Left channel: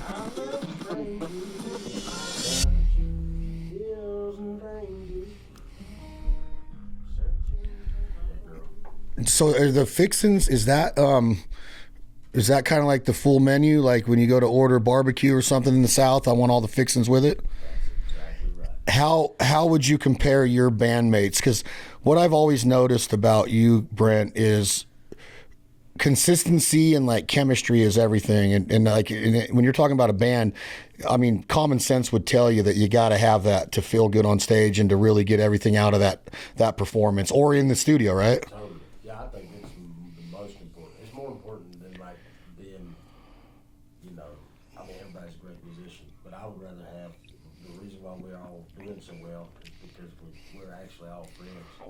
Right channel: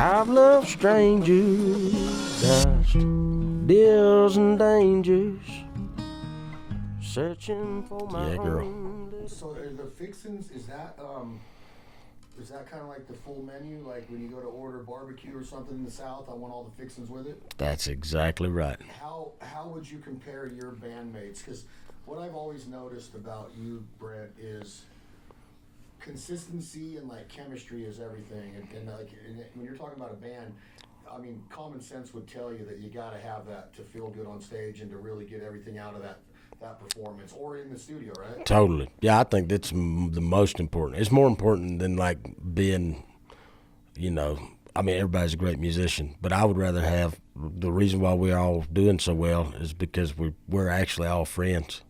I've loved strangers, dodged deals and dangers, searching for my own. So are the Fixins, is that kind of like the full menu? Like when you go to order barbecue or something in the South, I want all the Fixins with it? That's exactly right. How would you compare your bandmates? Because what I've always noticed about you, Brent, is consistency and like chemistry is everything. And when you're talking about a band, I mean, common sense would tell you that you got to have that to feel good on stage and to really get everything out of that performance or in the studio, right? Totally. Yeah, I think that's the most important. It's more important than like being, I mean, everybody's a great musician, but I would rather have the reason why we're all doing so well is because we're actually all friends.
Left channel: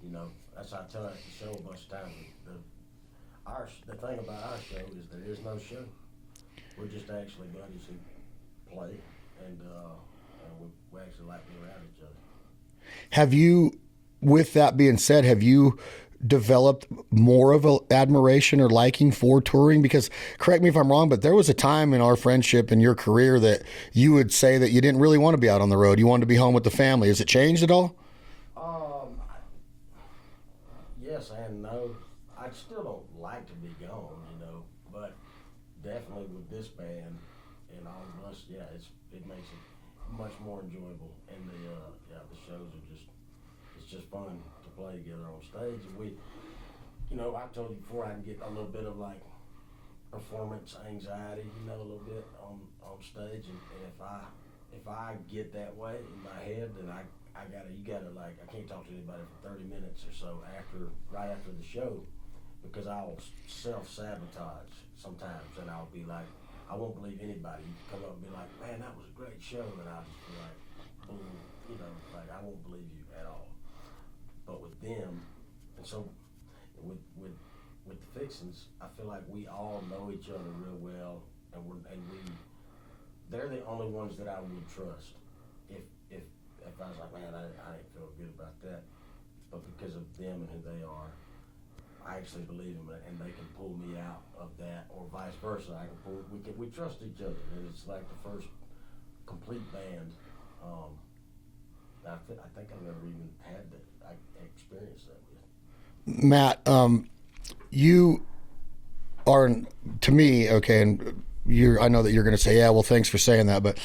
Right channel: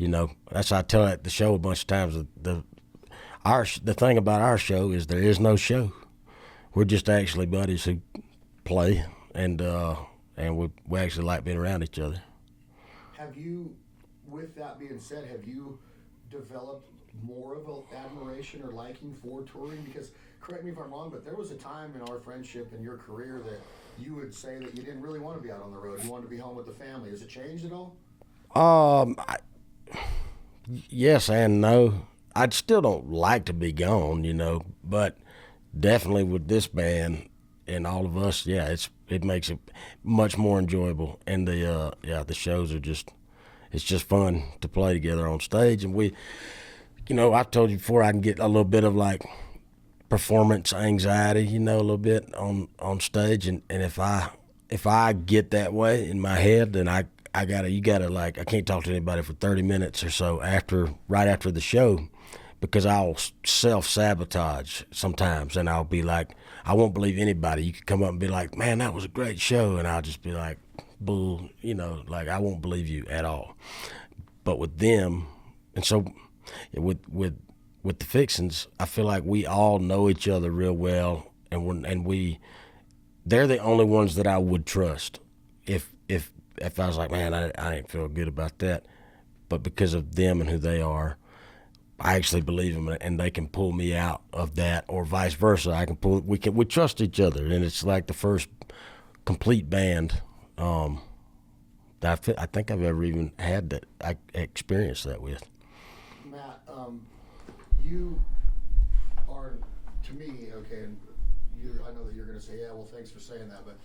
That's why I tell at the show a bunch of times. The thing about our show is there is no show. We're just actually buddies who play, and we actually like being around each other. Have you, with that being said, have you developed more of an admiration or liking for touring? Because correct me if I'm wrong, but there was a time in our friendship and your career that you would say that you didn't really want to be out on the road. You wanted to be home with the family. Has it changed at all? Yes and no. I still don't like to be gone, but definitely with this band and all of us, yeah, it makes it much more enjoyable. And the shows are it's just fun to play together on stage. And we, I've told you before, I can get a little bit of like performance anxiety, a little bit on stage. And if I get that way in my head, then I can't talk to anybody for 30 minutes or so right after the show. Because I'll self-sabotage sometimes, and I'll be like, I won't believe anybody. You could come up and be like, man, that was a great show, and I'll just be like, bull, like I won't believe you at all. But with them, and so with the Fixins, I feel like we all know each other real well, and they're the only ones that I would trust if I was like, man, I ain't feel good about that. But because of them and who they are, I actually believe them, and they can pull me out of that, or vice versa. We trust each other, and it's like the first complete band that I think I've ever even had that I experienced that with. Matt, you are, to me, okay, and I know that you're going to say, yeah, well, thanks for saying that, but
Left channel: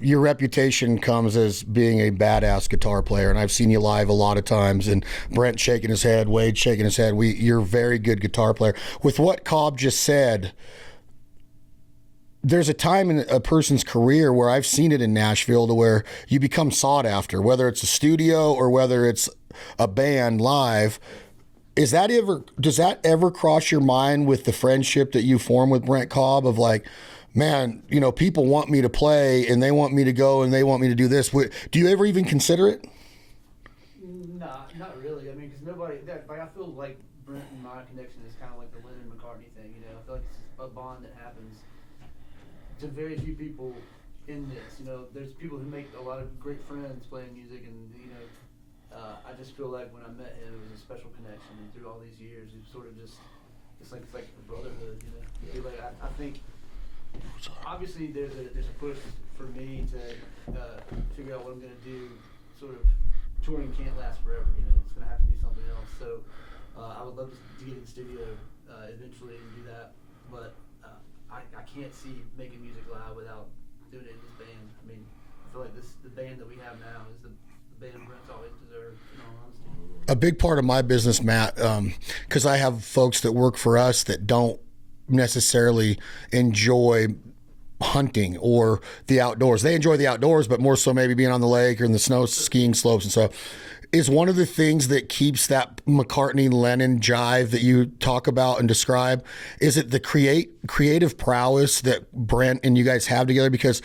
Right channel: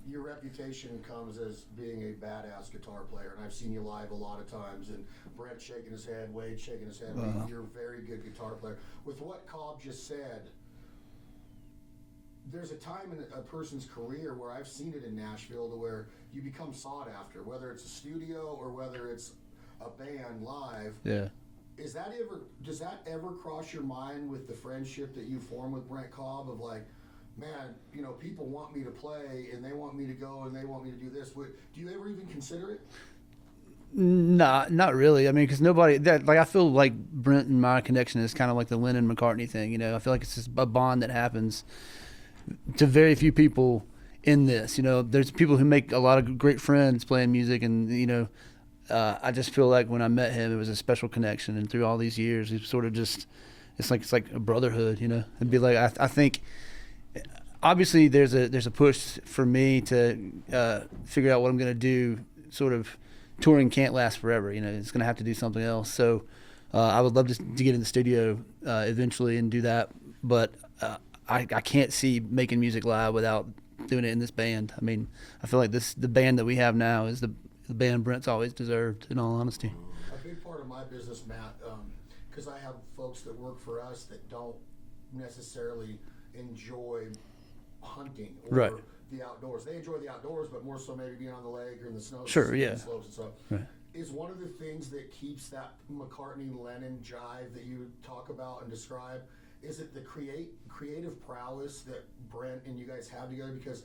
your reputation comes as being a badass guitar player, and I've seen you live a lot of times, and Brent shaking his head, Wade shaking his head. You're a very good guitar player. With what Cobb just said, there's a time in a person's career where I've seen it in Nashville to where you become sought after, whether it's a studio or whether it's a band live. Yeah. Does that ever cross your mind with the friendship that you form with Brent Cobb of like, man, people want me to play and they want me to go and they want me to do this? Do you ever even consider it? Nah, not really. I mean, because I feel like Brent and my connection is kind of like the Lennon-McCartney thing. I feel like it's just a bond that happens to very few people in this. There's people who make a lot of great friends playing music, and I just feel like when I met him, it was a special connection, and through all these years, it's sort of just it's like a brotherhood, It'd be like I think obviously there's a push for me to figure out what I'm going to do. Sort of touring can't last forever, It's going to have to do something else. So I would love to get in the studio eventually and do that, but I can't see making music live without doing it in this band. I mean, I feel like the band that we have now is the band Brent's always deserved, in all honesty. A big part of my business, Matt, because I have folks that work for us that don't necessarily enjoy hunting or the outdoors. They enjoy the outdoors, but more so maybe being on the lake or in the snow skiing slopes and stuff. Yeah. Is one of the things that keeps that McCartney-Lennon jive that you talk about and describe, is it the creative prowess that Brent and you guys have together? Because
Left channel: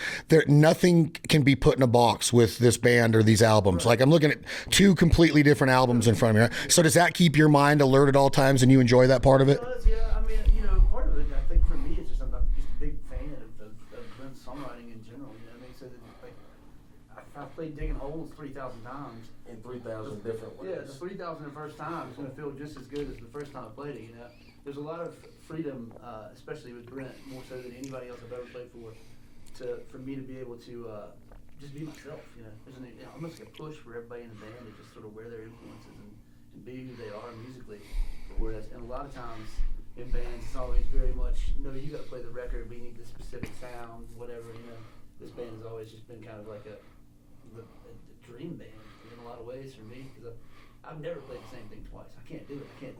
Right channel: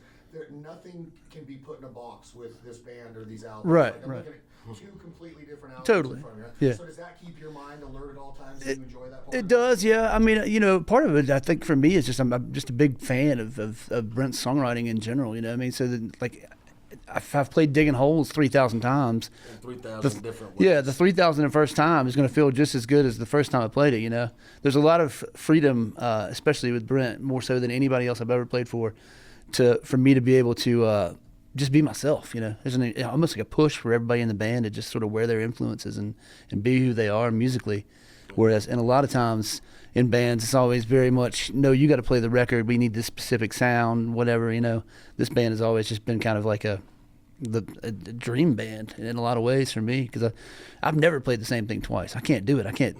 nothing can be put in a box with this band or these albums. Right. Like I'm looking at two completely different albums in front of me. Right? Yeah. So does that keep your mind alert at all times and you enjoy that part of it? It does, yeah. I mean, part of it, I think for me is just I'm just a big fan of Brent's songwriting in general, So that, like, if I've played Digging Holes 3,000 times, in 3,000 different ways. yeah, the 3,000 the first time is going to feel just as good as the first time I played it. You know, there's a lot of freedom, especially with Brent, more so than anybody else I've ever played for me to be able to just be myself. You know, there's almost like a push for everybody in the band to just sort of wear their influences and be who they are musically. Whereas, and a lot of times in bands, it's always very much, no, you got to play the record. We need this specific sound, whatever. You know, this band has always just been kind of like a dream band in a lot of ways for me, because I've never played the same thing twice. I can't do it. I can't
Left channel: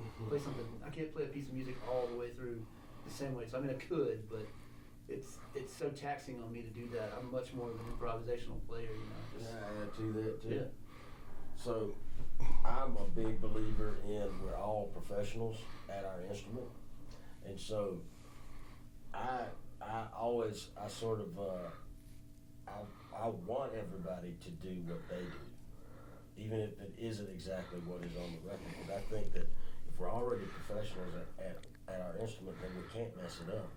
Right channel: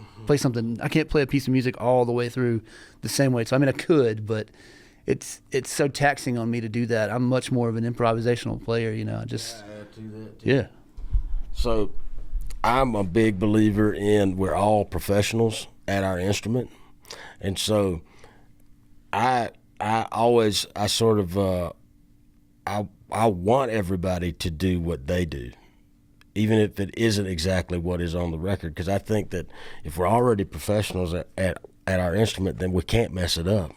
play a piece of music all the way through the same way. So I mean, I could, but it's so taxing on me to do that. I'm much more of an improvisational player, you know. I just yeah. So I'm a big believer in we're all professionals at our instrument, and so I want everybody to do what they do, even if it isn't exactly what is on the record, because I think that if we're already professionals at our instrument, then we can't mess it up.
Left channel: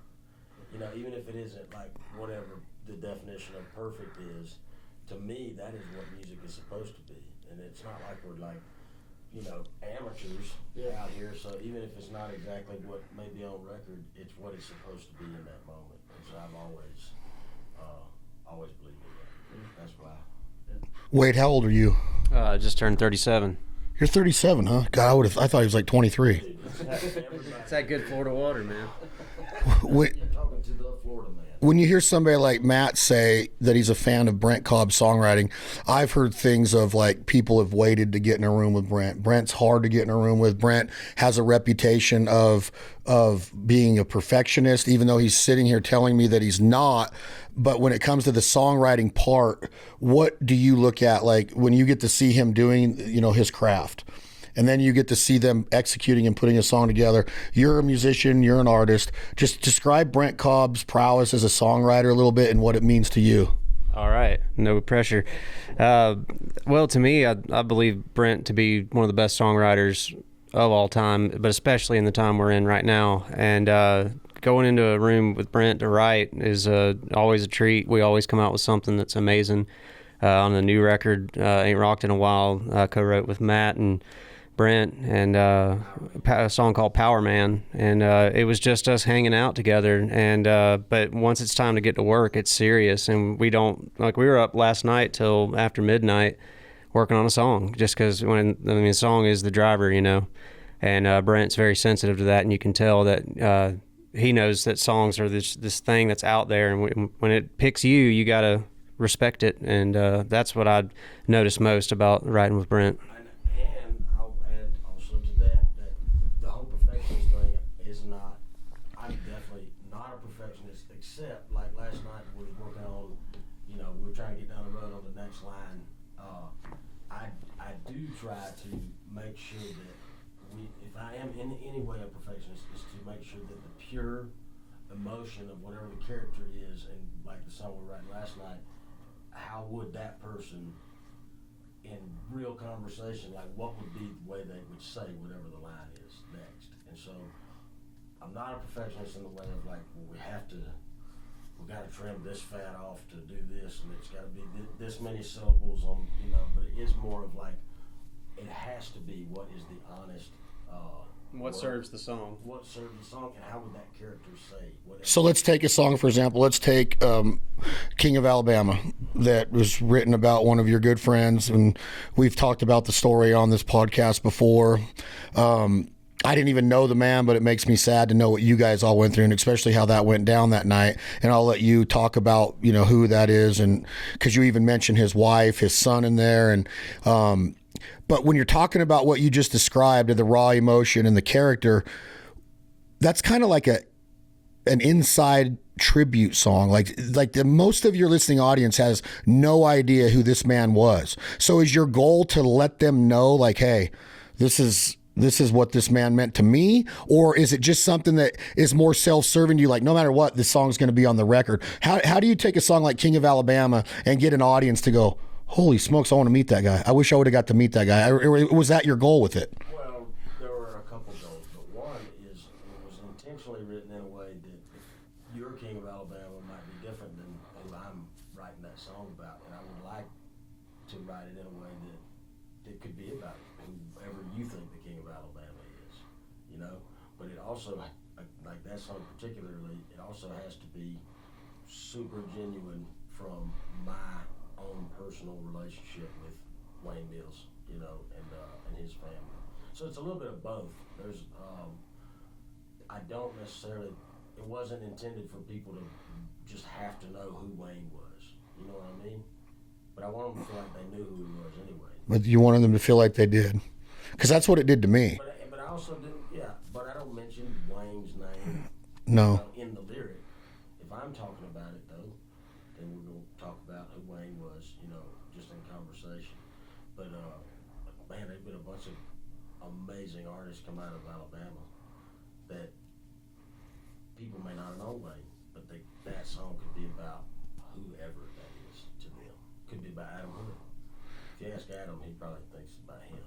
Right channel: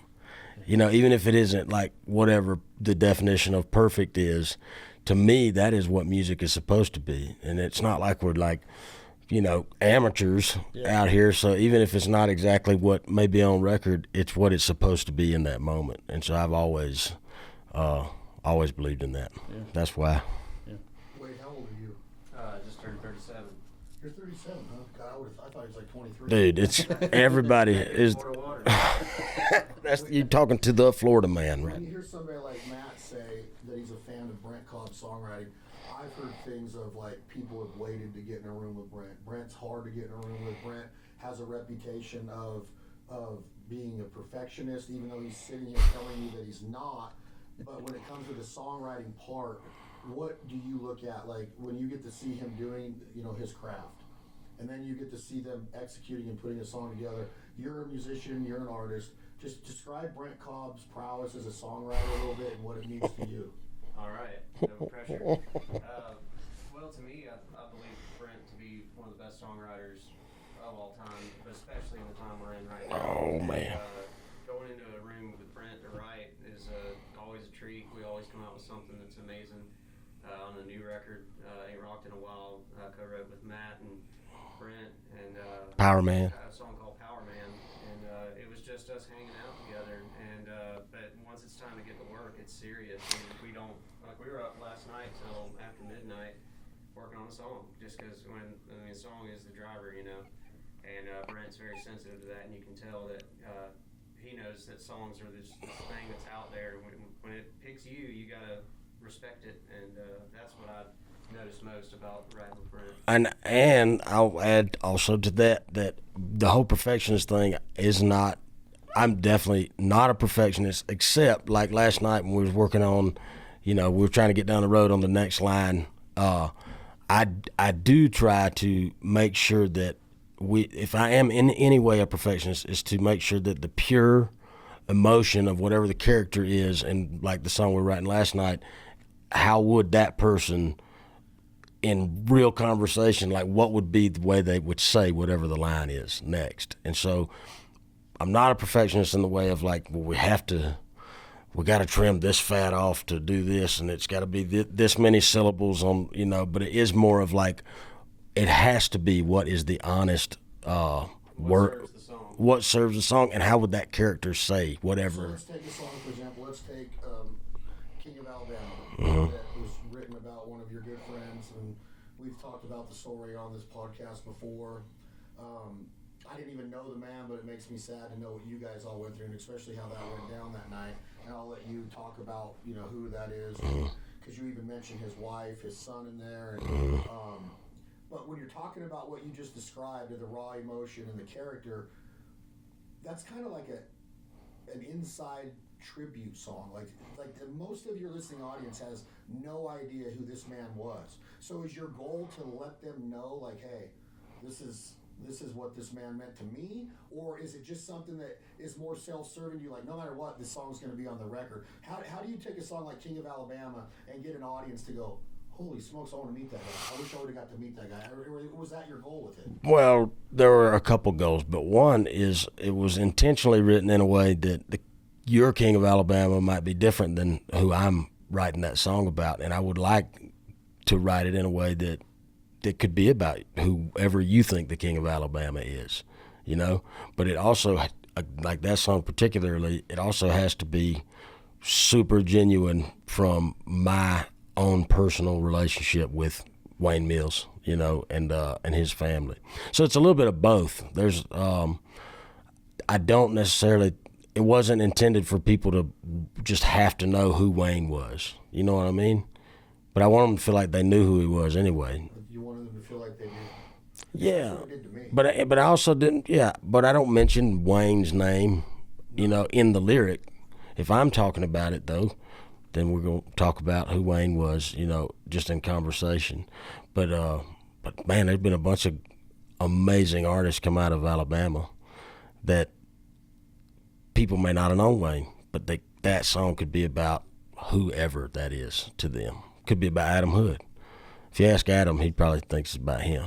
You know, even if it isn't like whatever the definition of perfect is, to me, that is what music is supposed to be. And it's not like we're like, you know, amateurs out here. So even if it's not exactly what may be on record, it's what it's supposed to be in that moment. And so I've always believed in that. Yeah. That's why. Yeah. Wade, how old are you? Just turned 37. You're 37, huh? God, I thought he was like 23. Dude, it's everybody is. You're talking to the Florida man. When you hear somebody like Matt say that he's a fan of Brent Cobb's songwriting, I've heard things of like people have waited to get in a room with Brent. Brent's hard to get in a room with. Brent has a reputation of being a perfectionist, even though he's sitting here telling me that he's not. But when it comes to the songwriting part, what do you look at, like when you get to see him doing, you know, his craft, and then you get to see them executing and putting a song together? You're a musician, you're an artist. Just describe Brent Cobb's prowess as a songwriter a little bit and what it means to you. All right, no pressure. Well, to me, I believe Brent to be one of the best songwriters of all time, but especially in the time we're in right now. And going into a room with Brent to write is always a treat. We always come out with something that's amazing. On the new record, Ain't Rocked in a While, co-wrote with Matt and Brent, and Power Man. A song called Power Man, and it was just us hanging out together. And but once it's time to get to work, it's serious, and we don't, like, we were up last night till after midnight working on a song, just because the song is the driver, you know. And Brent's very sensitive to that, and you can tell that he knows that songs are this thing that's out there, and when it picks you, you gotta respect it, and that's what I noticed most about writing with Brent. And I'll add also to that the whole perfectionist thing is not. I'm definitely not a perfectionist, except like last night when we was working on, you know, we were trying to get down the road on the next line. I do try to make sure that if I am in any way a perfectionist, is to make sure that the pure emotion of whatever the character is, and like the song we were writing last night, how would that person in real conversation, like what would be the way they would say whatever the line is next. And so I'm not a perfectionist in the way of like, well, we got to trim this fat off to do this, and it's got to be this many syllables on, you know, but it is more of like, it has to be what is the honest what serves the song. What serves the song, and how would that character say whatever. So let's take a song, for example. Let's take King of Alabama, that was written about one of your good friends, and we've talked about the story on this podcast before. I didn't even know the man, but it makes me sad to know what you guys all went through, and especially how that went down that night. And I'll let you talk about, you know, who that is, and because you even mentioned his wife, his son in there, and but when you're talking about what you just described, the raw emotion and the character, that's kind of like an inside tribute song. Like the most of your listening audience has no idea who this man was. So is your goal to let them know, like, hey, this is what this man meant to me? Or is it just something that is more self-serving to you, like no matter what, this song's going to be on the record? How do you take a song like King of Alabama and get an audience to go, holy smokes, I want to meet that guy. I wish I would have got to meet that guy. Was that your goal with it? Well, there were a couple goals, but one is it was intentionally written in a way that your King of Alabama might be different than who I'm writing that song about, and I would like to write it in a way that could be about whoever you think the King of Alabama is, you know. But it also, like that song particularly, it also has to be super genuine from my own personal relationship with Wayne Mills, you know, and his family. So it's a little bit of both. There's I don't necessarily, it wasn't intended for people to just have to know who Wayne was, you know what I mean? But I want them to feel like they knew who he was anyway. But you wanted them to feel like they did, because that's what it did to me. But I also didn't. Yeah. But I don't mention Wayne's name. No. You know, in the lyric. If I'm talking about it though, then we're gonna talk about who Wayne was. You know, just in conversation. But man, there's been a bunch of amazing artists come out of Alabama that people may not have known Wayne, but that song could be about whoever that is to them. Could be about Adam Hood. If you ask Adam, he probably thinks it's about him.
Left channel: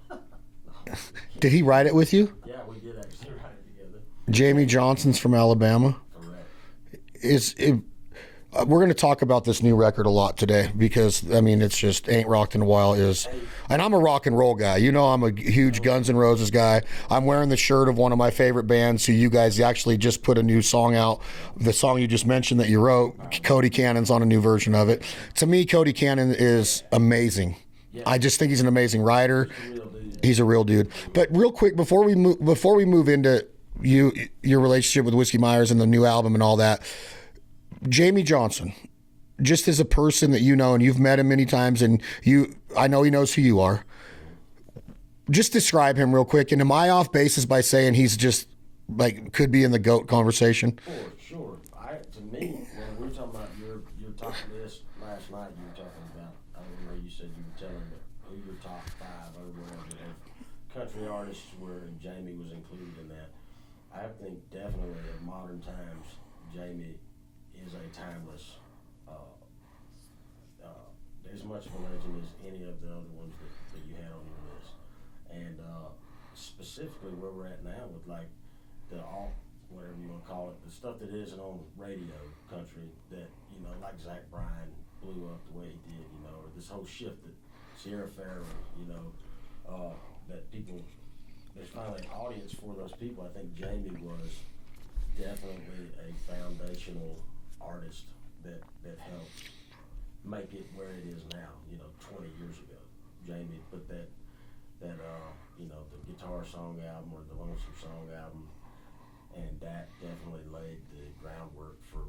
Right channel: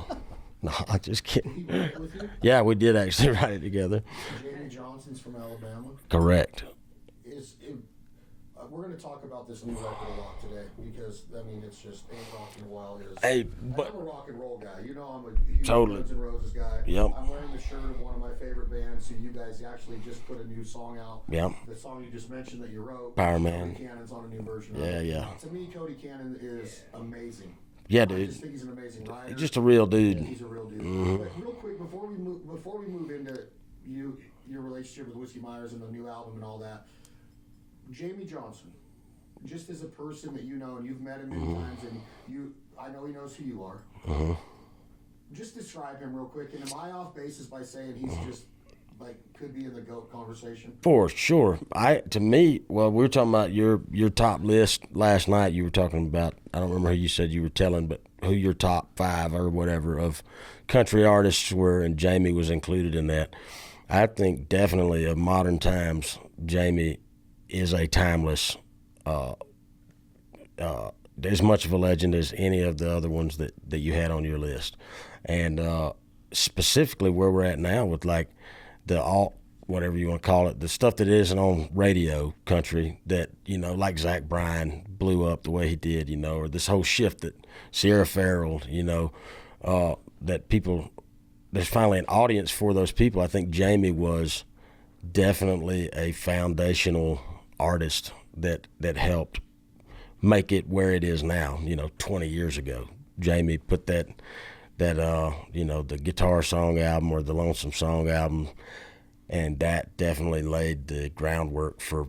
No, I just kidding. Did he write it with you? Yeah, we did actually write it together. Jamie Johnson's from Alabama. Correct. We're going to talk about this new record a lot today, because I mean, it's just Ain't Rocked in a While and I'm a rock and roll guy. You know, I'm a huge Guns N' Roses guy. Yep. I'm wearing the shirt of one of my favorite bands who you guys actually just put a new song out. Yep. The song you just mentioned that you wrote, Cody Cannon's on a new version of it. Yeah. To me, Cody Cannon is amazing. Yeah, I just think he's an amazing writer. Just a real dude. He's a real dude. Mm-hmm. But real quick, before we move into your relationship with Whiskey Myers and the new album and all that, Jamie Johnson, just as a person that you know, and you've met him many times, and I know he knows who you are. Mm-hmm. Just describe him real quick. And am I off basis by saying he's just like could be in the GOAT conversation? For sure. To me, well, we were talking about your top list last night. You were talking about, I don't remember who you said you were telling, but who your top 5 or whatever of country artists were, and Jamie was included in that. I think definitely of modern times, Jamie is a timeless, as much of a legend as any of the other ones that you had on your list. And specifically where we're at now with like the whatever you want to call it, the stuff that isn't on radio country that, you know, like Zach Bryan blew up the way he did, you know, or this whole shift that Sierra Farrell, you know, that people, there's finally an audience for those people. I think Jamie was definitely a foundational artist that helped make it where it is now. You know, 20 years ago, Jamie put that you know, the Guitar Song album or the Lonesome Song album, and that definitely laid the groundwork for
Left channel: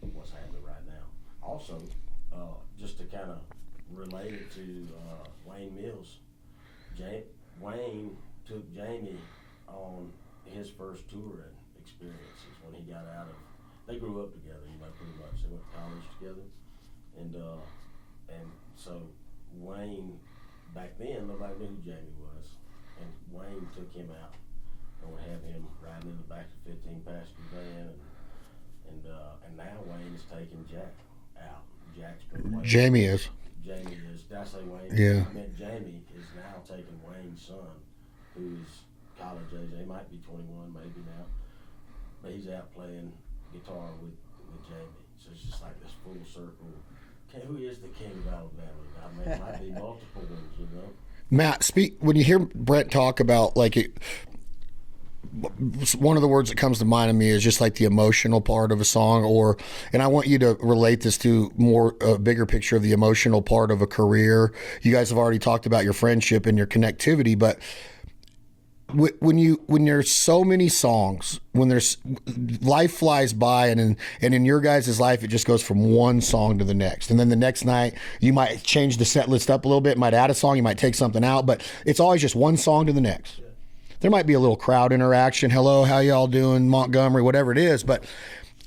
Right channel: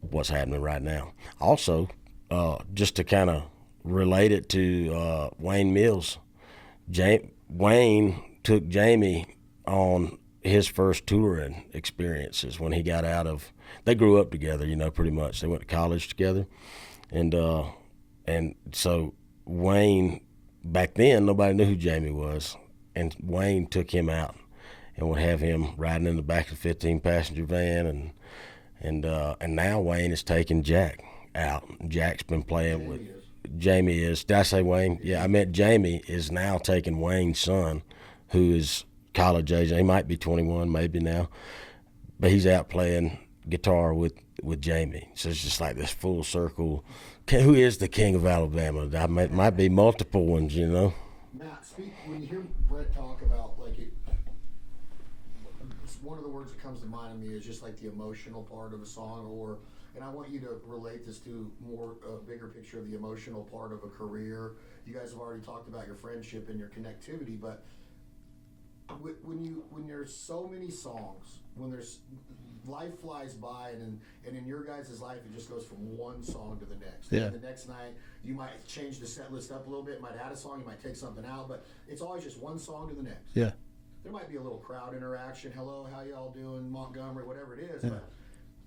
what's happening right now. Also, just to kind of relate it to Wayne Mills, Wayne took Jamie on his first touring experiences when he got out of. They grew up together, you know, pretty much. They went to college together, and so Wayne, back then nobody knew who Jamie was, and Wayne took him out and would have him riding in the back of the 15-passenger van, and now Wayne is taking Jack out. Jack's been playing. Jamie is. Did I say Wayne? Yeah, I meant Jamie is now taking Wayne's son, who is college age. He might be 21, maybe now, but he's out playing guitar with Jamie. So it's just like this full circle. Who is the King of Alabama? Might be multiple ones, you know. Matt, when you hear Brent talk about like it, one of the words that comes to mind to me is just like the emotional part of a song, and I want you to relate this to a bigger picture of the emotional part of a career. You guys have already talked about your friendship and your connectivity, but when there's so many songs, when there's life flies by, and in your guys' life it just goes from one song to the next, and then the next night you might change the set list up a little bit, might add a song, you might take something out, but it's always just one song to the next. Yeah, there might be a little crowd interaction, hello, how y'all doing, Montgomery, whatever it is, but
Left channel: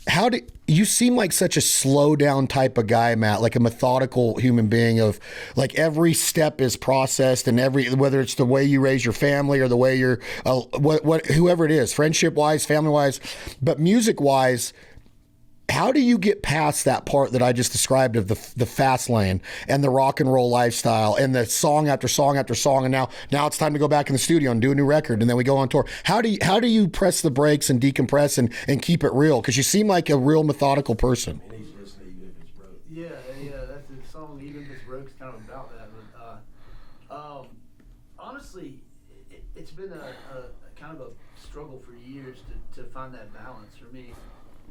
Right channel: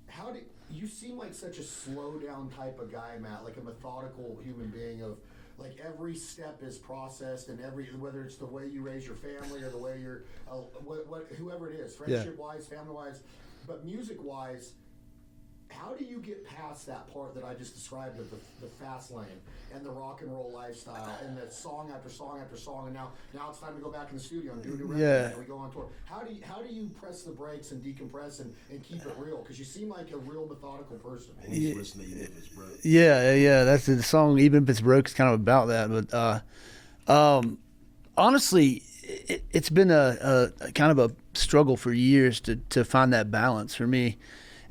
how do you seem like such a slow down type of guy, Matt, like a methodical human being of like every step is processed, and whether it's the way you raise your family or the way you're whoever it is, friendship wise, family wise, but music wise, how do you get past that part that I just described of the fast lane and the rock and roll lifestyle and the song after song after song, and now it's time to go back in the studio and do a new record, and then we go on tour? How do you press the brakes and decompress and keep it real? Because you seem like a real methodical person. Yeah. That's the song. Even if it's broke, is kind of about that. But honestly, it's been a kind of a struggle for years to find that balance for me.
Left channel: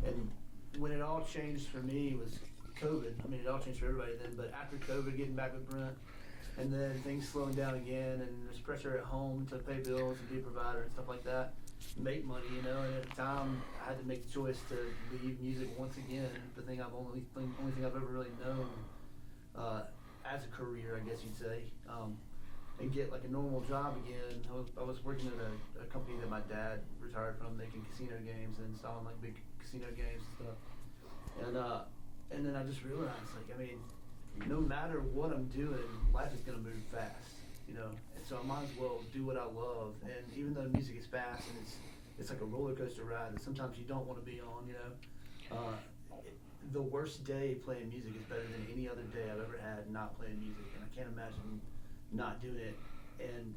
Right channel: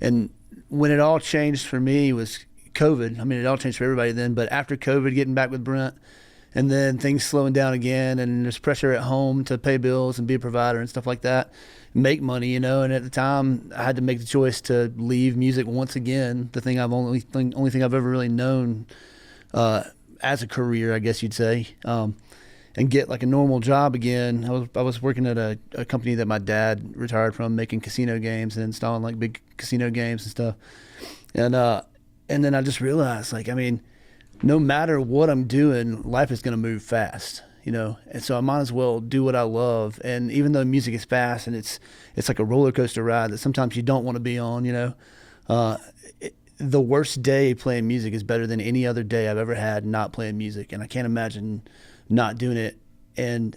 And when it all changed for me was COVID. I mean, it all changed for everybody then. But after COVID, getting back with Brent, and then things slowing down again, and there's pressure at home to pay bills and be a provider and stuff like that, make money, you know. And at the time, I had to make the choice to leave music once again, the thing only thing I've ever really known as a career, I guess you'd say, and get like a normal job again. I was working at a company that my dad retired from, making casino games and installing like big casino games and stuff. And then I just realized, like, I mean, no matter what I'm doing, life is going to move fast, you know? And so I might as well do what I love. And even though music is fast and it's like a roller coaster ride that sometimes you don't want to be on, you know, the worst day playing music is better than any other day I've ever had not playing music. And I can't imagine not doing it. And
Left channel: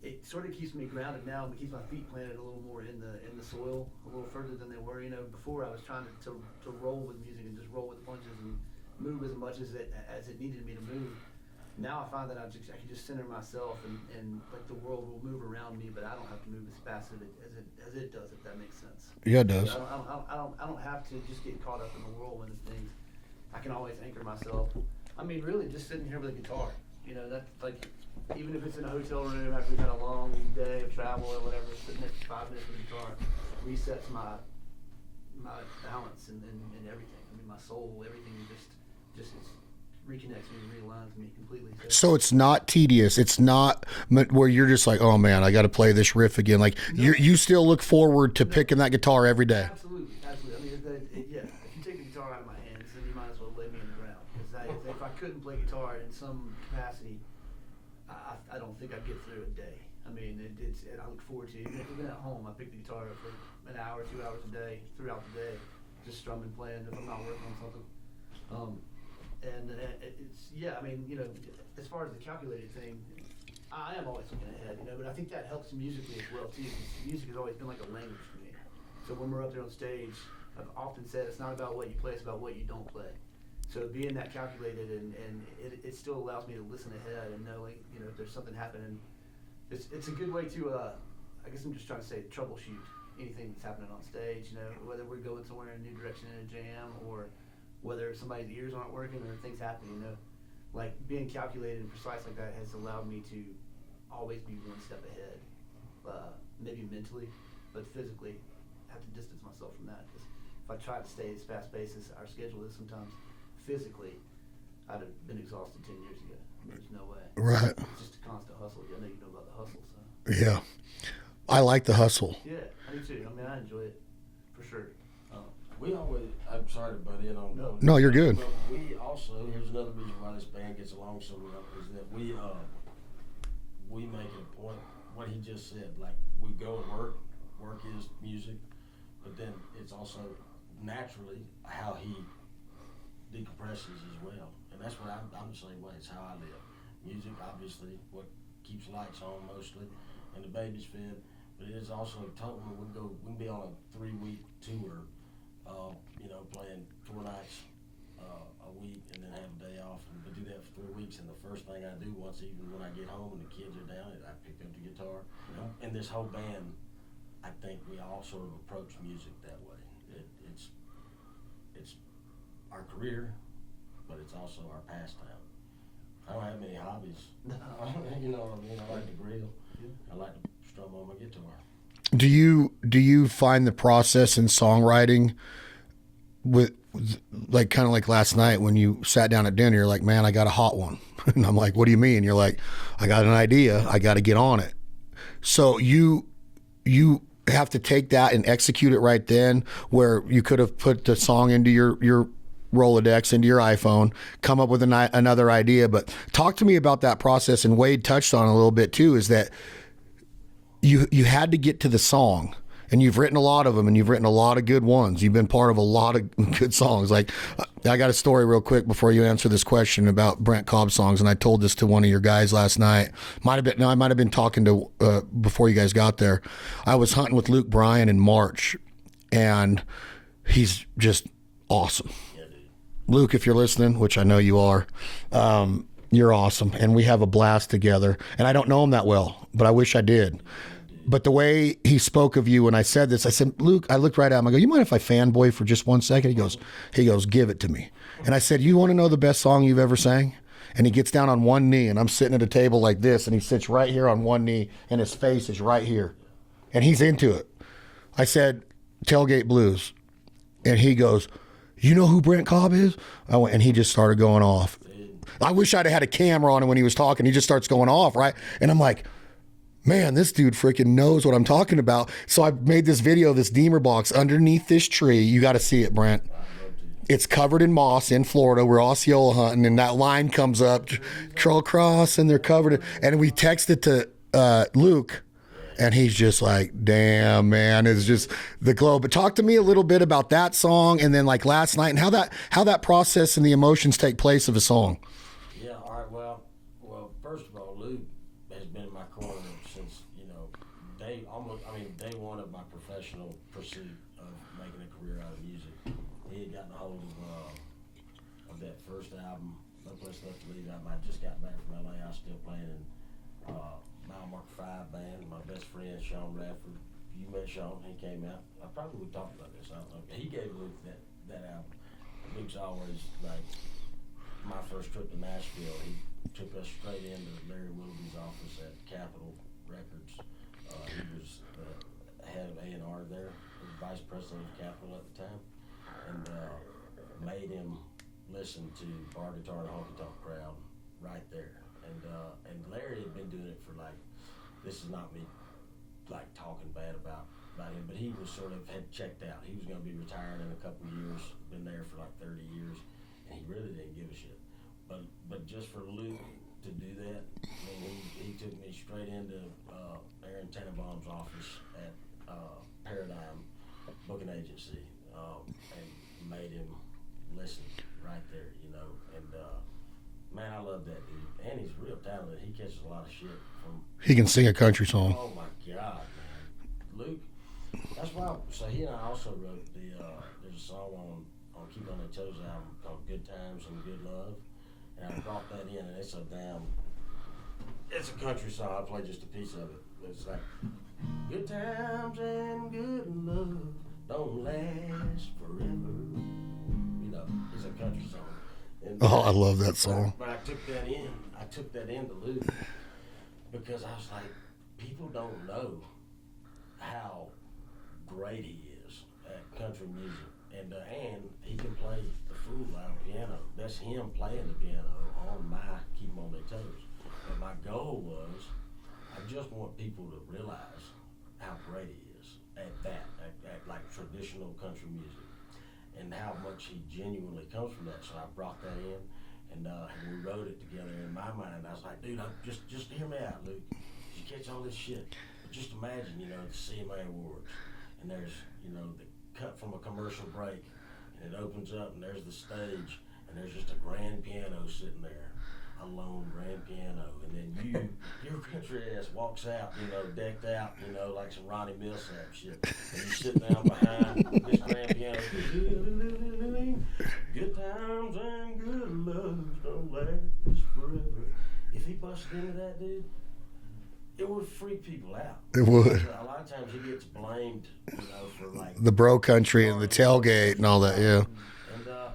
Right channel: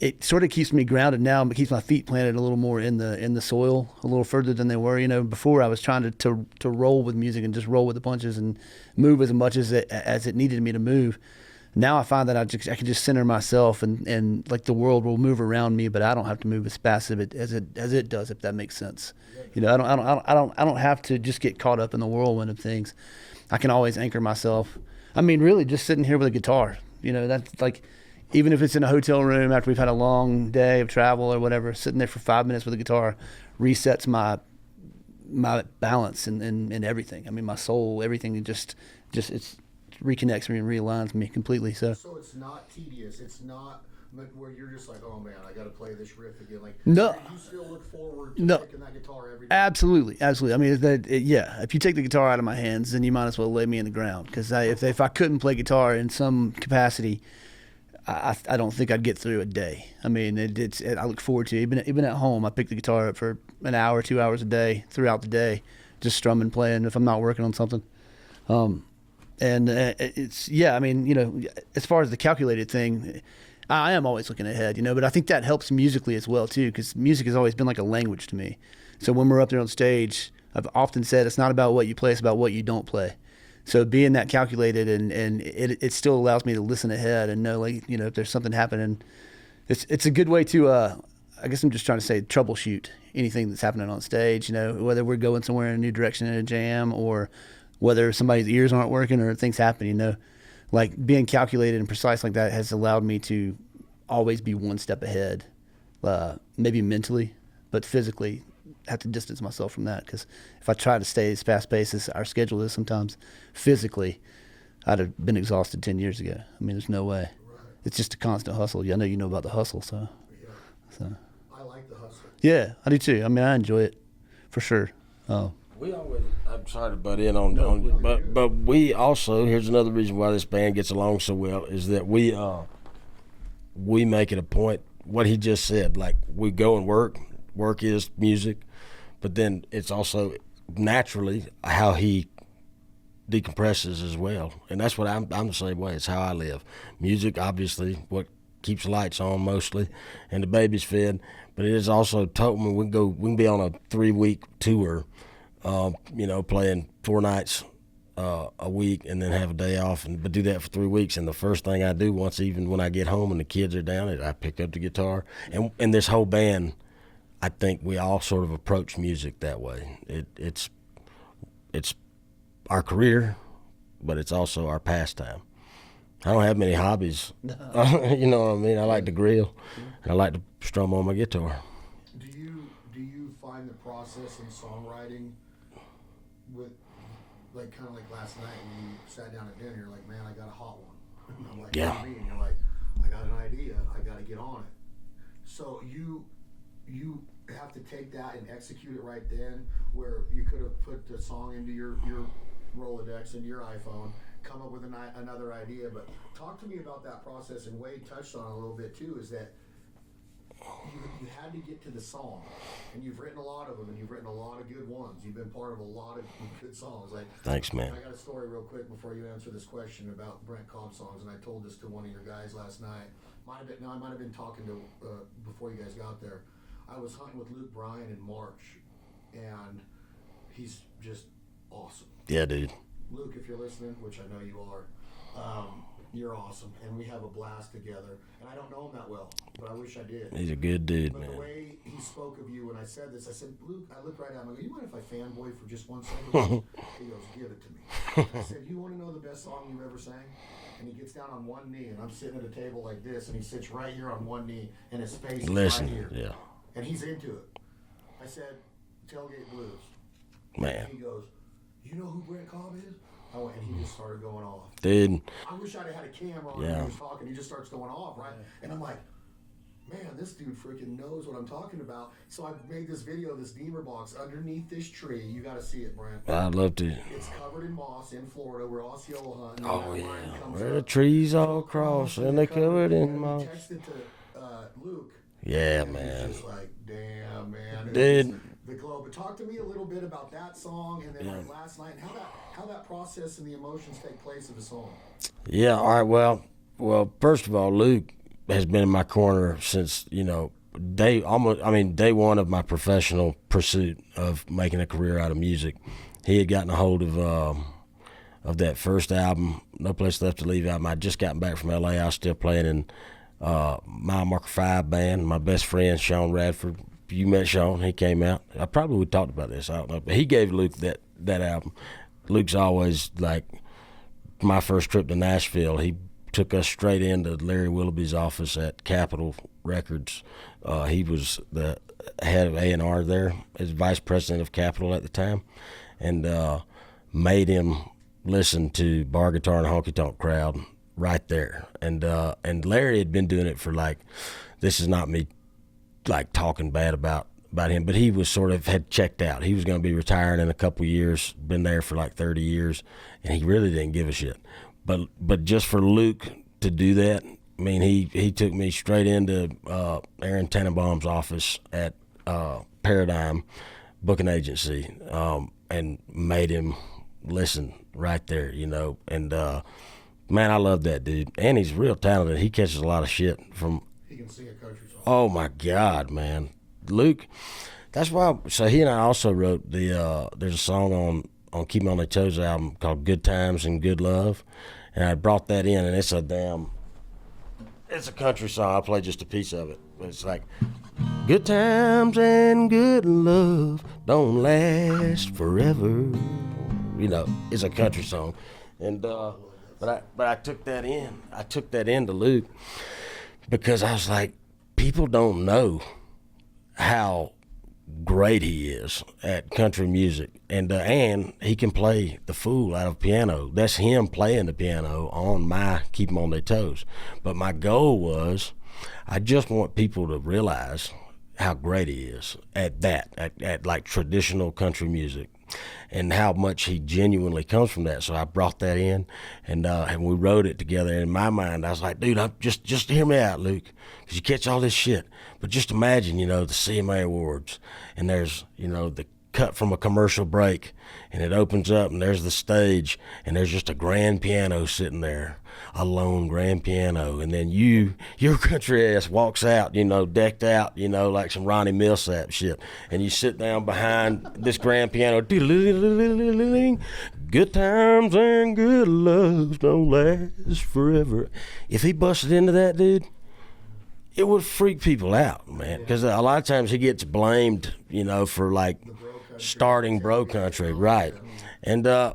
it sort of keeps me grounded now, but keeps my feet planted a little more in the soil, a little further than they were. You know, before I was trying to roll with music and just roll with the punches and move as much as it needed me to move. Now I find that I can just center myself and like the world will move around me, but I don't have to move as fast as it does, if that makes sense. Yeah, it does. You know, I don't have to just get caught up in the whirlwind of things. I can always anchor myself. I mean, really, just sitting here with a guitar. You know, that's like, even if it's in a hotel room after we've had a long day of travel or whatever, sitting there for 5 minutes with a guitar resets my balance and everything. I mean, my soul, everything just it's reconnects me and realigns me completely. So it's not tedious. It's not where you're just like, oh man, I got to play this riff again. Like No. you still look forward to picking that guitar every day. Absolutely. I mean, if you take the guitar out of my hands, then you might as well lay me in the ground. Because if I couldn't play guitar in some capacity, I don't think I'd get through a day. I mean, I look forward to it. Even at home, I pick the guitar up for an hour, 2 hours a day throughout the day, just strumming, playing if I'm not working on something. And I mean, you know, as far as the calculated thing, I am always looking ahead, you know, but I think that helps musically as well too, because music has always been like a language to me. So when we're up there on stage, I've often said it's not about what you play, it's about what you don't play. So being that calculated and it still allows me to listen ahead and know, like, you know, if there's something happening, it's a good way to, I guess I'm just trying to say, troubleshoot anything that's happening on stage, you know, whether we're going somewhere in a new direction in a jam or whether somebody's ears aren't working or things happen, you know, like being calculated and precise like that has allowed me to always be one step ahead, maybe mentally, but physically have to distance myself from that. Because if I try to stay as fast paced as our schedule is sometimes, physically, I'd have been exhausted 10 years ago. I mean, there's no way. Right. It's just a constant hustle. I know you know about the hustle, so. Yeah. I like the hustle. Yeah, I do too. I mean, I enjoy it for sure. We always, I'm sorry to butt in on No, you're good. But we also, here's another reason why this band gets along so well, is that we make it a point, what he just said, like we go and work is music, but then it's also naturally how he decompresses as well. And that's what I'm the same way. It's how I live. Music, obviously, what keeps lights on mostly, and the baby's fed, but it is also total. We can be on a 3-week tour, you know, playing 4 nights a week and then have a day off, but do that for 3 weeks. And the first thing I do even when I get home and the kids are down, I pick up the guitar. And this whole band, I think we all sort of approach music that way. It's our career, but it's also our pastime. I don't have many hobbies. You know what I mean? I like to grill. I like to strum on my guitar. Do you find the process in songwriting with, like, kind of like last night when you sat down at dinner, you're like, man, I got a hot one. And I'm like, what do you mean? You're like, I got an idea. I got to get on it. So you have to take that and execute it right then, where you could have put the song into your Rolodex, into your iPhone, come up with another idea. But talk to me about that process. And Wade touched on it a little bit too, is that you had to get to the song, and you've written a lot of them, and you've written a lot of good ones. You've been part of a lot of good songs. Like, thanks, man. I got a story real quick before you answer this question about Brent Cobb songs, and I told this to one of your guys last night. I might have been talking to before you guys got there. I was hunting with Luke Bryan in March, and he's just awesome. Yeah, dude. Luke, if you're listening, which I know you are, you're awesome, and we have a blast together. And I don't know him that well, but I wish I did. He's a good dude. But the way he spoke of you when I said this, I said, Luke, I looked right at him. I go, you mind if I fanboy for just 1 second? He goes, give it to me. And I said, you want to know the best song you've ever sang? And he gets down on one knee, and I'm sitting at a table like this, and he sits right here on one knee, and his face is right here. Yeah. And he's into it. I said, Tailgate Blues. And he goes, you know who Brent Cobb is? I went, and he just started going off. Dude. I wish I'd have had a camera on him when he was talking. He just starts going off, right? And I'm like, man, this dude freaking knows what I'm talking about. So I made this video of this Deemer box underneath this tree. You got to see it, Brent. I'd love to. It's covered in moss in Florida. We're Osceola hunting, and that line comes up. Trees curl all across, and they're covered. And we texted to Luke. Yeah. And he's just like, damn, man, it's just the glow. But talk to me a little bit about that song, and then like last night, and how that process and the emotions take place of a song. Yeah. All right. Well. First of all, Luke has been in my corner since day one of my professional pursuit of making a career out of music. He had gotten a hold of that first album, No Place Left to Leave album. I'd just gotten back from LA. I was still playing in Mile Marker 5 band. My best friend Sean Radford, you met Sean, he came out. I probably talked about this, I don't know, but he gave Luke that album. Luke's always like my first trip to Nashville. He took us straight into Larry Willoughby's office at Capitol Records. He was the head of A&R there, as vice president of Capitol at the time, and made him listen to Bar Guitar and Honky Tonk Crowd right there. And Larry had been doing it for this is not me talking bad about him, but he was had checked out. He was going to be retiring in a couple years, been there for 30 years, and he really didn't give a shit. But just for Luke to do that, I mean, he took me straight into Aaron Tannenbaum's office at Paradigm Booking Agency, and made him listen right there, and man, I love that dude. And he's real talented. He catches a lot of shit from... He can sing a country song. Oh, my God, man. Luke, that's why... So he and I also wrote there's a song on Keep Me On Their Toes album called Good Times and Good Love. And I brought that in, and it's a country song. I played just a piece of it. But it's like, good times and good love don't last forever. It's a country song. And, I love that song. But I took that in. I took that into Luke because I was like, people don't know how great he is at country music, and he can play the fool out of piano. That's him playing the piano on my Keep 'Em On Their Toes. But my goal was, I just want people to realize how great he is at that, at traditional country music, and how much he genuinely comes from that. So I brought that in, and we wrote it together. In my mind, I was like, dude, just hear me out, Luke, because you catch all this shit. But just imagine, the CMA Awards, and there's, the cut from a commercial break, and it opens up, and there's the stage, and there's just a grand piano sitting there, a lone grand piano, and then your country ass walks out, decked out, like some Ronnie Millsap shit, and you sit down behind this grand piano, good times and good loves don't last forever. If he busted into that, dude, it would freak people out, because a lot of times he gets blamed, for the bro country and the tailgate and all that, right. Yeah. And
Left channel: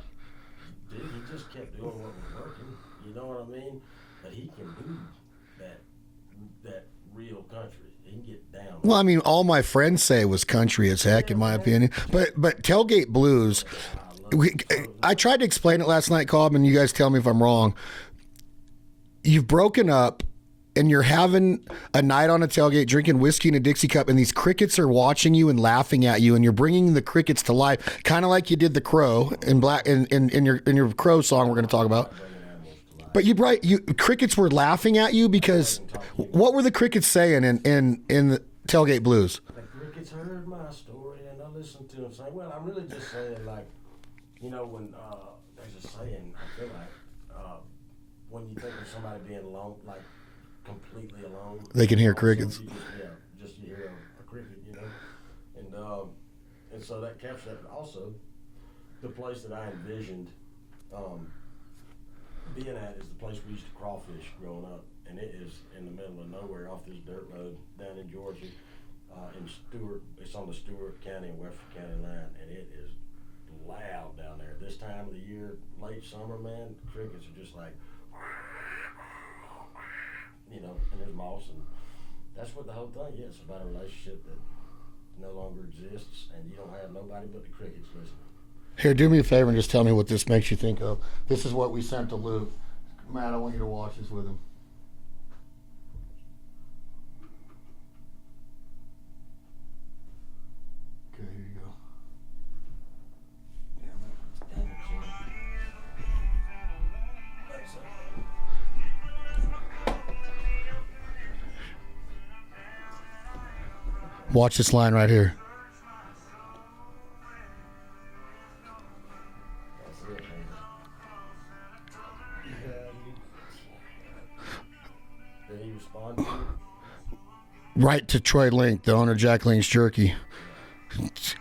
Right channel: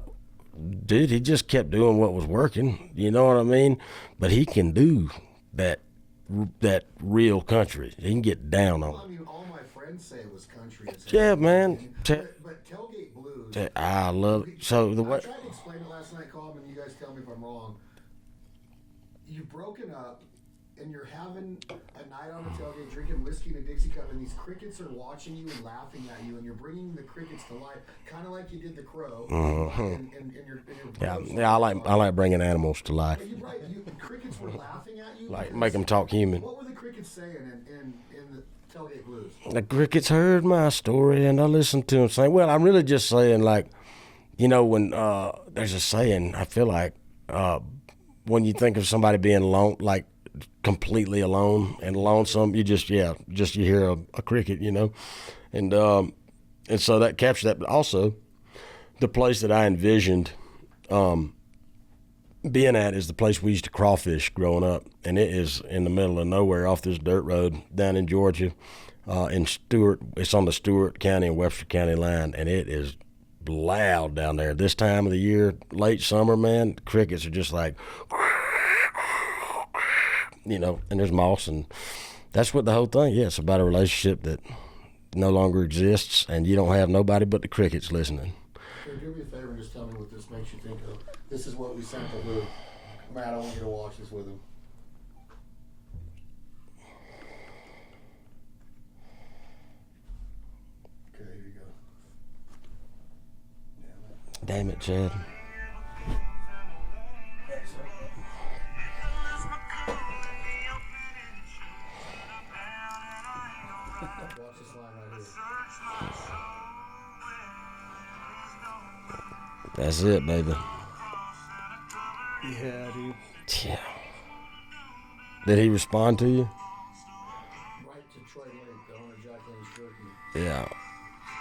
dude, he just kept doing what was working, you know what I mean? But he can do that real country. He can get down on. Well, I mean, all my friends say was country as heck, in my opinion. But Tailgate Blues, I love. I tried to explain it last night, Cobb, and you guys tell me if I'm wrong. You've broken up, and you're having a night on a tailgate, drinking whiskey in a Dixie cup, and these crickets are watching you and laughing at you, and you're bringing the crickets to life, kind of like you did the crow in your crow song. Yeah, we're going to talk about. I like bringing animals to life. But crickets were laughing at you because make them talk human. What were the crickets saying in the Tailgate Blues? The crickets heard my story, and I listened to them saying, "Well, I'm really just saying, when there's a saying, I feel like when you think of somebody being alone, completely alone, they can hear lonesome, crickets. You hear a cricket, and so that captured that. But also, the place that I envisioned being at is the place we used to crawfish growing up, and it is in the middle of nowhere off this dirt road down in Georgia, in Stewart. It's on the Stewart County and Webster County line, and it is loud down there. This time of the year, late summer, man, crickets are just like, you know, and there's moss, and that's what the whole thing. Yeah, it's about a relationship that no longer exists, and you don't have nobody but the crickets listening. Here, do me a favor and just tell me what this makes you think of. This is what we sent to Luke. Matt, I want you to watch this with him. Okay, here you go. Damn it, Chad. Watch this line right here. That's it, baby. Yeah, dude. Yeah. Did he respond to you? Right to Troy Link, the owner of Jack Link's Jerky. Yeah.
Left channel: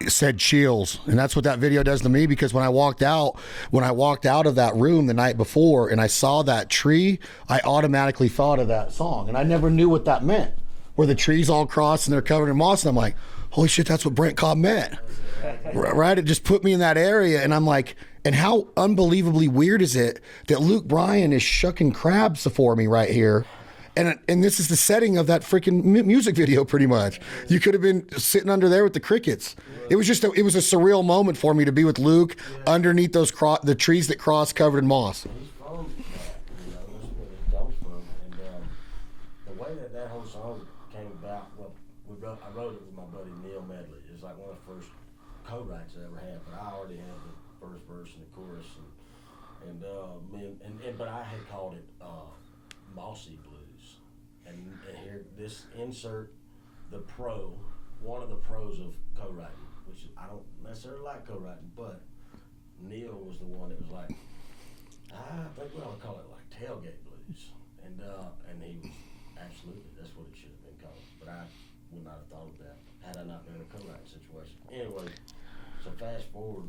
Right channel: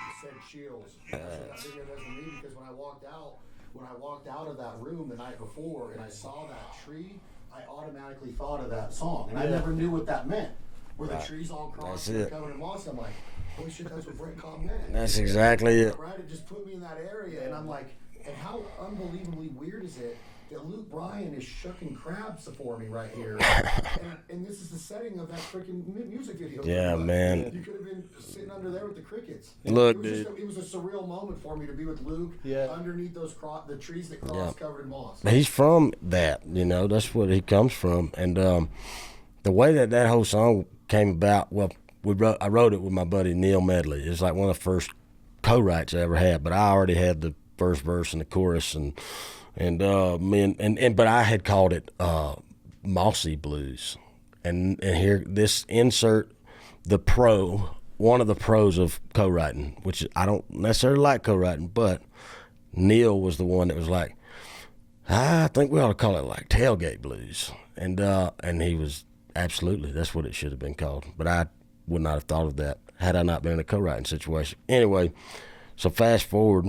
Said chills, and that's what that video does to me, because when I walked out of that room the night before and I saw that tree, I automatically thought of that song, and I never knew what that meant, where the trees all cross and they're covered in moss, and I'm like, holy shit, that's what Brent Cobb meant. That's exactly it. Right? It just put me in that area, and I'm like, and how unbelievably weird is it that Luke Bryan is shucking crabs for me right here, and this is the setting of that freaking music video, pretty much. Man. You could have been sitting under there with the crickets. Look, it was just it was a surreal moment for me to be with Luke underneath those the trees that cross covered in moss. He's from that, you know. That's what he comes from, and the way that whole song came about. Well, I wrote it with my buddy Neil Medley. It's like one of the first co-writes I ever had, but I already had the first verse and the chorus, but I had called it Mossy Blues, and here this insert one of the pros of co-writing, which I don't necessarily like co-writing, but Neil was the one that was like, I think we ought to call it like Tailgate Blues, and he was absolutely, that's what it should have been called, but I would not have thought of that had I not been in a co-writing situation. Anyway, so fast forward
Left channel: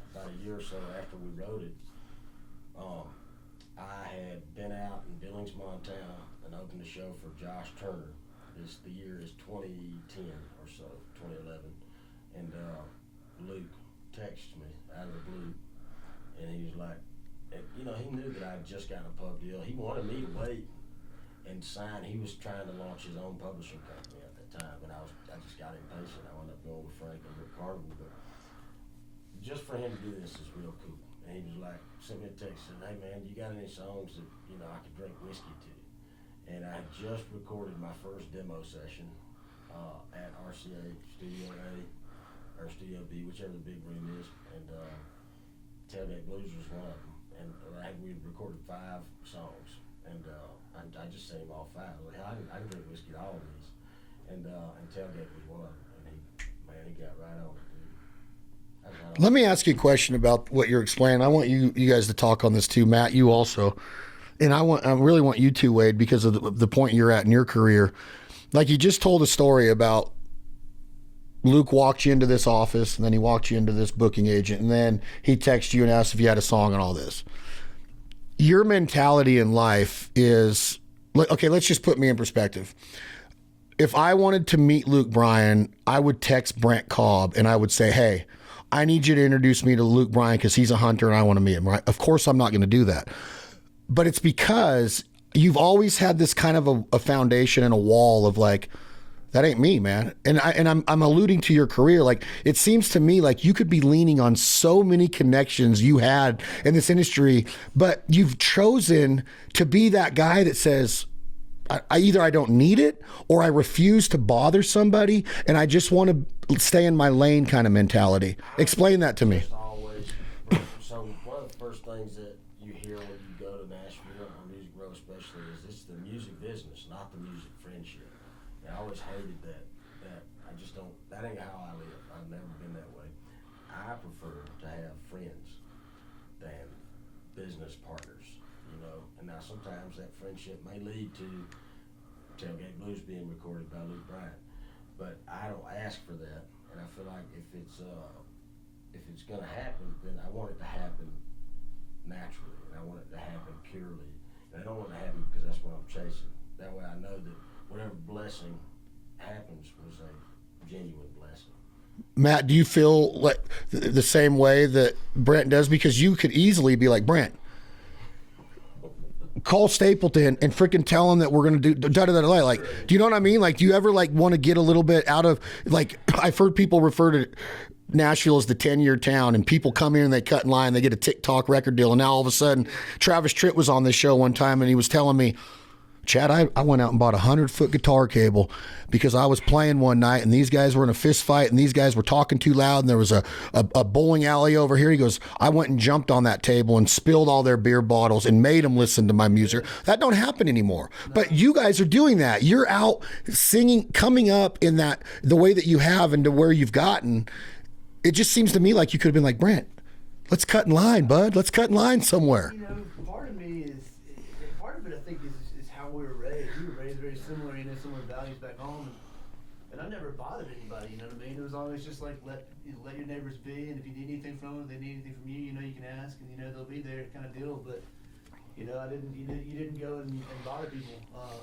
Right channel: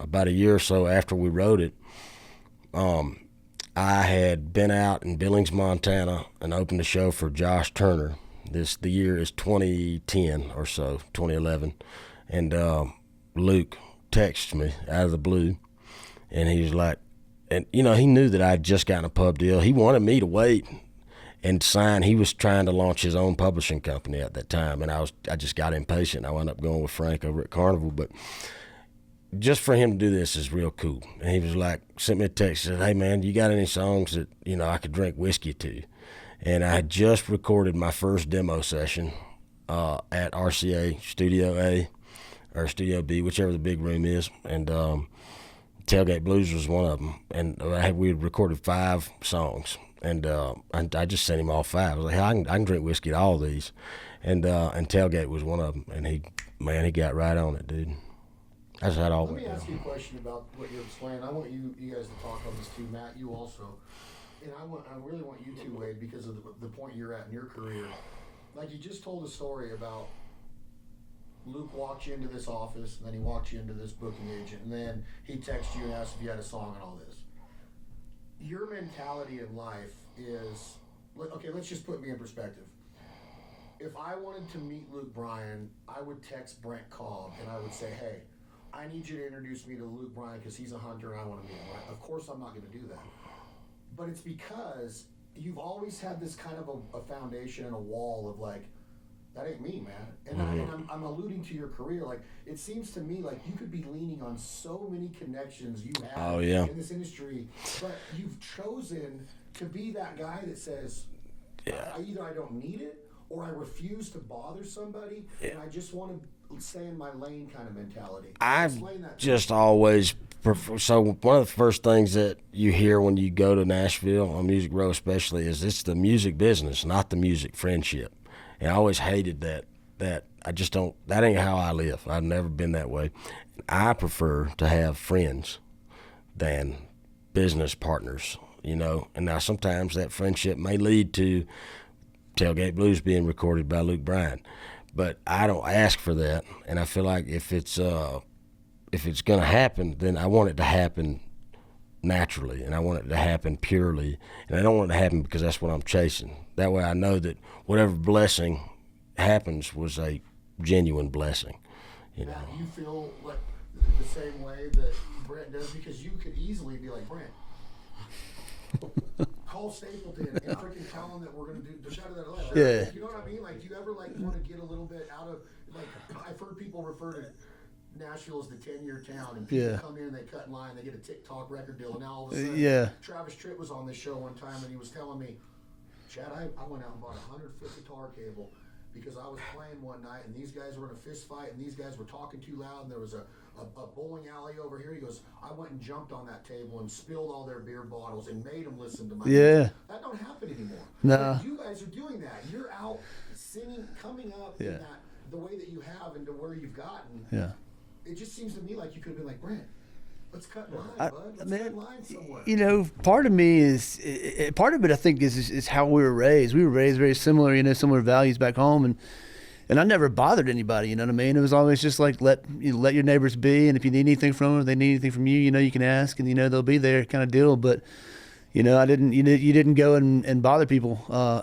about a year or so after we wrote it, I had been out in Billings, Montana, and opened a show for Josh Turner. The year is 2010 or so, 2011, and Luke texted me out of the blue, and he was like, and you know, he knew that I'd just gotten a pub deal. He wanted me to wait and sign. He was trying to launch his own publishing company at that time, and I just got impatient. I wound up going with Frank over at Carnival, but just for him to do this is real cool. And he was like, sent me a text, said, hey man, you got any songs that, you know, I could drink whiskey to? And I had just recorded my first demo session at RCA Studio A or Studio B, whichever the big room is, and Tailgate Blues was one of them. And we had recorded 5 songs, and I just sent him all 5. I was like, hey, I can drink whiskey to all these, and Tailgate was one of them. And he got right on it, dude. Let me ask you a question about what you're explaining. I want you guys to talk on this too, Matt. You also, and I really want you two, Wade, because of the point you're at in your career. Like, you just told a story about Luke walked you into this office, and then he walked you into this booking agent, and then he texted you and asked if you had a song and all this. Your mentality in life is, okay, let's just put me in perspective. If I wanted to meet Luke Bryan, I would text Brent Cobb and I would say, hey, I need you to introduce me to Luke Bryan because he's a hunter and I want to meet him, right? Of course I'm not going to do that. But it's because you've always had this kind of a foundation and a wall of like, that ain't me, man. And I'm alluding to your career. Like, it seems to me like you could be leaning on so many connections you had in this industry, but you've chosen to be that guy that says, I don't need it, or I refuse to bother somebody, and I just want to stay in my lane kind of mentality. Explain that to me. Just always. So one of the first things that you hear when you go to Nashville on Music Row especially is it's the music business, not the music friendship. And I always hated that I just don't, that ain't how I live. I've never been that way. I prefer to have friends than business partners, you know. And now sometimes that friendship may lead to Tailgate Blues being recorded by Luke Bryan, but I don't ask for that. And I feel like if it's going to happen, then I want it to happen naturally, and I want it to happen purely, and I don't want it to happen because that's what I'm chasing. That way I know that whatever blessing happens was a genuine blessing. Matt, do you feel like the same way that Brent does? Because you could easily be like, Brent, call Stapleton and freaking tell him that we're going to do da-da-da-da. Like, do you know what I mean? Like, do you ever like want to get a little bit out of, like, I've heard people refer to Nashville as the 10-year town, and people come here and they cut in line, they get a TikTok record deal, and now all of a sudden Travis Tritt was on this show one time and he was telling me, Chad, I went out and bought a 100-foot guitar cable because I was playing one night and these guys were in a fist fight and these guys were talking too loud and there was a bowling alley over here. He goes, I went and jumped on that table and spilled all their beer bottles and made them listen to my music. That don't happen anymore. No. But you guys are doing that. You're out singing, coming up in that, the way that you have and to where you've gotten. Yeah. It just seems to me like you could have been like, Brent, let's cut in line, bud. Let's cut in line somewhere. You know, part of me is, part of it I think is how we were raised. We were raised very similar, you know, similar values back home, and I never bothered anybody. You know what I mean? It was always just like let your neighbors be, and if you need anything from them, if they need anything from you, you know, you can ask, and you know they'll be there, kind of deal. But you know, you didn't go and bother people.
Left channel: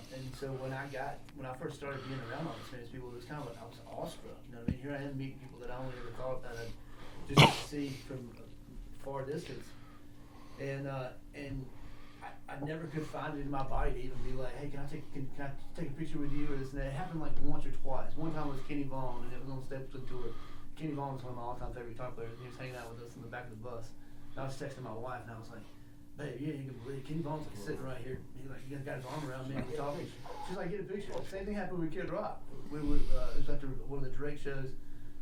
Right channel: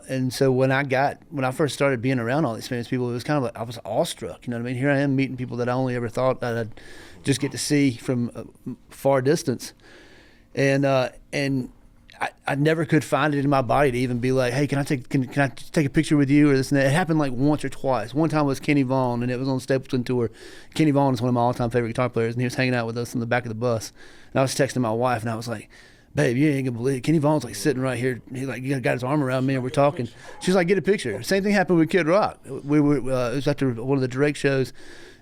And so when I first started being around all these famous people, it was kind of like I was awestruck. You know what I mean? Here I am meeting people that I only ever thought that I'd just get to see from a far distance, and I never could find it in my body to even be like, hey, can I take a picture with you or this and that. It happened like once or twice. One time was Kenny Vaughn, and it was on the Stapleton tour. Kenny Vaughn is one of my all-time favorite guitar players, and he was hanging out with us in the back of the bus. And I was texting my wife, and I was like, babe, you ain't gonna believe it. Kenny Vaughn's like sitting right here. He like got his arm around me and we're talking. She's like, get a picture. Same thing happened with Kid Rock. We were it was after one of the Drake shows.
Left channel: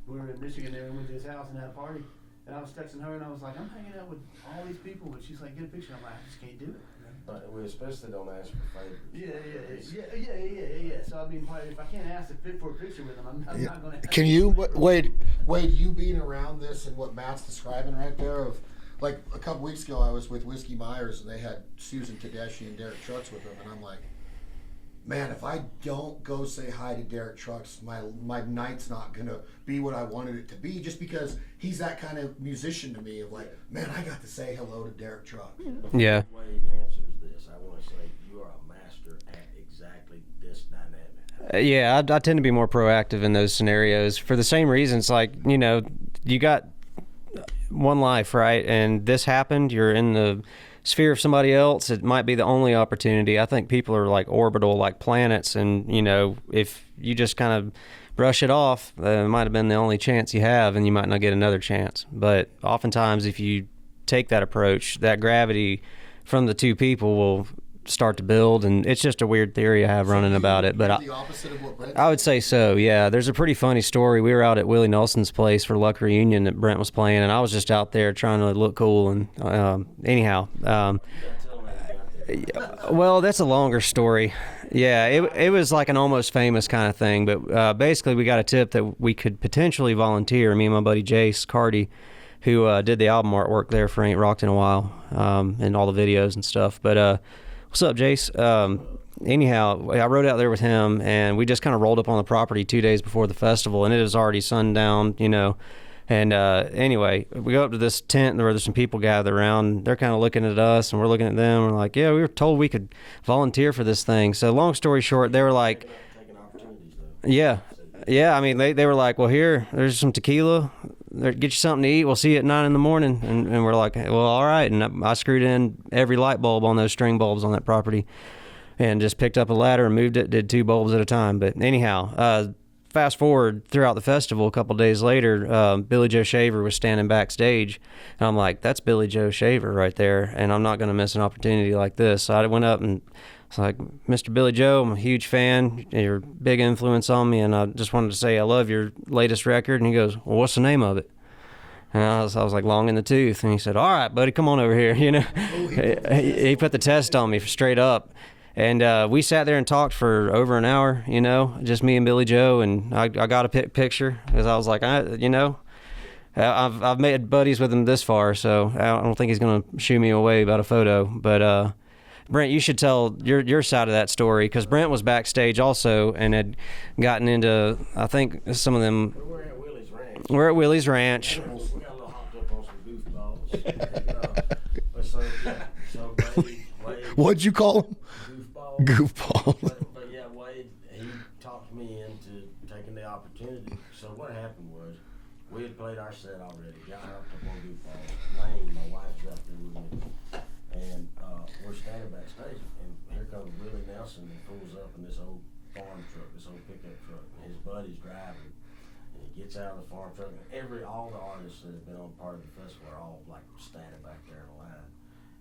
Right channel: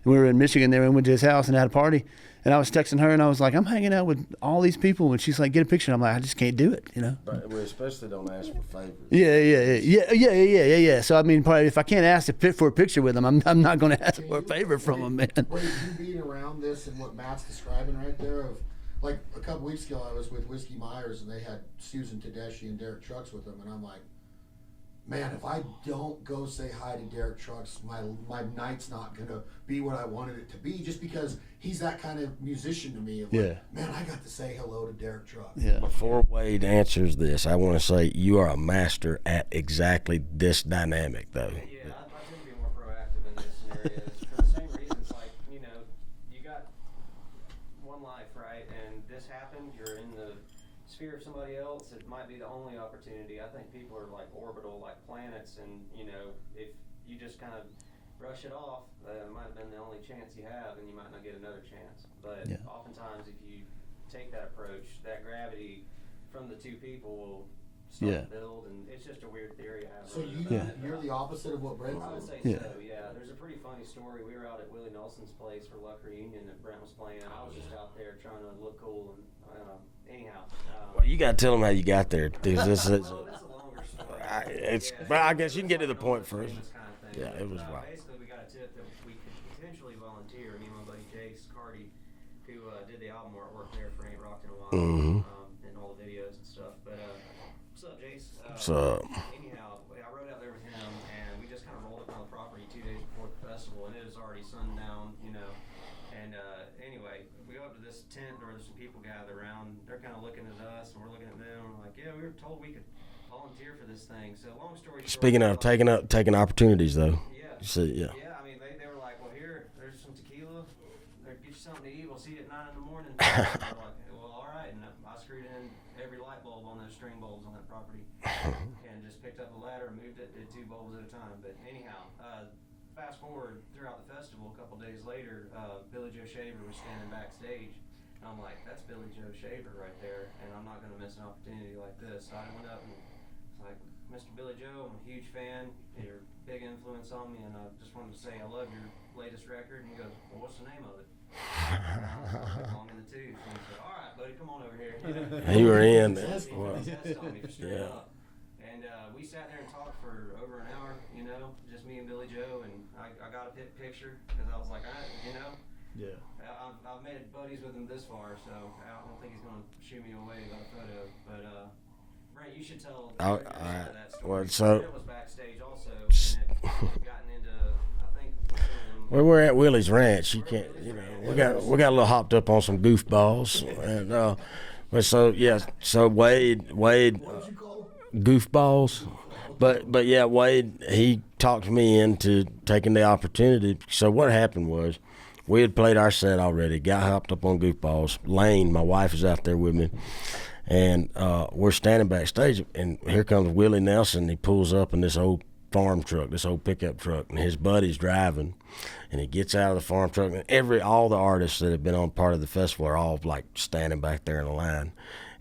And we were in Michigan there and went to his house and had a party. And I was texting her and I was like, I'm hanging out with all these people. And she's like, get a picture. And I'm like, I just can't do it, you know. We especially don't ask for favors. Yeah. So I mean, probably if I can't ask for a picture with them, I'm not going to ask for a favor from them, man. Wait, you being around this and what Matt's describing right there of. Like a couple weeks ago, I was with Whiskey Myers, and they had Susan Tedeschi and Derek Trucks with them, and I'm like, man, if I don't go say hi to Derek Trucks, my night's not gonna be what I wanted it to be, just because he's that kind of musician to me. Of like, man, I got to say hello to Derek Trucks. Before Wade answers this, I want to say you are a master at exactly this dynamic, though. I tend to be more proactive in those scenarios for the same reasons. Like, you know, you got one life, right? And this happened, you're in the sphere of somebody else. It might be the only opportunity. I think people are like orbital, like planets, and you know, if you just kind of brush it off, it might have been the only chance you have, and you might not get another chance. But oftentimes if you take that approach, that gravity from the two people will start to build, and it's just a weird theory I have running about it. But I would say so. Yeah, there's a pretty funny story. We were out at Willie Nelson's place for Luck Reunion that Brent was playing, and I was just out there trying to look cool. And anyhow, you got to tell them how you got there. Well, that's a longer story. It was like an almost famous kind of thing. But basically, we got a tip that we could potentially volunteer. Me and my buddy Jace Cardy, who did the album artwork there for Ain't Rocked in a While, and all the videos and stuff. But what's up, Jace? Anyhow, I rode out there with him, and we just kind of rolled up on the property 2 days before the festival, and it was already sundown, you know. And anyway, we go up to this tent where there's some people gathered around. They're kind of looking at us, and we're looking at them. We're like, yeah, we were told we could volunteer for this thing. So long story short, they were like taking opportunities, though. Yeah. I mean, they were like, well, there's some tequila. Get you something to eat. We'll see you at 9 in the morning. And we're like, well, all right. And I screwed in every light bulb on those string bulbs on that property, and just picked up a ladder and moved it. Did 2 bulbs at a time. But anyhow, fast forward throughout the festival, a couple days later, Billy Joe Shaver was standing backstage, and I'm like, that's Billy Joe Shaver right there, and I'm not going to miss an opportunity like this. So I went up and it's like, Mr. Billy Joe, I'm a huge fan. You're a big influence on me, and I just wanted to say I love your latest record. And he goes, well, what's the name of it? And I was like, Long in the Tooth. And he said, all right, buddy, come on over here. You know, he put the test on me for straight up. And we sat there and talked for over an hour, you know, just me and Billy Joe. And I got a picture because I was like, I've made buddies with him this far, so I don't think he's going to shoo me away about a photo. But Brent, you should tell your side of that story, because Brent was backstage also and had gotten into, I think, some of them. We're at Willie's Ranch. We're at Willie's Ranch. We got a little hopped up on some goofballs. And, but so Wade. What'd you call him? Goofballs. Goofballs. But yeah, Wade, he talked me into taking the opportunity. So what happened was, we had played our set already. Got hopped up on goofballs. Lane, my wife, is out there with me, and we're standing backstage. And here comes Willie Nelson. He pulls up in this old farm truck, this old pickup truck, and his buddy's driving. And he gets out of the farm truck, and all the artists that have been on part of the festival are all like standing back there in a line.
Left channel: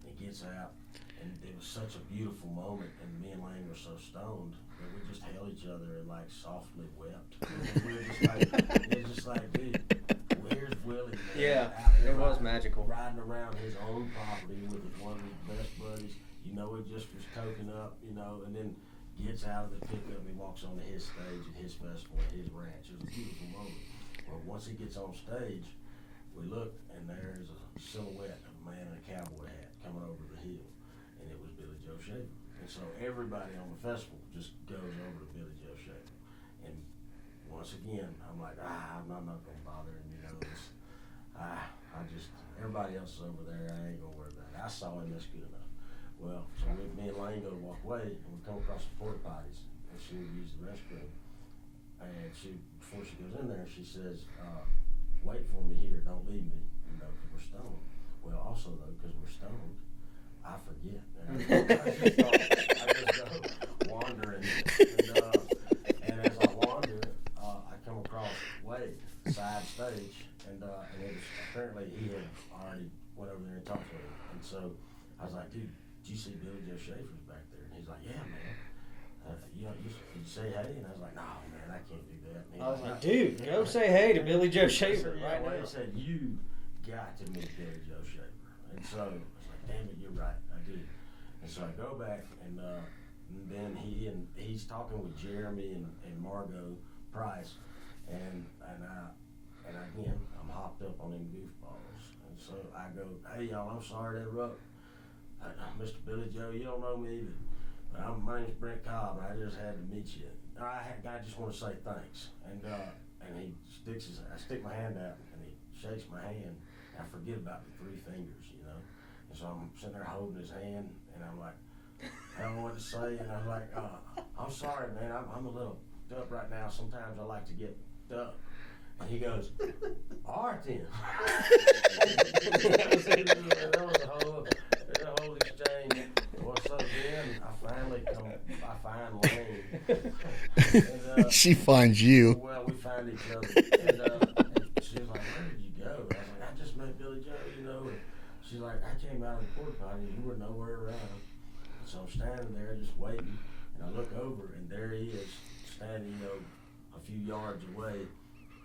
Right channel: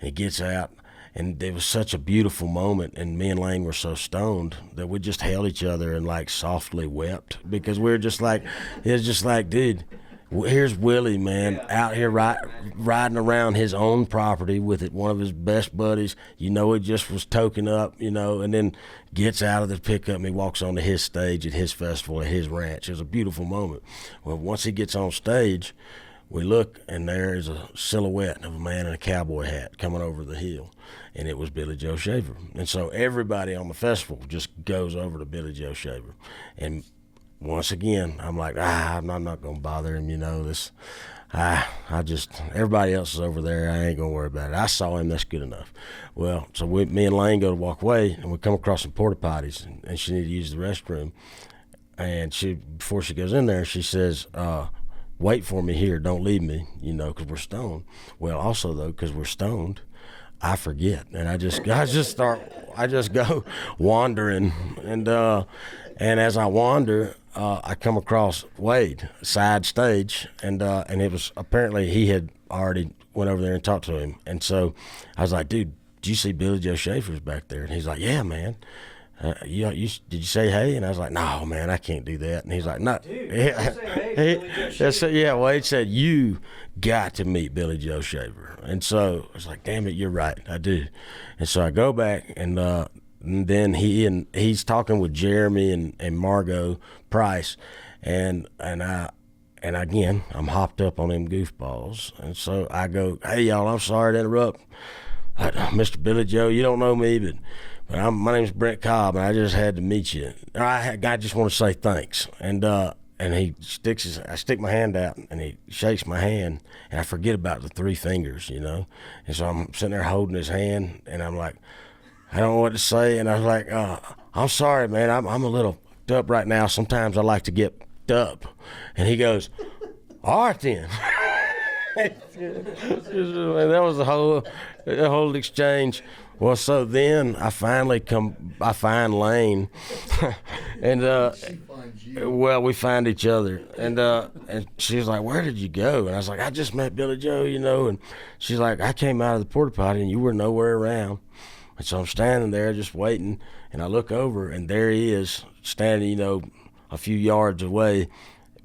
And he gets out, and it was such a beautiful moment. And me and Lane were so stoned that we just held each other and like softly wept, because we were just like, it's just like, dude, here's Willie, man, out here riding around his own property with one of his best buddies. You know, it just was token up, you know, and then gets out of the pickup and he walks onto his stage at his festival at his ranch. It was a beautiful moment. Well, once he gets on stage, we look, and there is a silhouette of a man in a cowboy hat coming over the hill, and it was Billy Joe Shaver. And so everybody on the festival just goes over to Billy Joe Shaver. And once again, I'm like, I'm not going to bother him, you know, everybody else is over there. I ain't going to worry about it. I saw him, that's good enough. Well, so me and Lane go to walk away, and we come across some porta potties, and she needed to use the restroom. And before she goes in there, she says, wait for me here, don't leave me, you know, because we're stoned. Well, also, though, because we're stoned, I forget, and I just go wandering, and as I wander, I come across Wade side stage, and it was apparently he had already went over there and talked to him, and so I was like, dude, did you see Billy Joe Shaver's back there? And he's like, yeah, man. Did you say hey? And I was like, no, man, I can't do that. And he's like, no, dude, don't say hey to Billy Joe Shaver. Yeah, Wade said, you got to meet Billy Joe Shaver. And so I was like, damn it, you're right, I do. And so I go back, and then he's talking with Jeremy and Margot Price, and again, I'm hopped up on them goofballs. And so I go, hey, y'all, I'm sorry to interrupt. Mr. Billy Joe, you don't know me, but my name's Brent Cobb, and I just had to meet you. I just want to say thanks. And he I stick my hand out, and he shakes my hand, and I forget about the three fingers, you know. And so I'm sitting there holding his hand, and I'm like, I don't know what to say. And I was like, I'm sorry, man, I'm a little up right now. Sometimes I like to get up. And he goes, all right then. That was the whole exchange. Well, so then I find Lane, and she finds you. Well, we find each other, and she was like, "Where did you go?" And I was like, "I just met Billy Joe, you know." And she's like, "I came out of the porta potty, and you were nowhere around." And so I'm standing there just waiting, and I look over, and there he is standing, you know, a few yards away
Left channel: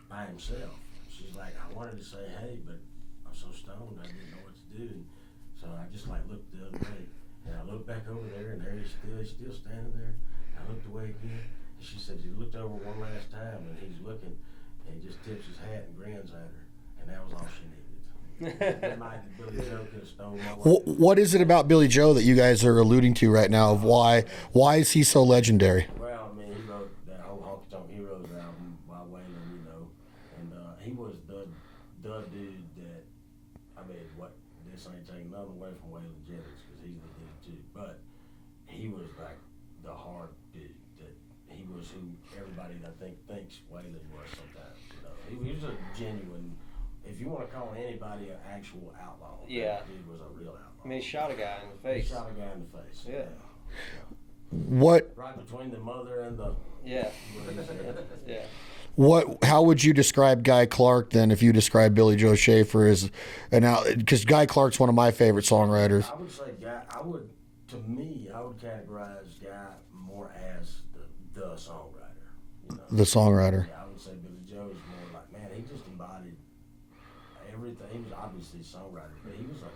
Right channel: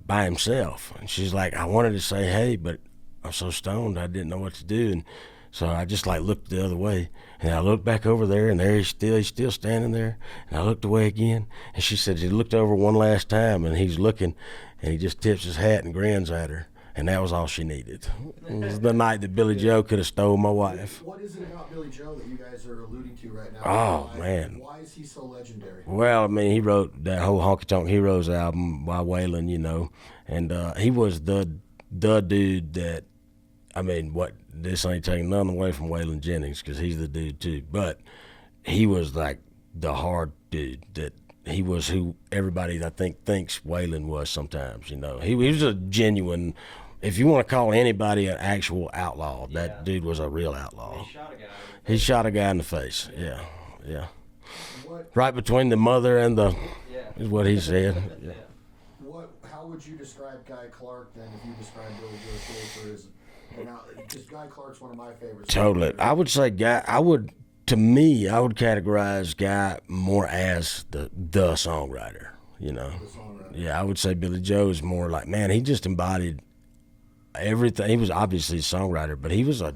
by himself. And she's like, "I wanted to say hey, but I'm so stoned I didn't know what to do." And so I just like looked the other way. And I looked back over there, and there he's still standing there. And I looked away again, and she said he looked over one last time, and he's looking, and he just tips his hat and grins at her. And that was all she needed. It was the night that Billy Joe could have stole my wife. What is it about Billy Joe that you guys are alluding to right now? Why is he so legendary? Well, I mean, he wrote that whole Honky Tonk Heroes album by Waylon, you know, and he was the dude that, I mean, this ain't taking nothing away from Waylon Jennings, because he's the dude too, but he was like the hard dude that he was, who everybody I think thinks Waylon was sometimes, you know. He was a genuine, if you want to call anybody an actual outlaw, that dude was a real outlaw. I mean, he shot a guy in the face. He shot a guy in the face, yeah. What? Right between the mother and is what he said. How would you describe Guy Clark then, if you describe Billy Joe Shaver as because Guy Clark's one of my favorite songwriters. I would say I would categorize Guy more as the songwriter, you know. The songwriter. Yeah, I would say Billy Joe is more like, man, he just embodied everything. He was obviously a songwriter, but he was a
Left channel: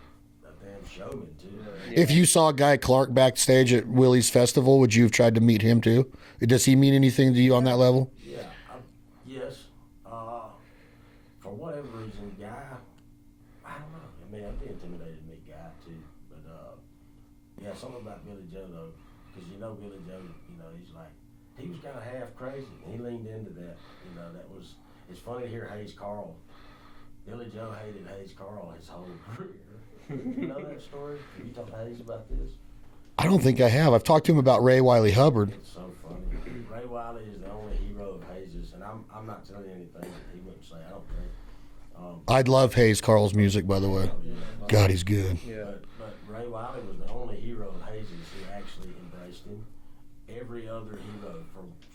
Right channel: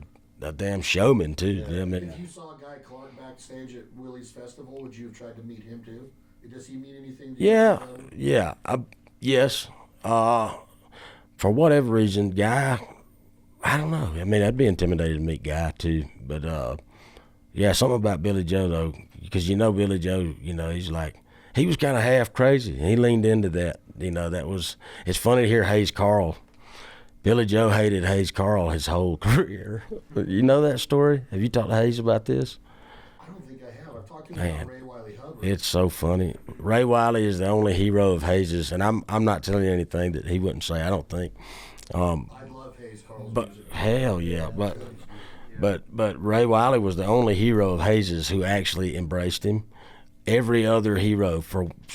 damn showman too. If you saw Guy Clark backstage at Willie's Festival, would you have tried to meet him too? Does he mean anything to you on that level? Yeah. Yes. For whatever reason, Guy, I don't know. I mean, I'd be intimidated to meet Guy too, but Yeah, something about Billy Joe though, because Billy Joe, he was kind of half crazy, and he leaned into that. It's funny to hear Hayes Carll. Billy Joe hated Hayes Carll his whole career. You know that story? Have you talked to Hayes about this? I don't think I have. I've talked to him about Ray Wiley Hubbard. It's so funny. Ray Wiley is the only hero of Hayes's, and I'm not telling you anything that he wouldn't say, I don't think. I'd love Hayes Carll's music, by the way. Hell yeah. God, he's good. Yeah. But Ray Wiley was the only hero of Hayes's who actually embraced him. Every other hero,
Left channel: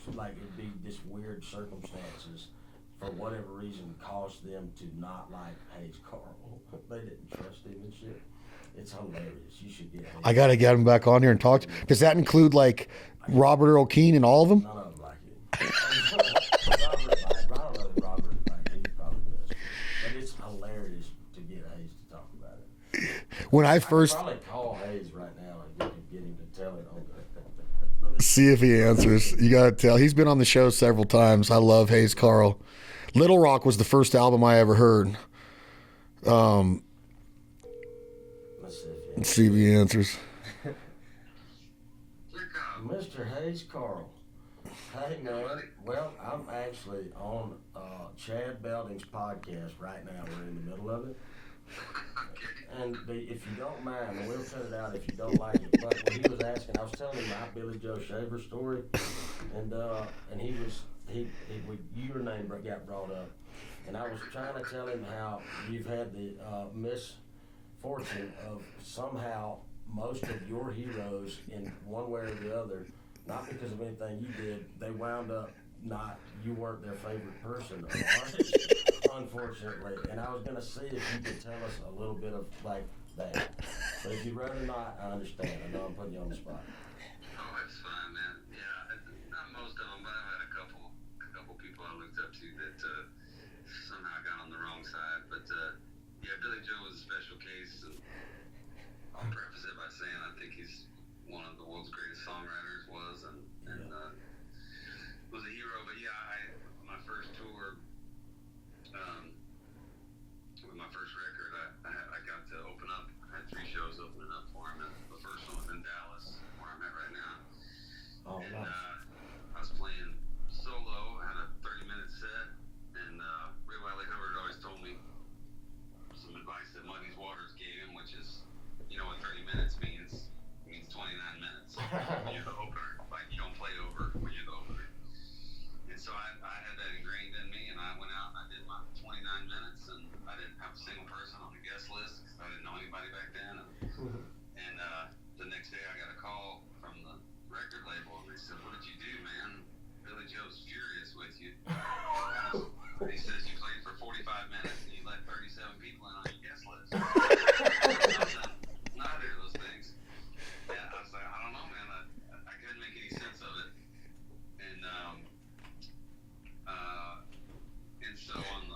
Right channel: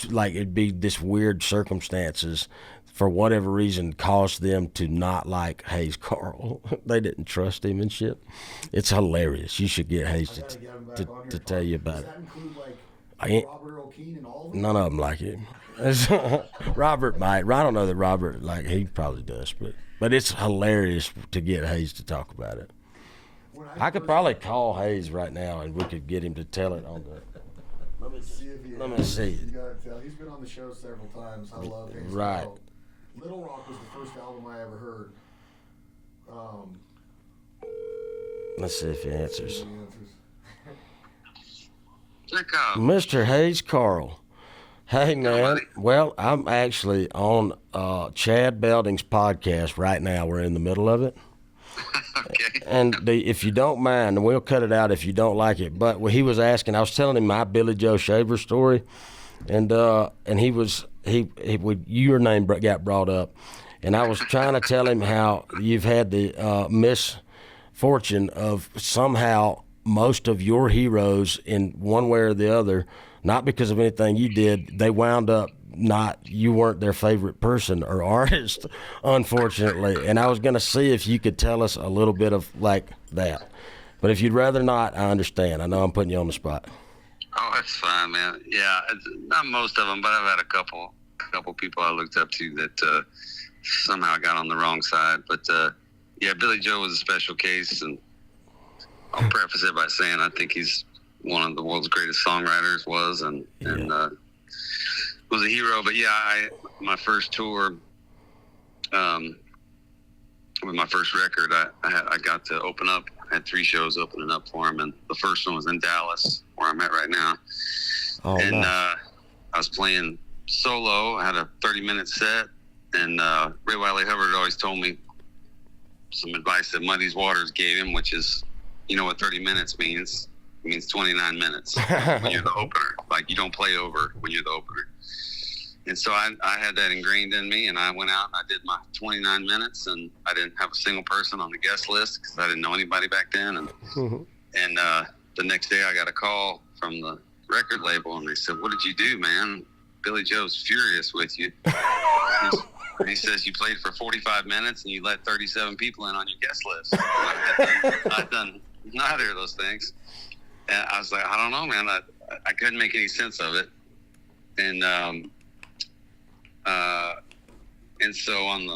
it'd be this weird circumstances, for whatever reason, caused them to not like Hayes Carll. They didn't trust him and shit. It's hilarious. You should get Hayes. I got to get him back on here and talk. Does that include Robert Earl Keen and all of them? None of them like him. Robert might. I don't know that Robert, he probably does. But it's hilarious to get Hayes to talk about it. I could probably call Hayes right now and we could get him to tell it on the... See if he answers. You got to tell. He's been on the show several times. I love Hayes Carll. Little Rock was the first album I ever heard. Let's see if he answers. Let's see if he answers. Mr. Hayes Carll. Hey, man. Well, I'm actually on Chad Belding's podcast right now. We're in the middle of it. Okay. And if you don't mind, and we'll cut it out if you don't like it, but he was asking, I was telling him my Billy Joe Shaver story, and your name got brought up, and I was trying to tell him how you've had the misfortune of somehow most of your heroes in one way or the other, not because of anything you did, they wound up you weren't their favorite person or artist, unfortunately. And I was going to see if you could tell us a little bit of that. But if you'd rather not, I understand. I know I'm putting you on the spot. Oh, that's fine, man. Yeah, not most of them, but I've had a couple people I looked up to that somehow got on the wrong side. But yeah, Billy Joe was a special case, and I'll preface it by saying I think he's one of the world's greatest songwriters, and was a hero. But yeah, my first tour, with my first record, I got to open up. I had 3 shows opening up for him, and the first one was in Dallas, where I'm at right now. Oh, and nice. I was playing solo. I had a 30-minute set, and Ray Wiley Hubbard always told me some advice that Muddy's Waters gave him, which is, you know what 30 minutes means? It means 29 minutes when you're the opener. You don't play over when you're the opener. And so I had that ingrained in me, and I went out and I did my 29 minutes, and I didn't have a single person on the guest list because I didn't know anybody back then. And the next day I got a call from the record label, and they said, "What did you do, man? Billy Joe's furious with you." He says, "You played for 45 minutes and you let 37 people in on your guest list." I've done neither of those things. And I was like, I don't know, man. I couldn't make any sense of it. And so on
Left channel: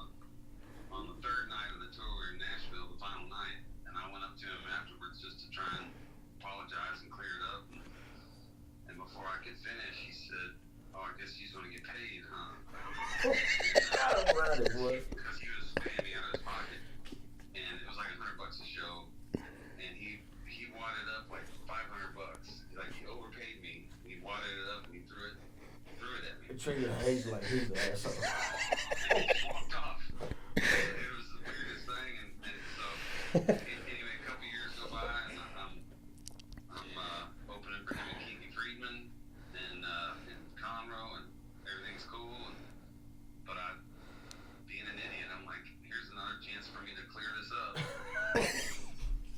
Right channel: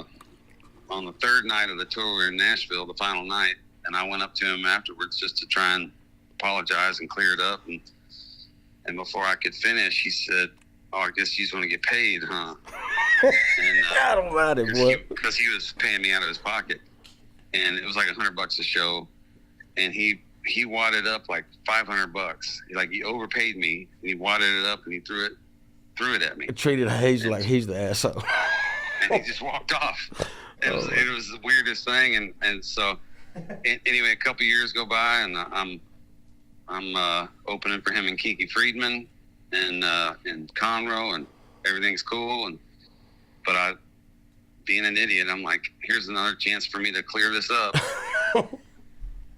the third night of the tour, we were in Nashville, the final night, and I went up to him afterwards just to try and apologize and clear it up. And before I could finish, he said, "Oh, I guess you just want to get paid, huh?" And, I don't mind it, boy. Because he was paying me out of his pocket, and it was like $100 a show, and he wadded up like $500. He overpaid me, and he wadded it up and he threw it at me. I treated Hayes like he's the asshole. And he just walked off. It was the weirdest thing, and so anyway, a couple years go by, and I'm opening for him and Kiki Friedman and Conroe, and everything's cool. But I, being an idiot, I'm like, here's another chance for me to clear this up.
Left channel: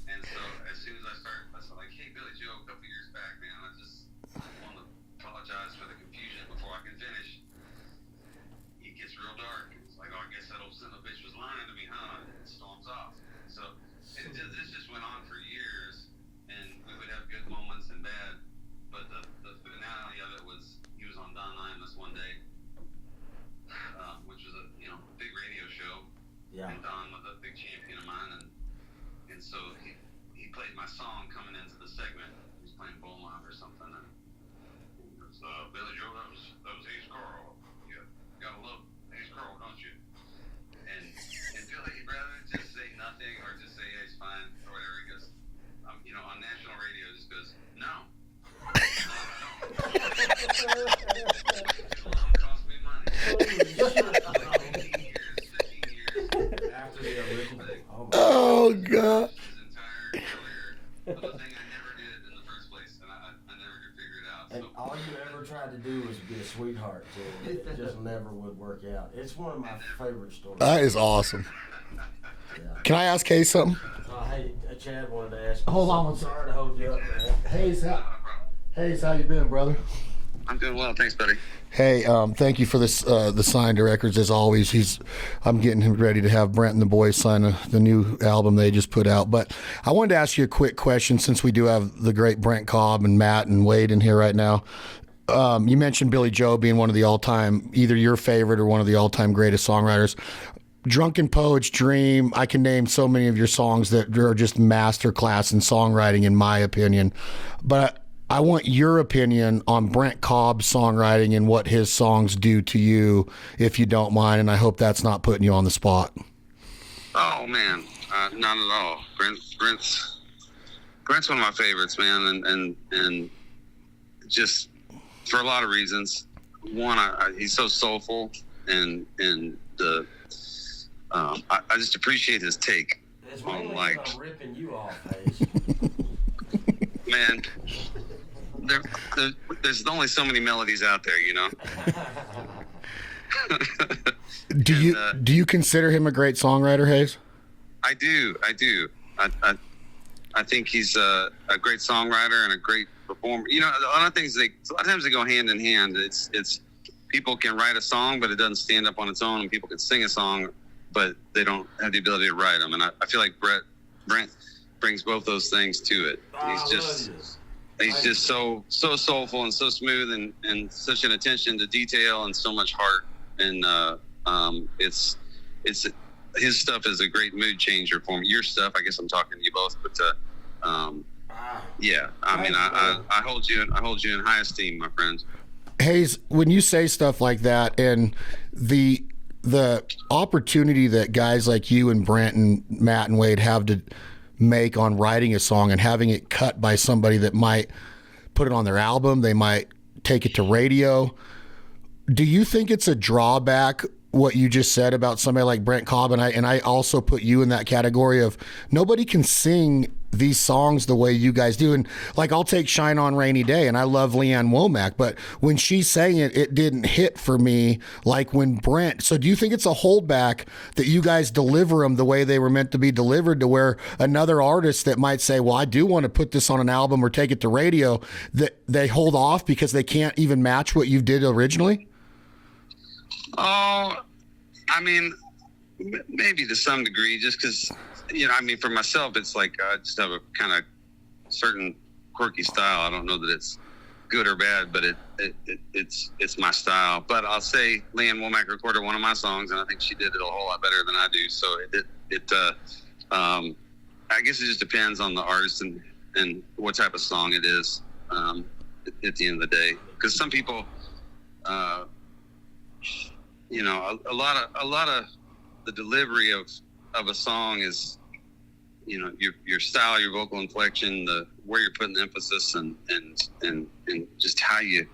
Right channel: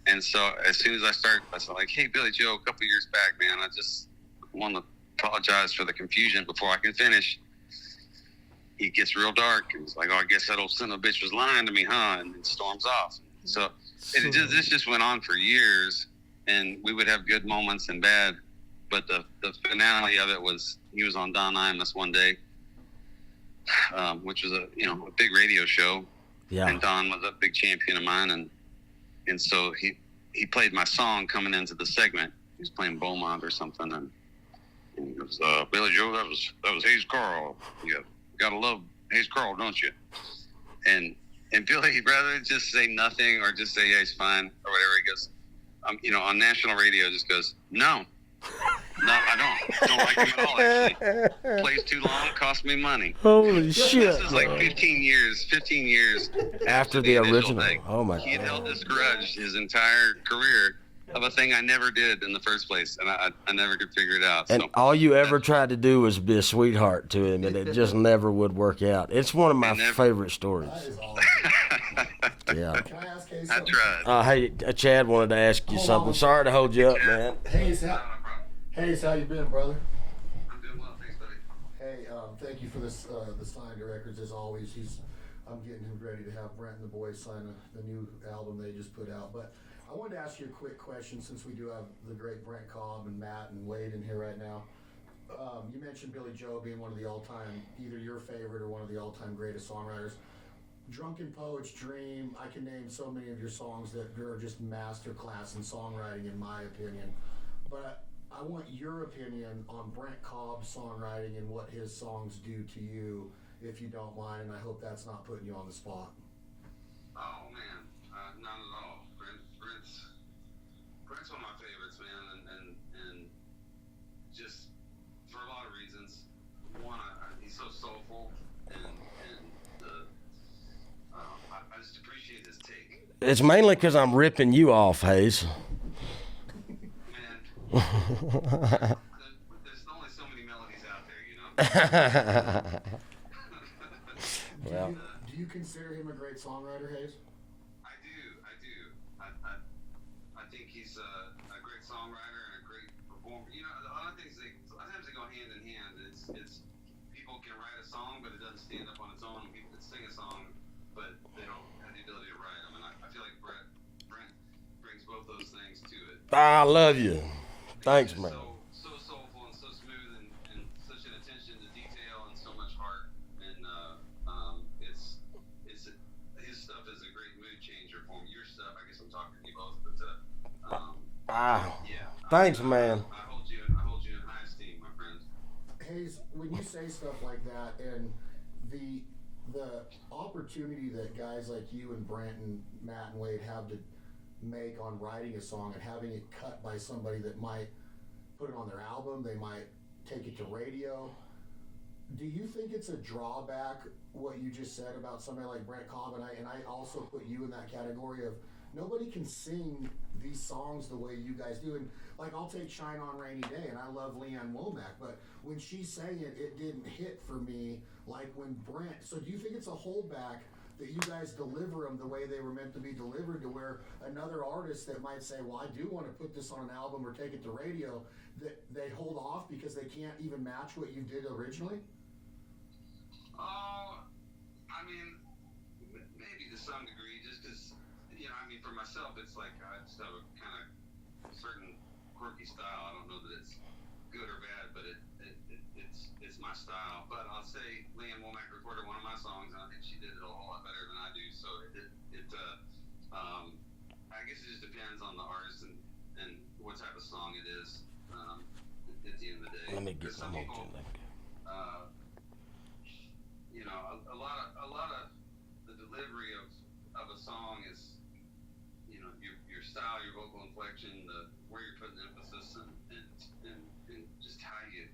And so as soon as I was like, "Hey, Billy Joe, a couple years back, man, I just want to apologize for the confusion before I can finish." He gets real dark, and it's like, "Oh, I guess that old son of a bitch was lying to me, huh?" And it storms off. So this just went on for years, and we would have good moments and bad, but the finale of it was he was on Don Imus one day, which was a big radio show, and Don was a big champion of mine, and so he played my song coming into the segment. He was playing Beaumont or something, and he goes, "Billy Joe, that was Hayes Carll. You gotta love Hayes Carll, don't you?" And Billy, rather than just say nothing or just say, "Yeah, he's fine," or whatever, he goes, on national radio, just goes, no, I don't like it at all. It plays too long, cost me money. Holy shit! This is like 15 years After the original. Thing. Oh my He God. built his entire career of a thing I never did in the first place, and I never could figure it out. And so, all you ever tried to do was be a sweetheart to him, and it just never would work out. It's one of my favorite stories. That is awesome. Yeah. Can I ask Hayes something? tried. Hey, Chad wanted to ask you Hold something. on. Sorry to hold you up, man. Hayes, how you been, brother? I'm doing well, thanks, buddy. Hey, thank you for this. The signed records as always. I'm getting him ready to have Brent and the boys sign the new album they just put out. But I wanted to ask you a quick question since we do have the great Brent Cobb and Matt and Wade in here right now. You mentioned Billy Joe being one of the all-time, either your favorite or one of the all-time greatest songwriters. Drunken Poet's Dream, I can name so many of your songs that are just masterclass in songwriting, in my opinion. But I want your opinion on Brent Cobb's songwriting and what his songs do to you, if you don't mind, and I hope that's not putting you on the spot. Oh man, not at all. Brent's one of my favorites, man, and just for a lot of reasons. One, he's so soulful, and I just appreciate his take. It's mainly because I'm ripping you off, Hayes. Man, there's only so many melodies out there, you know. Do you consider him a great songwriter, Hayes? I do. I think he's a great songwriter and a great performer. You know, a lot of times they go hand in hand. It's people can write a song, but it doesn't stand up on its own, and people can sing a song, but they don't have the ability to write them. And I feel like Brent brings both those things to it. I love you. He's Thanks, just man. so soulful and so smooth and such an attention to detail and so much heart. And it's his stuff is a great mood changer for me. Your stuff, I guess I'm talking to you both, but yeah. Thanks, man. I hold you in high esteem, my friend. Hayes, when you say stuff like that, and the opportunity that guys like you and Brent and Matt and Wade have to make on writing a song and having it cut by somebody that might put it on their album, they might take it to radio. Do you think it's a drawback what you just said about somebody like Brent Cobb? And I also put you in that category of nobody can sing these songs the way you guys do. And like, I'll take Shine On Rainy Day, and I love Leanne Womack, but when she sang it, it didn't hit for me like when Brent. So do you think it's a holdback that you guys deliver them the way they were meant to be delivered, to where another artist that might say, well, I do want to put this on an album or take it to radio, that they hold off because they can't even match what you did originally? Oh, I mean, maybe to some degree, just because, you know, I mean, for myself, it's like I just have a kind of certain quirky style. I don't know that it's good or bad, but it's my style. But I'll say Leanne Womack recorded one of my songs, and I think she did it a whole lot better than I do. So I guess it just depends on the artist and what type of song it is at the end of the day. Because some people, you know, a lot of the delivery of a song is, you know, your style, your vocal inflection, where you're putting the emphasis, and just how you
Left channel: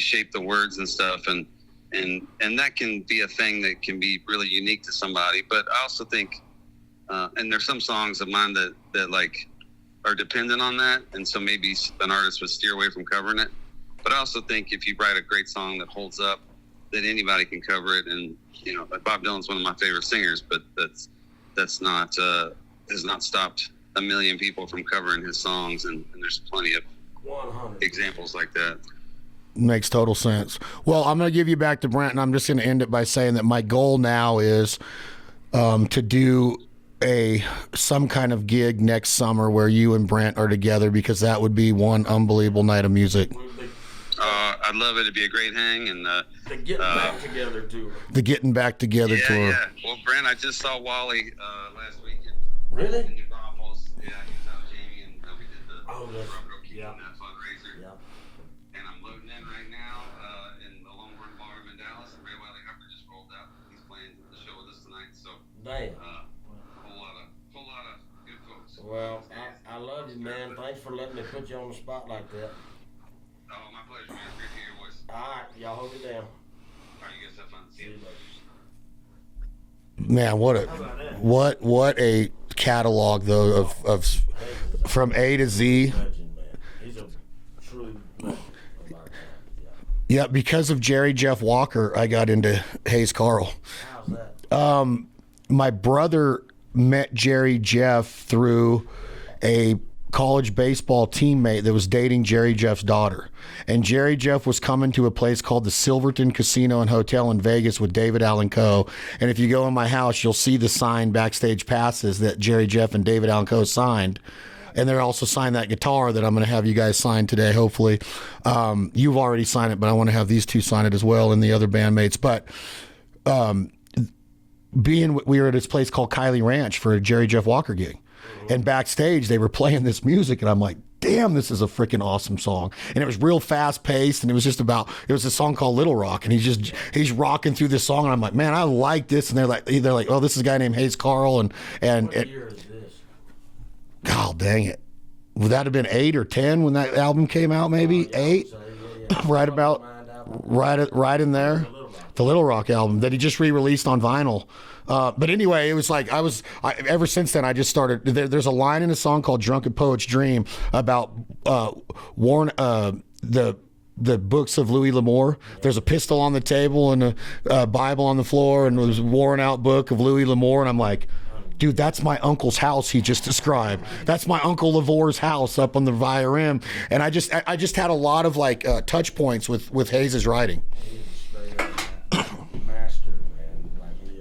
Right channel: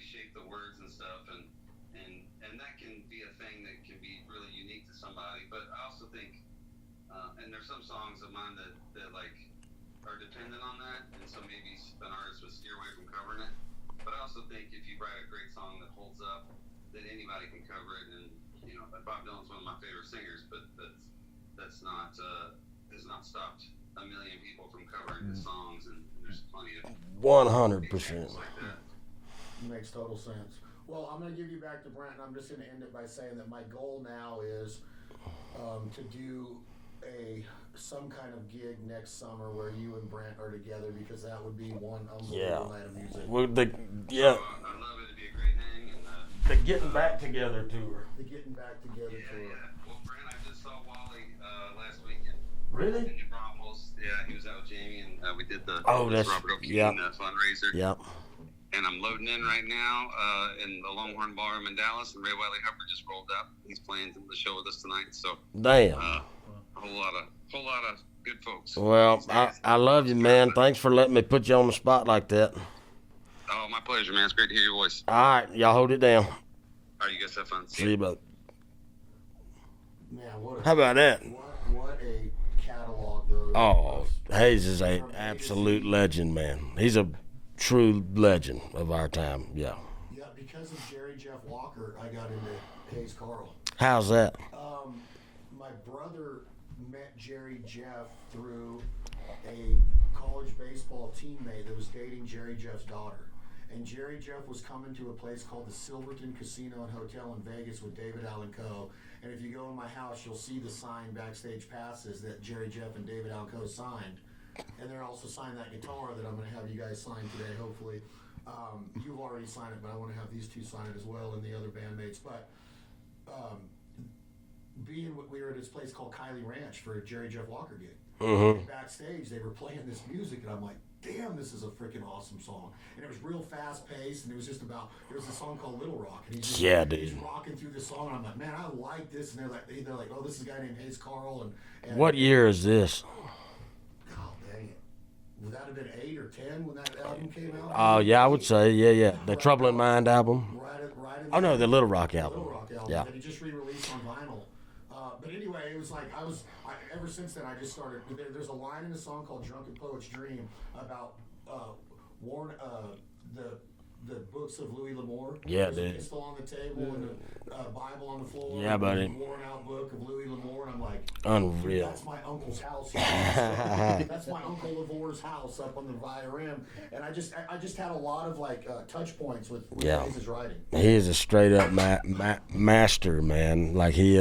shape the words and stuff, and that can be a thing that can be really unique to somebody. But I also think, and there's some songs of mine that like are dependent on that, and so maybe an artist would steer away from covering it. But I also think if you write a great song that holds up, that anybody can cover it. And you know, like Bob Dylan's one of my favorite singers, but that's not has not stopped a million people from covering his songs, and there's plenty of 100% examples like that. Makes total sense. Well, I'm going to give you back to Brent, and I'm just going to end it by saying that my goal now is to do some kind of gig next summer where you and Brent are together, because that would be one unbelievable night of music. I'd love it. It'd be a great hang, and the Getting Back Together tour. The Getting Back Together tour. Yeah. Well, Brent, I just saw Wally last weekend. Really? In Braunfels. Yeah, he was out with Jamie, and we did the Robert O'Keefe fundraiser. Yep. And I'm loading in right now in the Longhorn Ballroom in Dallas, and Ray Wiley Hubbard just rolled up. He's playing the show with us tonight. So damn. a whole lot of good folks. Well, I love you, man. Thanks for letting me put you on the spot like that. Oh, my pleasure, man. It's great to hear your voice. All right, y'all hold it down. All right, you guys have fun. See you, bud. Man, How about that? What a catalog though of Hayes is from A to Z legend, man. He's a true legend of our time. Yeah. Yeah, because of Jerry Jeff Walker, I got into Hayes Carll. How's that? My brother met Jerry Jeff through a college baseball teammate that was dating Jerry Jeff's daughter. And Jerry Jeff was coming to a place called the Silverton Casino and Hotel in Vegas with David Allen Coe. And if you go in my house, you'll see the signed backstage passes that Jerry Jeff and David Allen Coe signed. And they're also signed that guitar that I'm going to have you guys sign today, hopefully. You've already signed it, but I want to have these two sign it as well and the other bandmates. But we were at this place called Kylie Ranch for a Jerry Jeff Walker gig. Mm-hmm. And backstage, they were playing this music, and I'm like, damn, this is a freaking awesome song. And it was real fast paced, and it was a song called Little Rock, and he's rocking through this song, and I'm like, man, I like this. And they're like, oh, this is a guy named Hayes Carll. And what year is this? God dang it. Would that have been 8 or 10 when that album came out, maybe? Yeah, 8? I would say, yeah. The right Trouble about, of Mind album. Right in there. The Little Rock album. The Little Rock album that he just re-released on vinyl. But anyway, it was like ever since then I just started. There's a line in a song called "Drunken Poet's Dream" about the books of Louis L'Amour. Yeah, there's a pistol on the table and a Bible on the floor, and there's a worn out book of Louis L'Amour, and I'm like, dude, that's my uncle's house he just described. That's my Uncle Lavor's house up on the Via Rim. And I just had a lot of touch points with Hayes' writing. He is a straight up master, man. Like he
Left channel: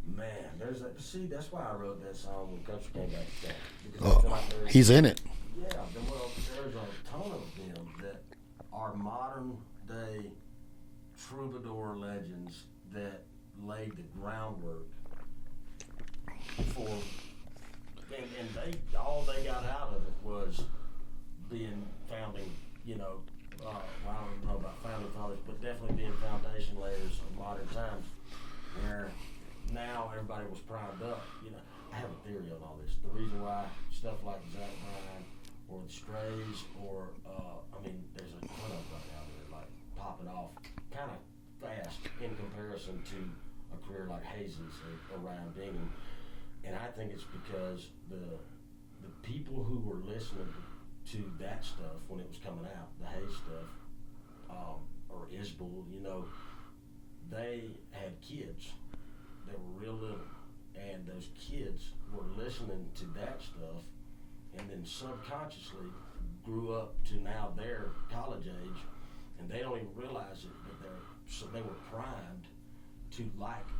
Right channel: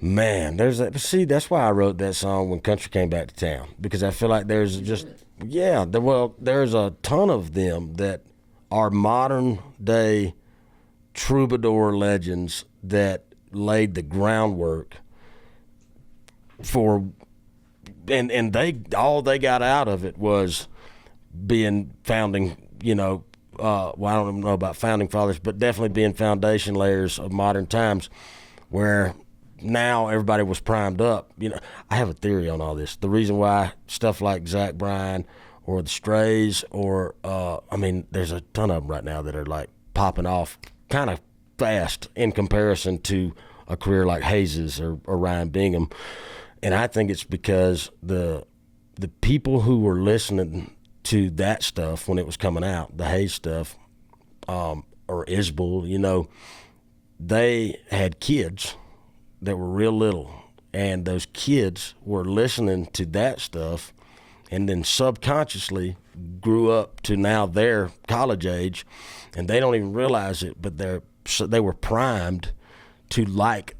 man, that's why I wrote that song when country came back to town, because I feel like he's in it. Yeah, there's a ton of them that are modern day troubadour legends that laid the groundwork for, and they got out of it was being founding, well, I don't know about founding fathers, but definitely being foundation layers of modern times, where now everybody was primed up. I have a theory on all this. The reason why stuff like Zach Bryan or the Strays, or there's a ton of them right now that are like popping off kind of fast in comparison to a career like Hayes's or Ryan Bingham. And I think it's because the people who were listening to that stuff when it was coming out, the Hayes stuff, or Isbell, they had kids that were real little, and those kids were listening to that stuff, and then subconsciously grew up to now they're college age, and they don't even realize it, but they were primed to like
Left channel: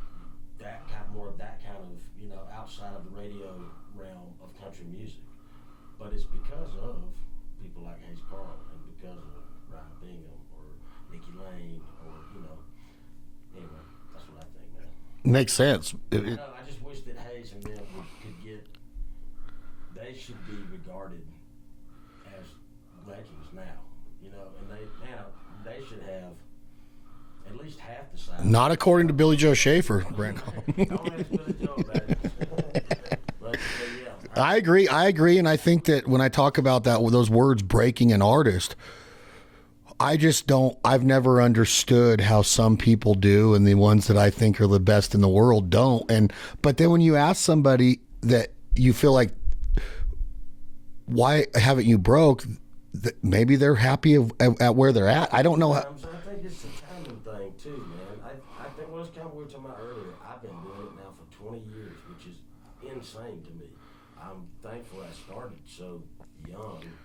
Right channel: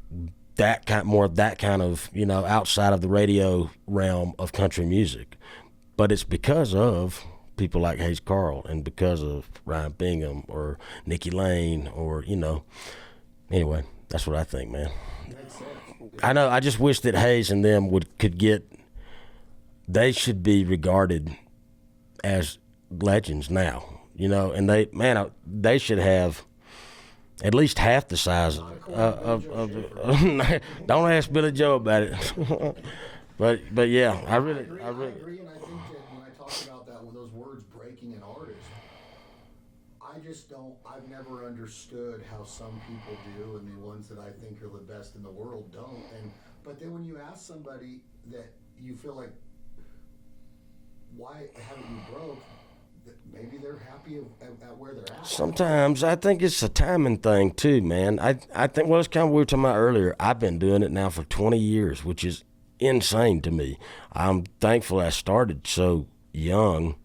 that kind of outside of the radio realm of country music. But it's because of people like Hayes Carll and because of Ryan Bingham or Nikki Lane or anyway, that's what I think, man. Makes sense. I know. I just wish that Hayes and them could get. They should be regarded as legends now, and they should have at least half the size. Not according to Billy Joe Schaefer. Don't ask Billy Joe about it. but yeah, I agree. I agree, and I think that when I talk about those words breaking an artist, I've never understood how some people do, and the ones that I think are the best in the world don't. But then when you ask somebody that you feel like, why haven't you broke? Maybe they're happy at where they're at. I don't know. Sometimes I think it's a timing thing too, man. I think, well, it's kind of what we were talking about earlier. I've been doing it now for 20 years, which is insane to me. I'm thankful I started so young,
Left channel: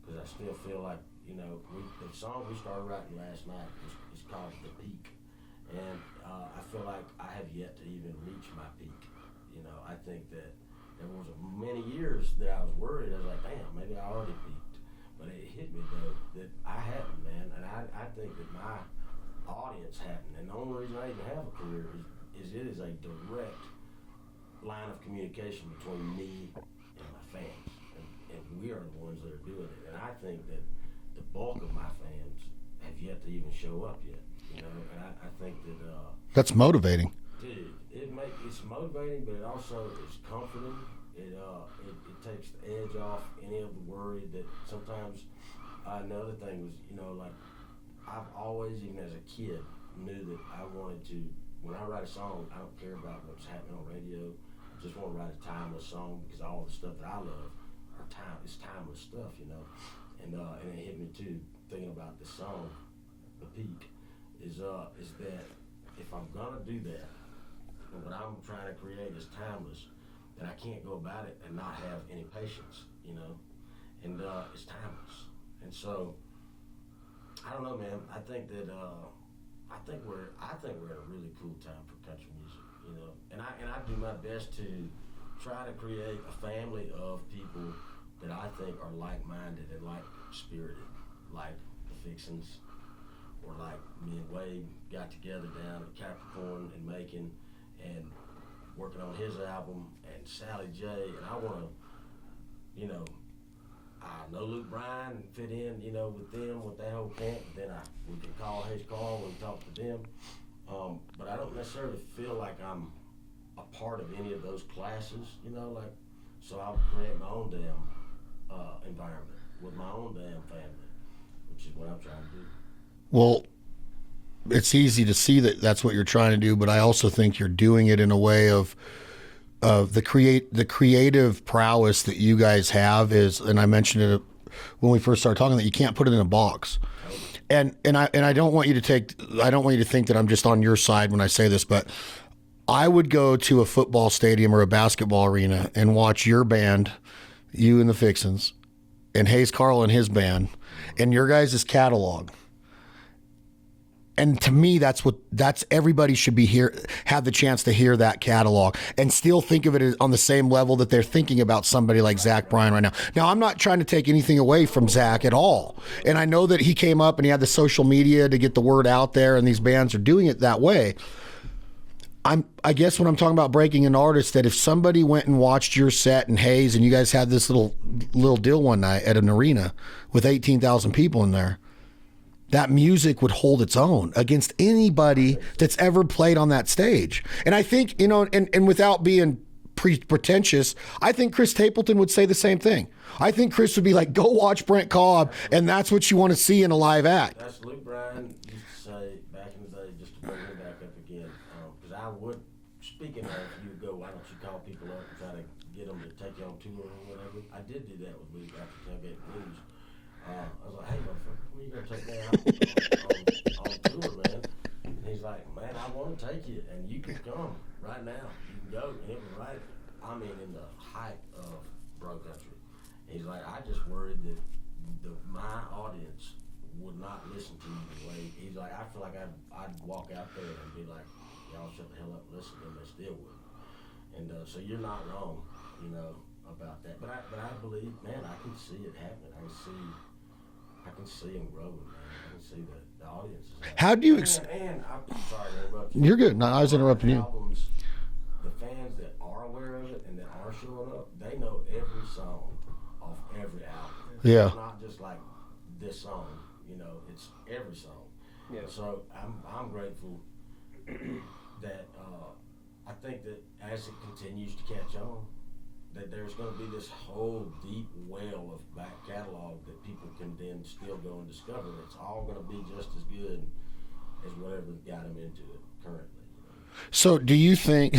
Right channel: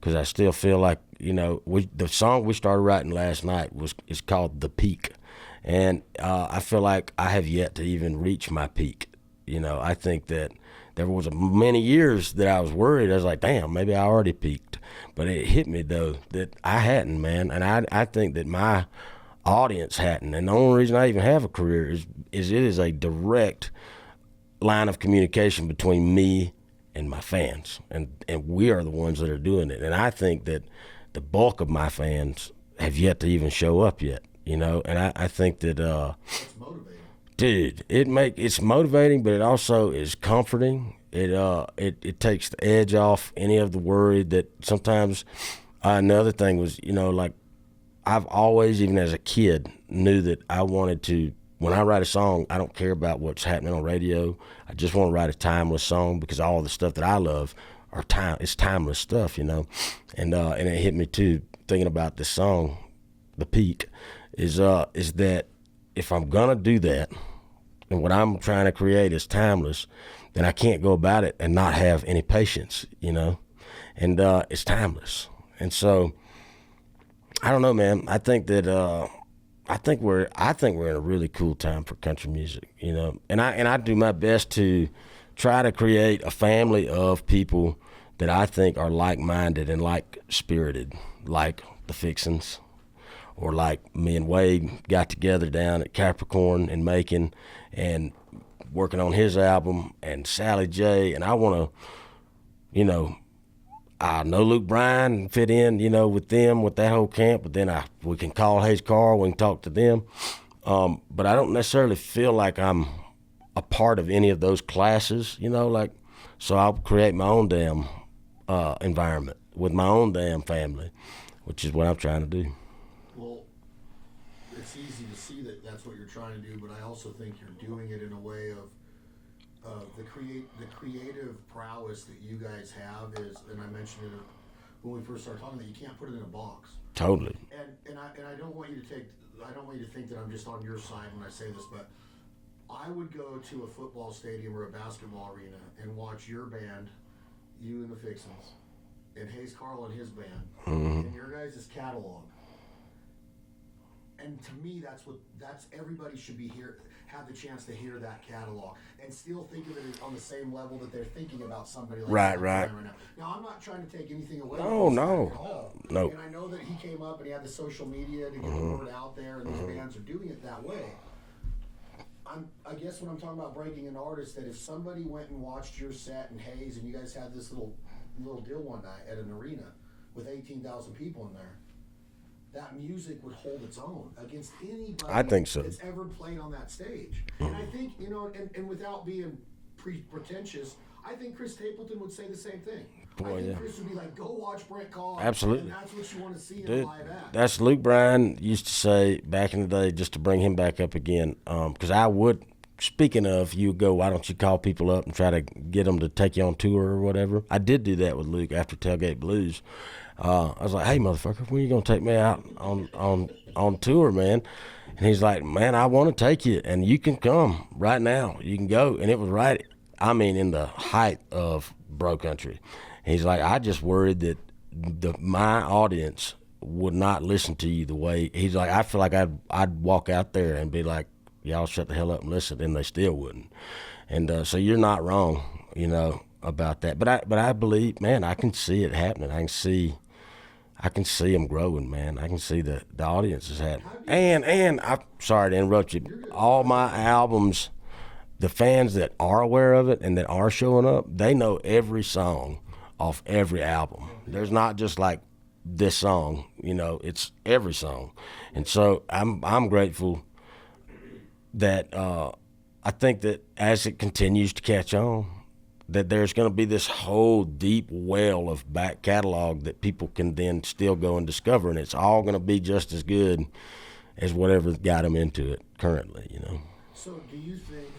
because I still feel like, the song we started writing last night is called The Peak. And I feel like I have yet to even reach my peak. I think that there was many years that I was worried. I was like, damn, maybe I already peaked. But it hit me, though, that I hadn't, man. And I think that my audience hadn't. And the only reason I even have a career is it is a direct line of communication between me and my fans. And we are the ones that are doing it. And I think that the bulk of my fans have yet to even show up yet, And I think that... that's motivating. Dude, it's motivating, but it also is comforting, It takes the edge off any of the worry that sometimes. Another thing was, like I've always, even as a kid, knew that I wanted to. When I write a song, I don't care about what's happening on radio. I just want to write a timeless song because all the stuff that I love it's timeless stuff, And it hit me too, thinking about this song, The Peak, is that if I'm gonna do that, and what I'm trying to create is timeless, then I can't go about it and not have any patience, And it's timeless, and so I don't know, man. I think that. I think we're in a really cool time for country music, and I do my best to try to create a family of people that I think are like-minded and like-spirited, like the Fixins, or like me and Wade got together down at Capricorn in Macon and working on his album, and Sally J, and I want to, I know Luke Bryan fit in, with them, with that whole camp, but then we can call Hayes Carll, we can talk to them. But I don't necessarily feel like I'm a part of any of those classes, so I'll create my own damn environment with my own damn family, which is what I'm trying to do. Well, it's easy to see that that's what you're trying to do, but I also think you're doing it in a way of the creative prowess that you guys have is, and I mentioned it when we first started talking, that you can't put it in a box. Totally. And I don't want you to think that I'm just on your side when I say this, but I would go to a football stadium or a basketball arena and watch your band, you and the Fixins, and Hayes Carll and his band, and your guys' catalog. And to me, that's everybody should be here, have the chance to hear that catalog and still think of it as on the same level that they're thinking about somebody like Zach Bryan right now. Now, I'm not trying to take anything away from Zach at all. No. And I know that he came up and he had the social media to get the word out there, and these bands are doing it that way. I guess when I'm talking about breaking an artist, that if somebody went and watched your set in Hayes and you guys had this little deal one night at an arena with 18,000 people in there, that music would hold its own against anybody that's ever played on that stage. And I think, and without being pretentious, I think Chris Stapleton would say the same thing. I think Chris would be like, go watch Brent Cobb. Absolutely. And that's what you want to see in a live act. That's Luke Bryan used to say back in the day, just to bring him back up again, because I would, speaking of, you go, why don't you call people up and try to get them to take you on tour or whatever. I did do that with Luke after Tailgate Blues. I was like, hey, motherfucker, when are you going to take me out on tour, man? And he's like, man, I want to take you, and you can come right now. You can go. And it was in the height of bro country. And he's like, I just worried that my audience would not listen to you the way. He's like, I feel like I'd walk out there and be like, y'all shut the hell up and listen, and they still wouldn't. And so you're not wrong, about that. But I believe, man, I can see it happening. I can see them growing, man. I can see the audience is happening. How do you? And I'm sorry to interrupt you. You're good. No, all my albums, the fans that are aware of it and that are showing up, they know every song off every album. Yeah. It's not just like this song, it's every song. And so I'm grateful that I think that as it continues to catch on, that there's going to be this whole deep well of back catalog that people can then still go and discover, and it's all going to be just as good as whatever got them into it currently, So do you think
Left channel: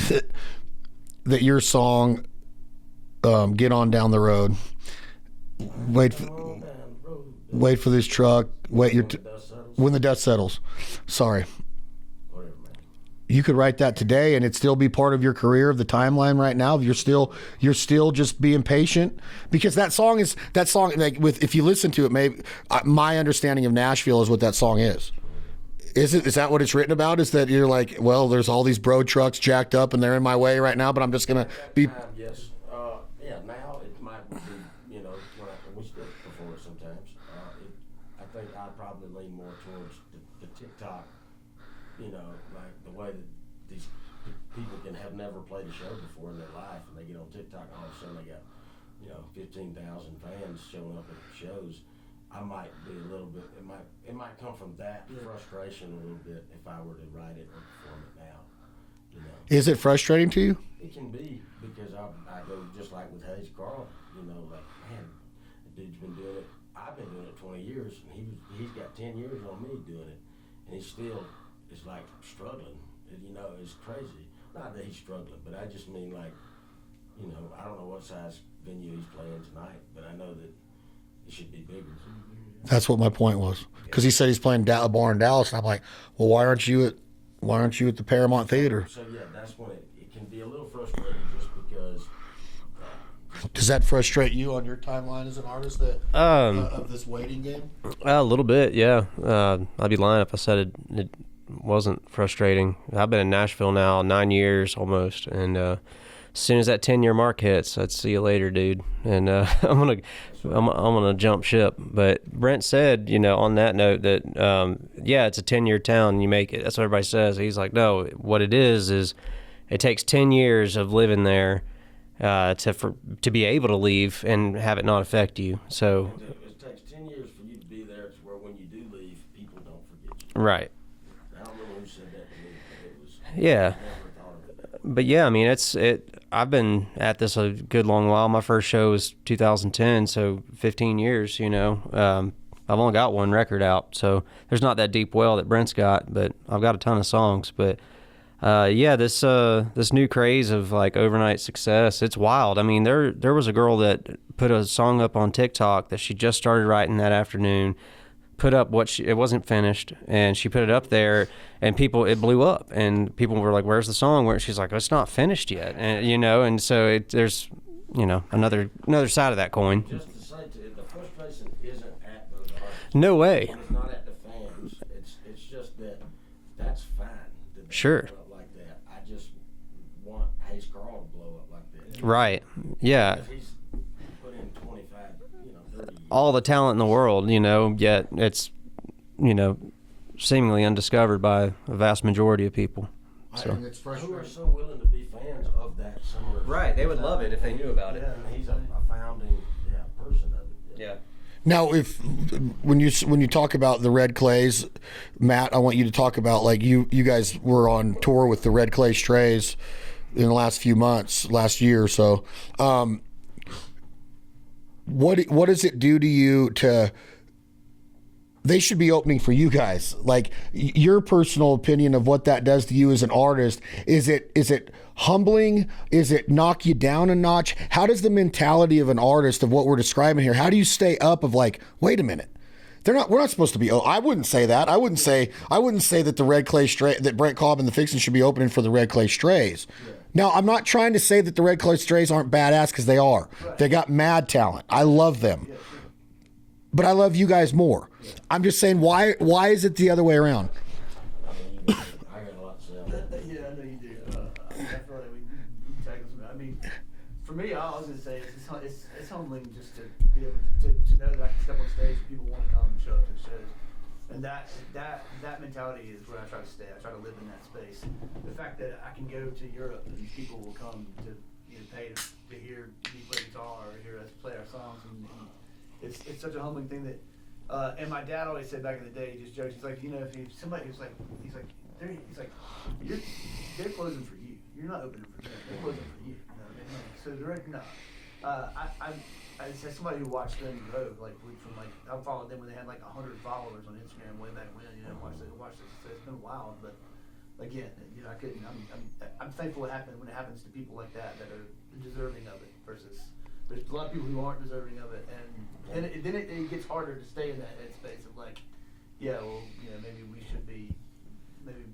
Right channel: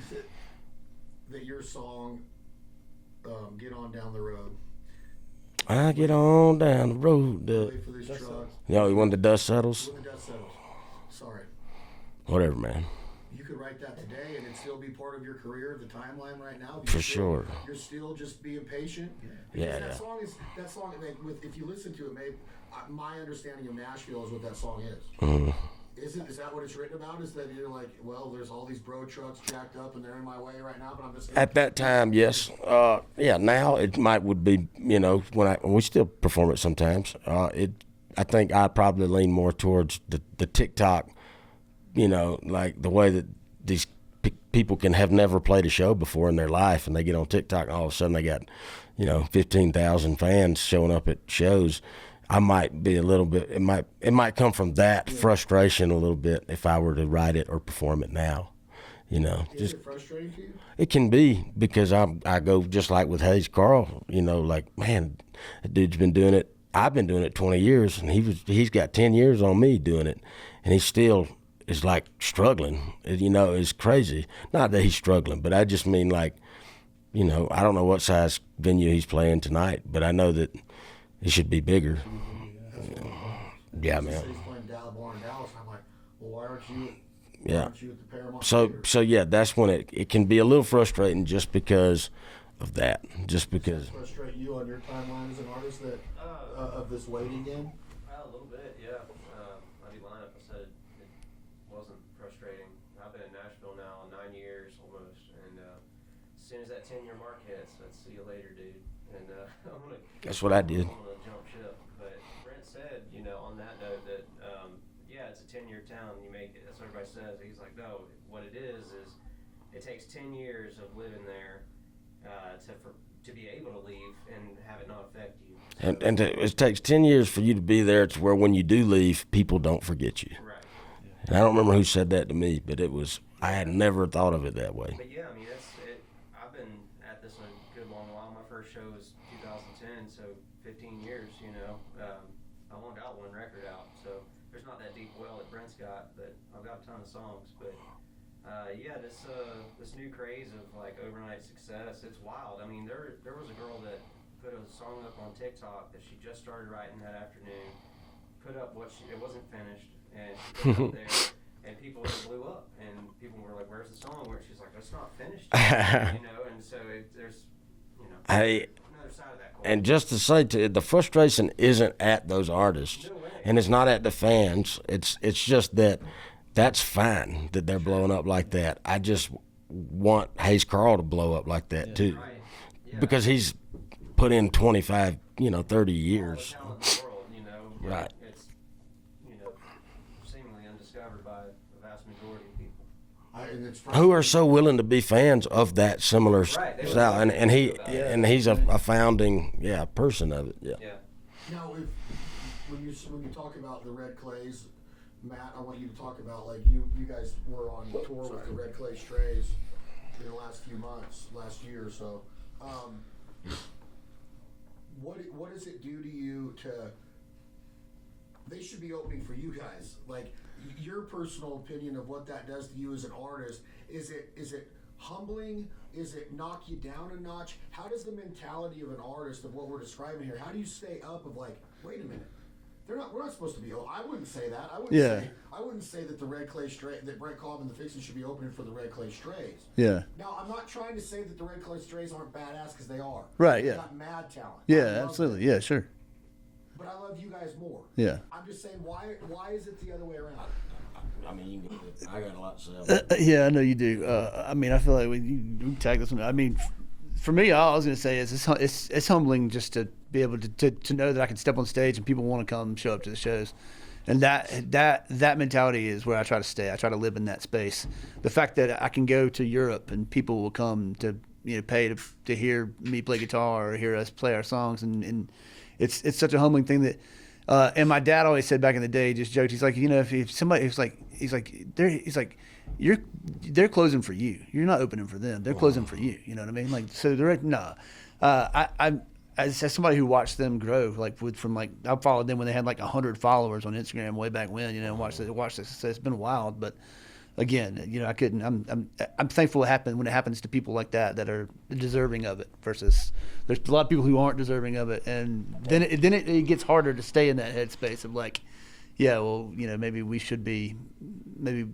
that your song, Get On Down the Road, get on down the road, wait for this truck, when the dust settles? When the dust settles. Sorry. Whatever, man. You could write that today and it'd still be part of your career, of the timeline right now. You're still just being patient, because that song like if you listen to it, maybe my understanding of Nashville is what that song is. Mm. Is that what it's written about? Is that you're like, well, there's all these bro trucks jacked up and they're in my way right now, but I'm just gonna. At that time, yes. Now it would be, when we still perform it sometimes. I think I probably lean more towards the TikTok. Like the way that these people can have never played a show before in their life, and they get on TikTok and all of a sudden they got, 15,000 fans showing up at shows. I might be a little bit, it might come from that frustration a little bit if I were to write it or perform it now, You know, Is it frustrating to you? it can be because I go just like with Hayes Carll. You know, like, man, that dude's been doing it. I've been doing it 20 years, and he's got 10 years on me doing it, and he still is like struggling. You know, it's crazy. Not that he's struggling, but I just mean like, you know, I don't know what size venue he's playing tonight, but I know that it should be bigger. That's what my point was. Yeah, Because he man. said he's playing a bar in Dallas, and I'm like, well, why aren't you at the Paramount Theater? So yeah, that's when it can be a little frustrating just because of that. Just because. Does that frustrate you on your timeline as an artist that of this waiting game? A little bit, yeah. I'd be lying if I said it wasn't frustrating. I've been in Nashville now 9 years almost, and as soon as that 10-year mark hits, I'd see you later, dude. And I'm gonna jump ship. But Brent said, you know, on that note that yeah, it's a 10-year town. You make it. That's what everybody says. He's like, no, what it is it takes 10 years of living there to be able to leave and have it not affect you. So it takes 10 years for you to be there to where when you do leave, people don't forget you. right. And I don't remember who said that to me, but it was. I Yeah. had never thought of it that way. But yeah, I mean, I've been at this a good long while. My first show was 2010, so 15 years. You know, I've only got one record out, so there's not that deep well that Brent's got, but I've got a ton of songs. But yeah, this new craze of like overnight success, it's wild. I mean, there was a girl that put a song up on TikTok that she just started writing that afternoon. Put up it wasn't finished, and she put it up there, and it blew up, and people were like, "Where's the song?" Where she's like, "It's not finished yet," and, you know. And so there's, you know, another side of that coin. And just to say, the frustration isn't at those artists. No way. And it's not at the fans. It's just that's fine that they're Sure. blowing up like that. I just want Hayes Carll to blow up like that too. Right. Yeah. Because he's put in 25, 30 years. All the talent in the world, you know, yet it's, you know, seemingly undiscovered by a vast majority of people. So. Who are so willing to be fans of that similar Right, style. And he's a founding person of it. Yeah. Now, when you talk about the Red Clays, Matt, I want you to talk about, like, you guys were on tour with the Red Clay Strays in the last year or so. What does it do to you they should be opening for you guys? Like, your personal opinion of what that does to you as an artist, is it humbling? Is it knock you down a notch? How does the mentality of an artist of what we're describing here, how do you stay up of like, wait a minute, we're not supposed to be. I wouldn't say that. I wouldn't say that the Red Clay that Brent Cobb and the Fixin should be opening for the Red Clay Strays. Yeah. Now, I'm not trying to say that the Red Clay Strays aren't badass, because they are. Right. They got mad talent. Yeah, I love absolutely. them. Yeah, sure. But I love you guys more. Yeah. I'm just saying, why is it the other way around? I mean, I got a lot to say. Yeah, I know you do. I mean, I feel like we tag this one. I mean, for me, all I was going to say is it's humbling just to be able to know that I can step on stage and people want to come show up to the shows. And that mentality is where I try to stay. I try to live in that space. The fact that I can go to Europe and people will come to pay to hear me play guitar or hear us play our songs, and it's such a humbling thing that. And my dad always said back in the day, just joked. He's like, if somebody, they're closing for you. You're not opening for them. They're closing for you. You know what I mean? Like, so I'm as somebody who watched them grow, I followed them when they had like 100 followers on Instagram way back when, and watched the success. It's been wild, but again, I couldn't. I'm thankful when it happens to people like that are deserving of it. Versus there's a lot of people who aren't deserving of it, and then it gets harder to stay in that headspace of like, yeah, well, maybe we should be. Maybe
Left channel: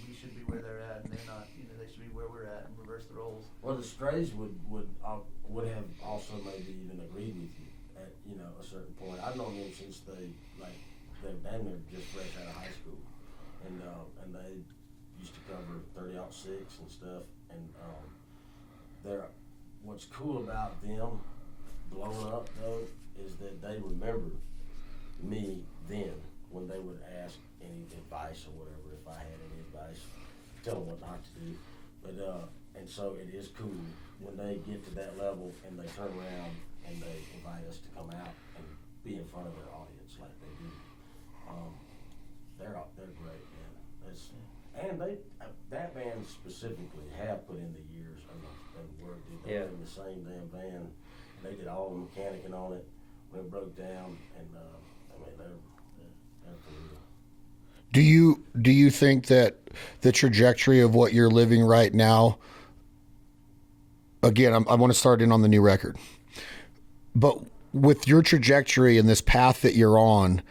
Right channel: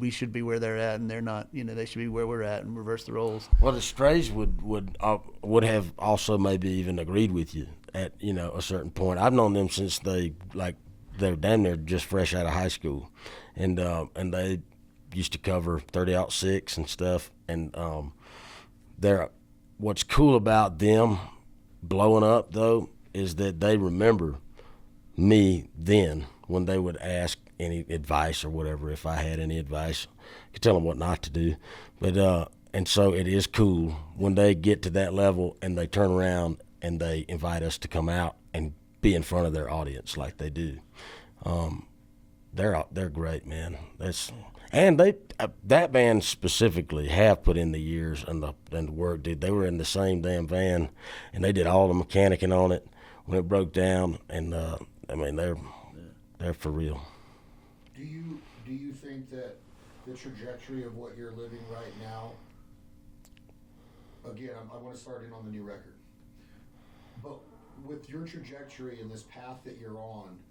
we should be where they're at, and they're not. They should be where we're at, and reverse the roles. Well, the Strays would have also maybe even agreed with you at a certain point. I've known them since they're damn near just fresh out of high school, and they used to cover 30-06 and stuff. And what's cool about them blowing up though is that they remember me then when they would ask any advice or whatever. If I had any advice, I could tell them what not to do. But and so it is cool when they get to that level and they turn around and they invite us to come out and be in front of their audience like they do. They're great, man. And they that band specifically have put in the years and the work. They were in the same damn van, and they did all the mechanicking on it when it broke down. And I mean, they're for real. Do you think that the trajectory of what you're living right now? Again, I want to start in on the new record, but with your trajectory and this path that you're on,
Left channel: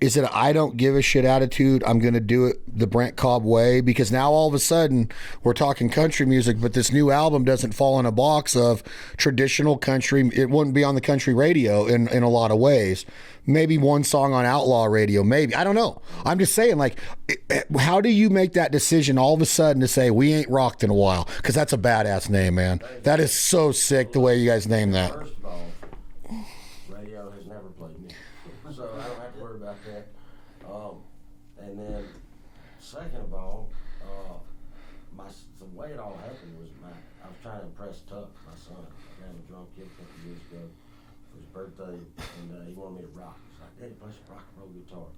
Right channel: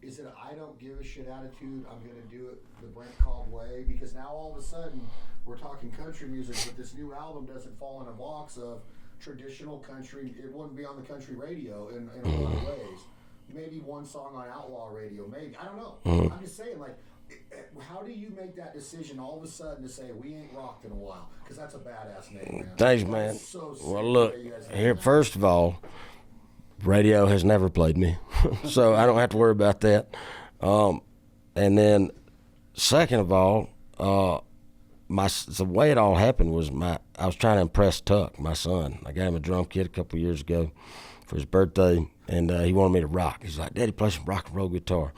is it I don't give a shit attitude? I'm going to do it the Brent Cobb way, because now all of a sudden we're talking country music, but this new album doesn't fall in a box of traditional country. It wouldn't be on the country radio in a lot of ways. Maybe one song on outlaw radio, maybe. I don't know. I'm just saying, like, how do you make that decision all of a sudden to say we ain't rocked in a while? Because that's a badass name, man. Thanks, that man. is so sick, Well, the look, way you guys name that. First of all, radio has never played me, so I don't have to worry about that. And then, second of all, the way it all happened was I was trying to impress Tuck, my son. I got him a drum kit a couple of years ago for his birthday, and he wanted me to rock. He's like, "Daddy, play some rock and roll guitar."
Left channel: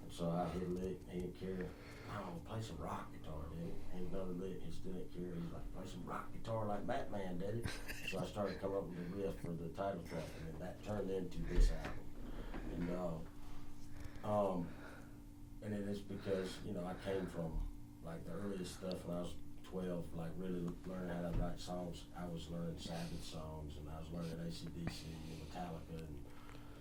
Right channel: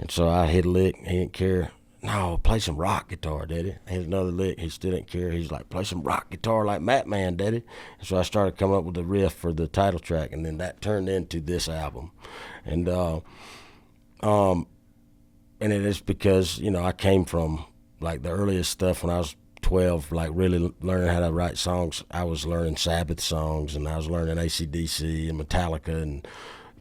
And so I hit a lick. He didn't care. "No, play some rock guitar, Daddy." Hit another lick. He still didn't care. He's like, "Play some rock guitar like Matt Man, Daddy." And so I started coming up with the riff for the title track, and then that turned into this album. And and it is because, you know, I came from, like, the earliest stuff when I was 12, like, really learning how to write songs. I was learning Sabbath songs, and I was learning AC/DC and Metallica and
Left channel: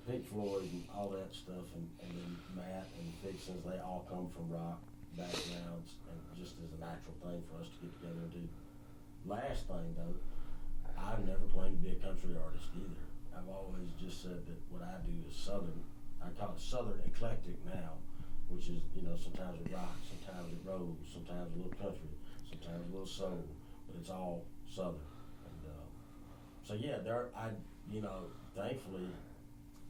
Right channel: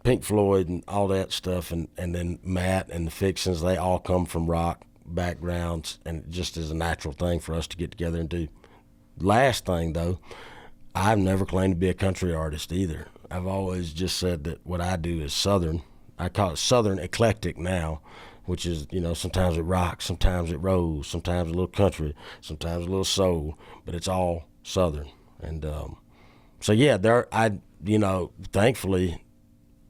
Pink Floyd and all that stuff. And then Matt and the Fixins, they all come from rock backgrounds, and just as a natural thing for us to get together and do. Last thing, though, I've never claimed to be a country artist either. I've always just said that what I do is Southern. I call it Southern eclectic now, which is, you know, sometimes it rocks, sometimes it rolls, sometimes a little country, sometimes a little soul, but it's all Southern. And so, yeah, thankfully,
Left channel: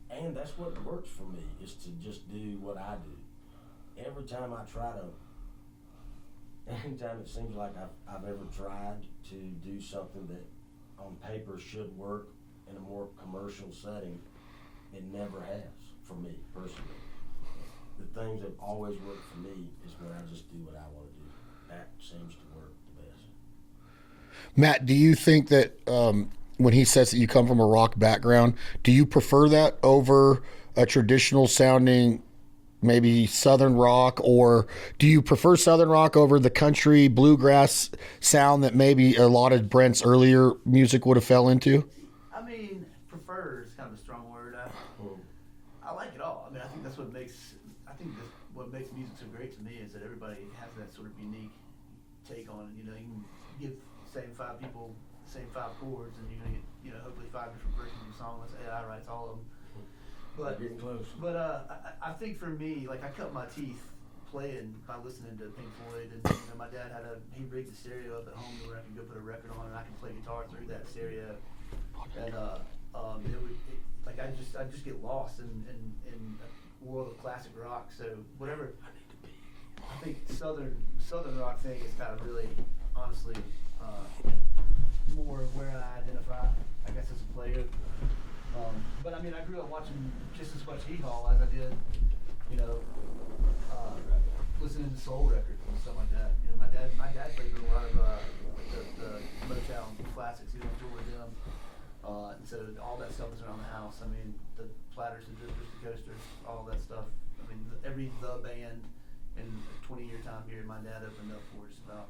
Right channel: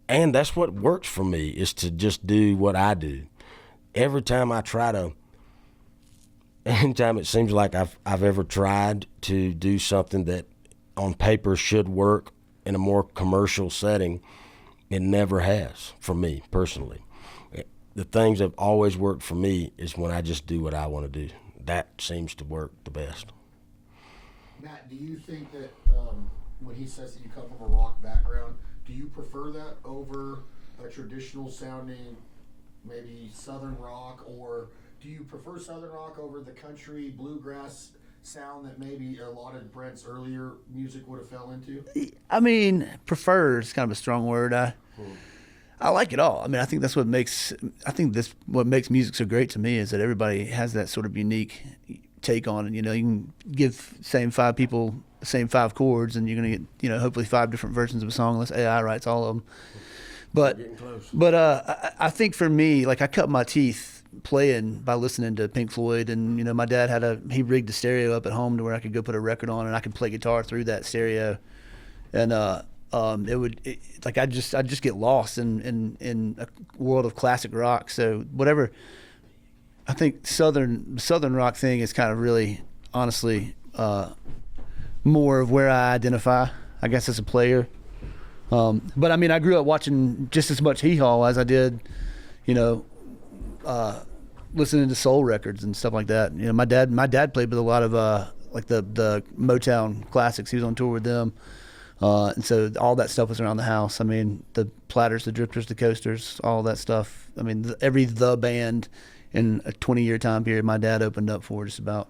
and that's what works for me, is to just do what I do. Anytime it seems like I've ever tried to do something that on paper should work in a more commercial setting, it never has for me personally. The things that have always worked for me is when I just do what I want to do. That seems to work the best. Matt, do you think that when he says that you come from a rock background, do you prefer that over a traditional sounding, maybe Southern rock, or do you prefer Southern rock over the country bluegrass sound that maybe a lot of Brent's earlier music would have fell into? I mean, prefer is kind of a strong word. I like it all. I mean, I think that's what makes music so great to me, is that everybody has that sort of unique take on it. You know, you can give same 5 people the same 5 chords, and you're gonna get, you know, hopefully 5 different versions of a song unless AI writes all of them. But I think for me, like, I cut my teeth playing by listening to Pink Floyd, and, you know, my dad he rigged the stereo up at home to where I could go put a record on and I could play guitar through that stereo, and I just get lost in a world of classic rock. So whatever, I think Southern rock thing is kind of really, honestly, more of where I identify, I guess, as a player. But I mean, I grew up watching just as much Hee Haw as I did, you know, listening to soul records and stuff like that. You know, my dad played with a lot of like the Motown classics. He was on tour with them. And so all that stuff was around the house. I mean, the Platters, the Drifters, the Coasters, all that stuff. I mean, every band in a 20-year time period, my dad opened up for just about.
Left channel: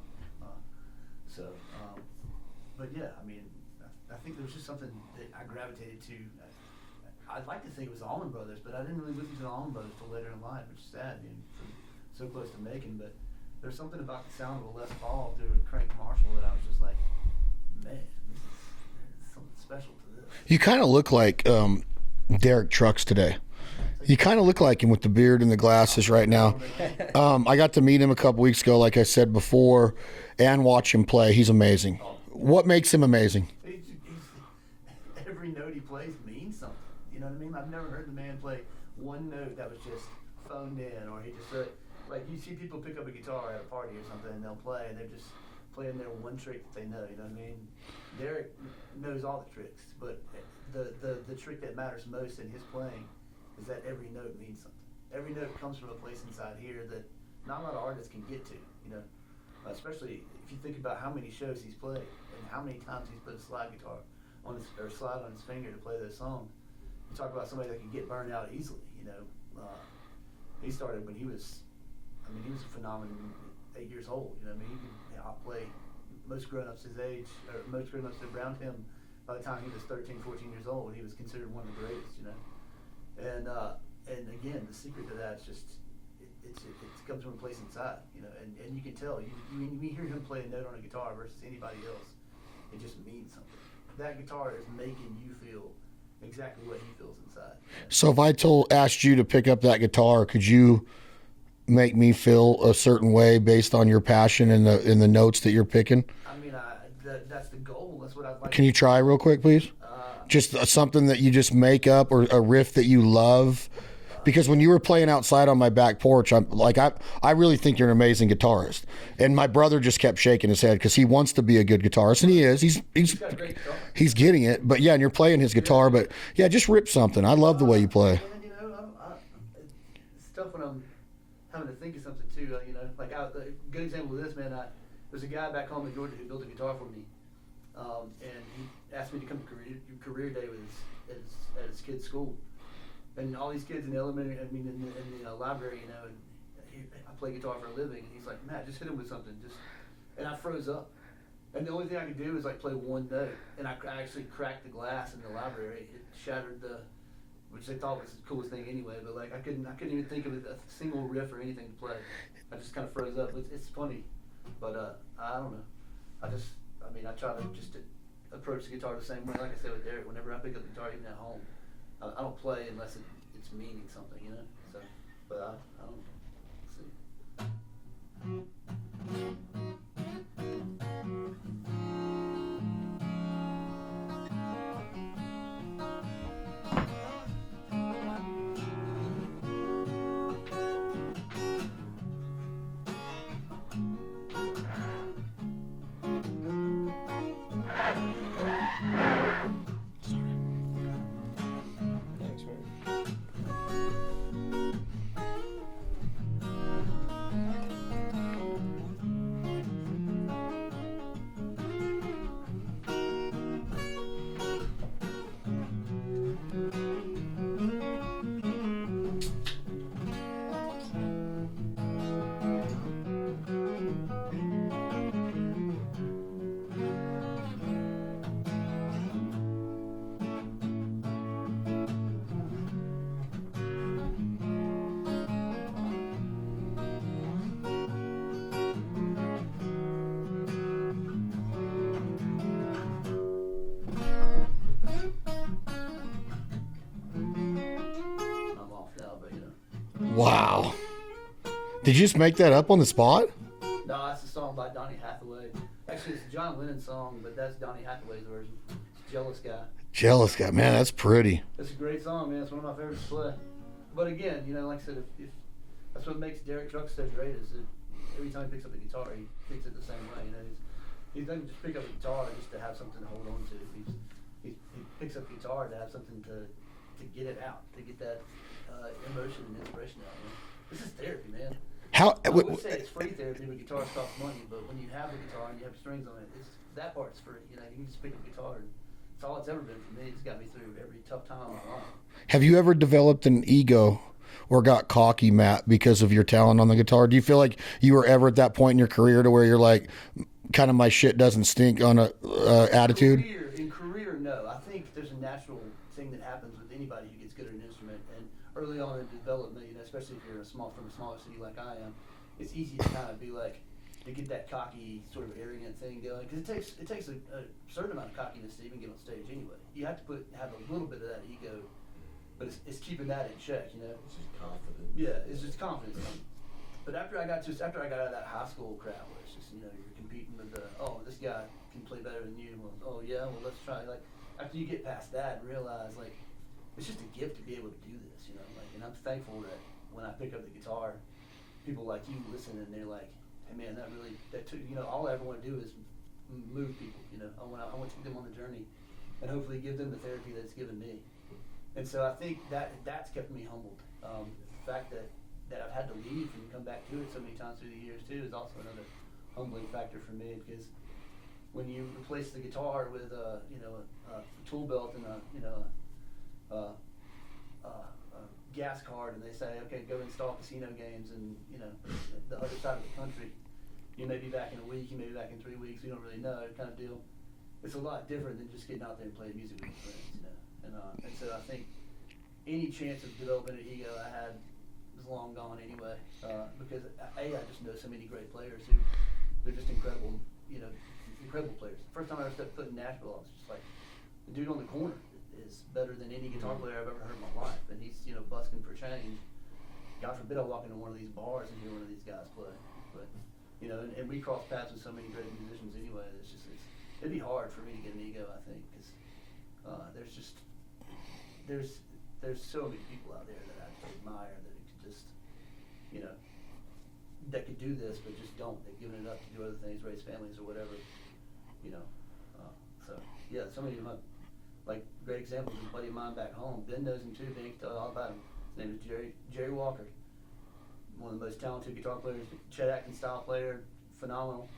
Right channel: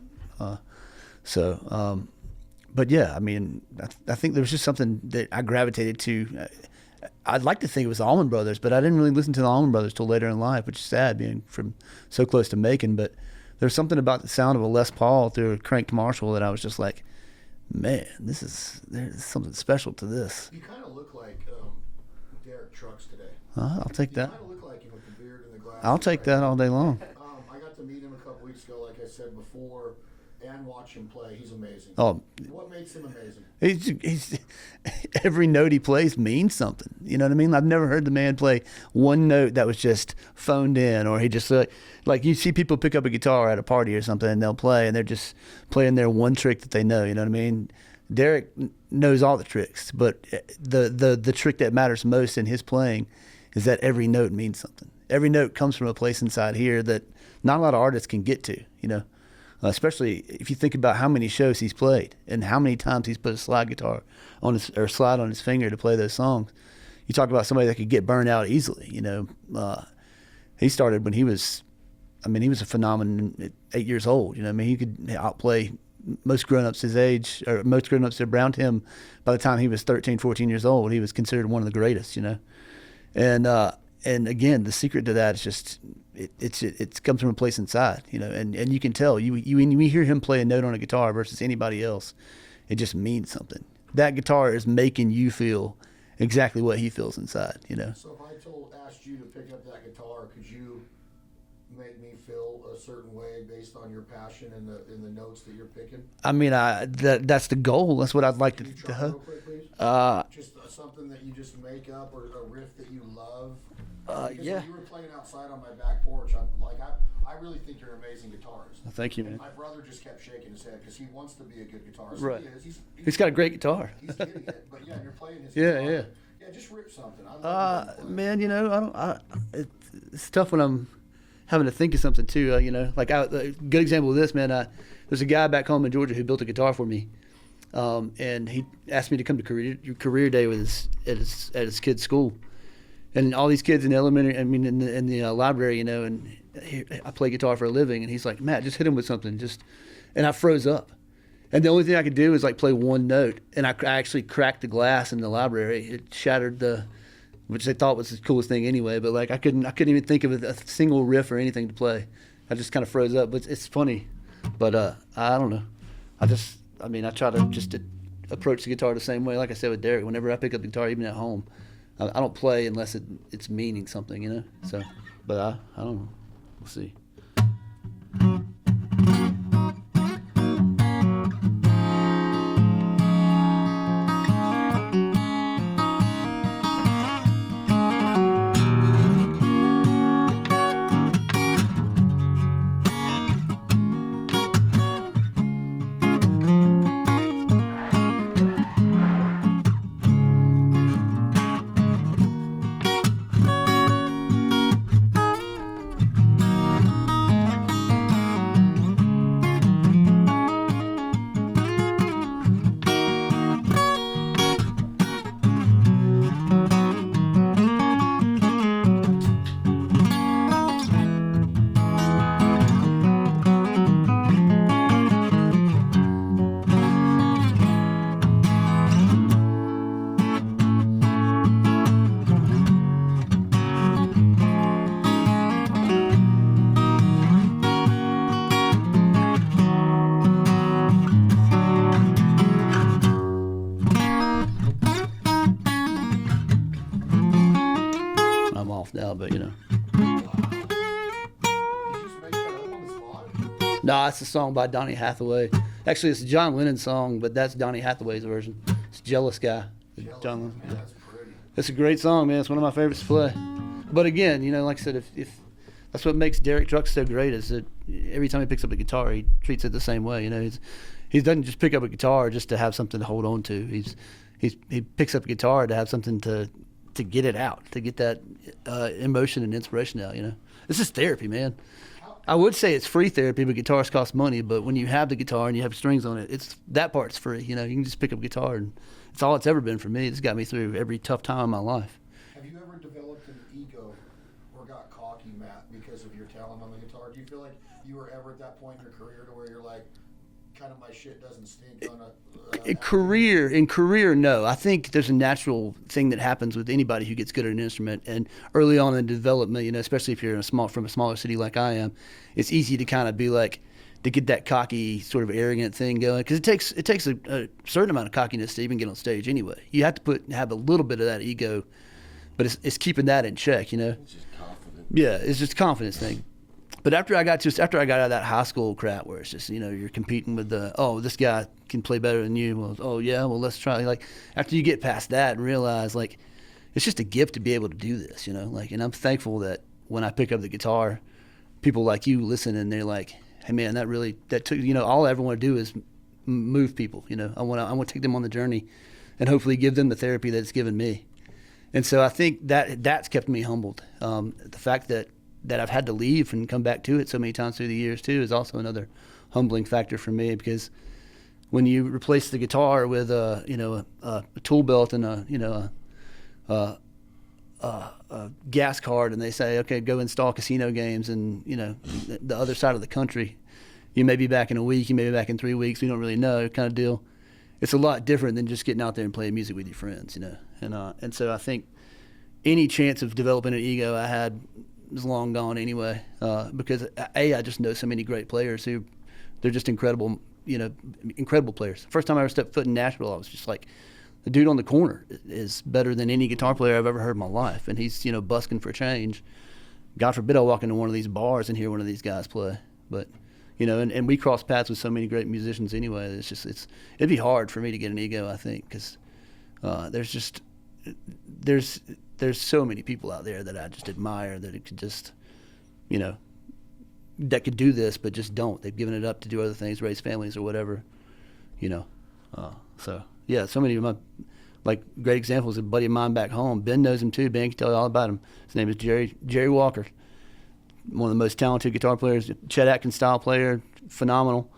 But yeah, I mean, I think there was just something that I gravitated to. I'd like to think it was the Allman Brothers, but I didn't really listen to the Allman Brothers till later in life, which is sad, being from so close to Macon. But there's something about the sound of a Les Paul through a cranked Marshall that I was just like, man, there's something special to this. You kind of look like Derek Trucks today. I'll take You that. kind of look like him with the beard and the I'll glasses take right that now. all day long. I got to meet him a couple weeks ago, like I said before, and watch him play. He's amazing. Oh. What makes him amazing? He's every note he plays means something. You know what I mean? I've never heard the man play one note that was just phoned in, or he just like you see people pick up a guitar at a party or something and they'll play and they're just playing their one trick that they know. You know what I mean? Derek knows all the tricks, but the trick that matters most in his playing is that every note means something. Every note comes from a place inside here that not a lot of artists can get to, you know. Especially if you think about how many shows he's played and how many times he's put a slide guitar on his or slide on his finger to play those songs. You talk about somebody that could get burned out easily. You know, he started when he was a phenomenon at 8 years old. You know, I mean, he could outplay most grown-ups his age, or most grown-ups around him. By the time he was 13, 14 years old, he was considered one of the greatest. You know, and again, the secret to that is just. It comes from a place inside, you know, and you can tell when you hear him play a note on a guitar versus anybody else, it just means something. That guitar is making you feel exactly what he feels inside, you know. So if I asked you to pick up that guitar, could you make me feel a certain way based on your passion and the notes that you're picking? I mean, that's the goal. That's what I'd like. Can you try real quick, please? Just something that you just make up, or a riff that you love. Because when you were playing outside on my back porch, I really think you're an amazing guitarist. Thank you. And my brother just kept shaking his head because he wants to be a good guitarist, and he is. He's got a great guitar. He's getting it, but yeah, and you're playing his guitar. Yeah. But yeah, just rip something. I love the way you play. Man, you know, it's tough when I'm having to think of something too. You know, like a good example of this, man. There's a guy back home in Georgia who built a guitar for me, and he asked me to come to career day with at his kid's school. And all these kids in the elementary, in the library, you know, and I play guitar for a living. And he's like, Matt, just hit him with something. And I froze up. And the only thing I could do was like play one note. And I actually cracked the glass in the library. It shattered which they thought was the coolest thing anyway. But like I couldn't even think of a single riff or anything to play. I just kind of froze up. But it's funny. But I don't know. I try to just approach the guitar the same way. Like I said with Derek, whenever I pick up the guitar, even at home, I don't play unless it's meaning something, you know. So, but I don't know. We'll see. Now, but you know. Wow. Did you just make that up on the spot? No, it's a song by Donny Hathaway. Actually, it's a John Lennon song, but that's Donny Hathaway's version. It's Jealous Guy. Jealous Guy, man, that's pretty. It's a great song, man. It's one of my favorites to play. But again, you know, like I said, if that's what makes Derek Trucks so great, is that every time he picks up a guitar, he treats it the same way. You know, he doesn't just pick up a guitar just to have something to hold on to. He picks up a guitar to have something to get it out, to get that emotion and inspiration out. You know, this is therapy, man. I would say it's free therapy, but guitars cost money. But when you have the guitar and you have strings on it, that part's free. You know, you can just pick up a guitar, and it's all it's ever been for me. It's got me through every tough time in my life. Have you ever developed an ego or got cocky, Matt, because of your talent on the guitar? Do you feel like you were ever at that point in your career to where you're like, kind of my shit doesn't stink on a attitude? In career, no. I think there's a natural thing that happens with anybody who gets good at an instrument, and early on in development, you know, especially if you're from a smaller city like I am, it's easy to kind of be like, to get that cocky sort of arrogant thing going, because it takes a certain amount of cockiness to even get on stage anyway. You have to have a little bit of that ego, but it's keeping that in check, you know. It's just confident. Yeah, it's just a confidence thing. But after I got out of that high school crap where it's just, you know, you're competing with this guy can play better than you. Well, let's try. Like, after you get past that and realize, like, it's just a gift to be able to do this, you know. Like, and I'm thankful that when I pick up the guitar, people like you listen and they're like, hey man, that took, you know, all I ever want to do is move people, you know. I want to take them on the journey and hopefully give them the therapy that it's given me. And so I think that's kept me humbled. The fact that that I've had to leave and come back to it so many times through the years too is also another humbling factor for me, because when you replace the guitar with a tool belt and a gas card, and they say, okay, go install casino games, and the other side of the country, you may be back in a week, you may be back in 3 weeks, we don't really know, kind of deal. It's a lot different than just getting out there and playing music with your friends, and so I think any chance of developing an ego I had was long gone anyway, because I just know so many great players who they're just incredible players. First time I ever stepped foot in Nashville, I was just like, the dude on the corner is better than any guitar player I've ever heard in my life, and he's busking for change. God forbid I walk into one of these bars and hear one of these guys play, but and we cross paths with so many great musicians anyway. It'd be hard for me to get an ego, I think, because there's so many people out there that I just admire that it could just that could do this but just don't. They've given it up to do other things, raise families or whatever, so yeah, so many of my great examples. A buddy of mine back home, Ben knows him too. Ben can tell you all about him. His name is Jerry Walker, one of the most talented guitar players, Chet Atkins style player, phenomenal,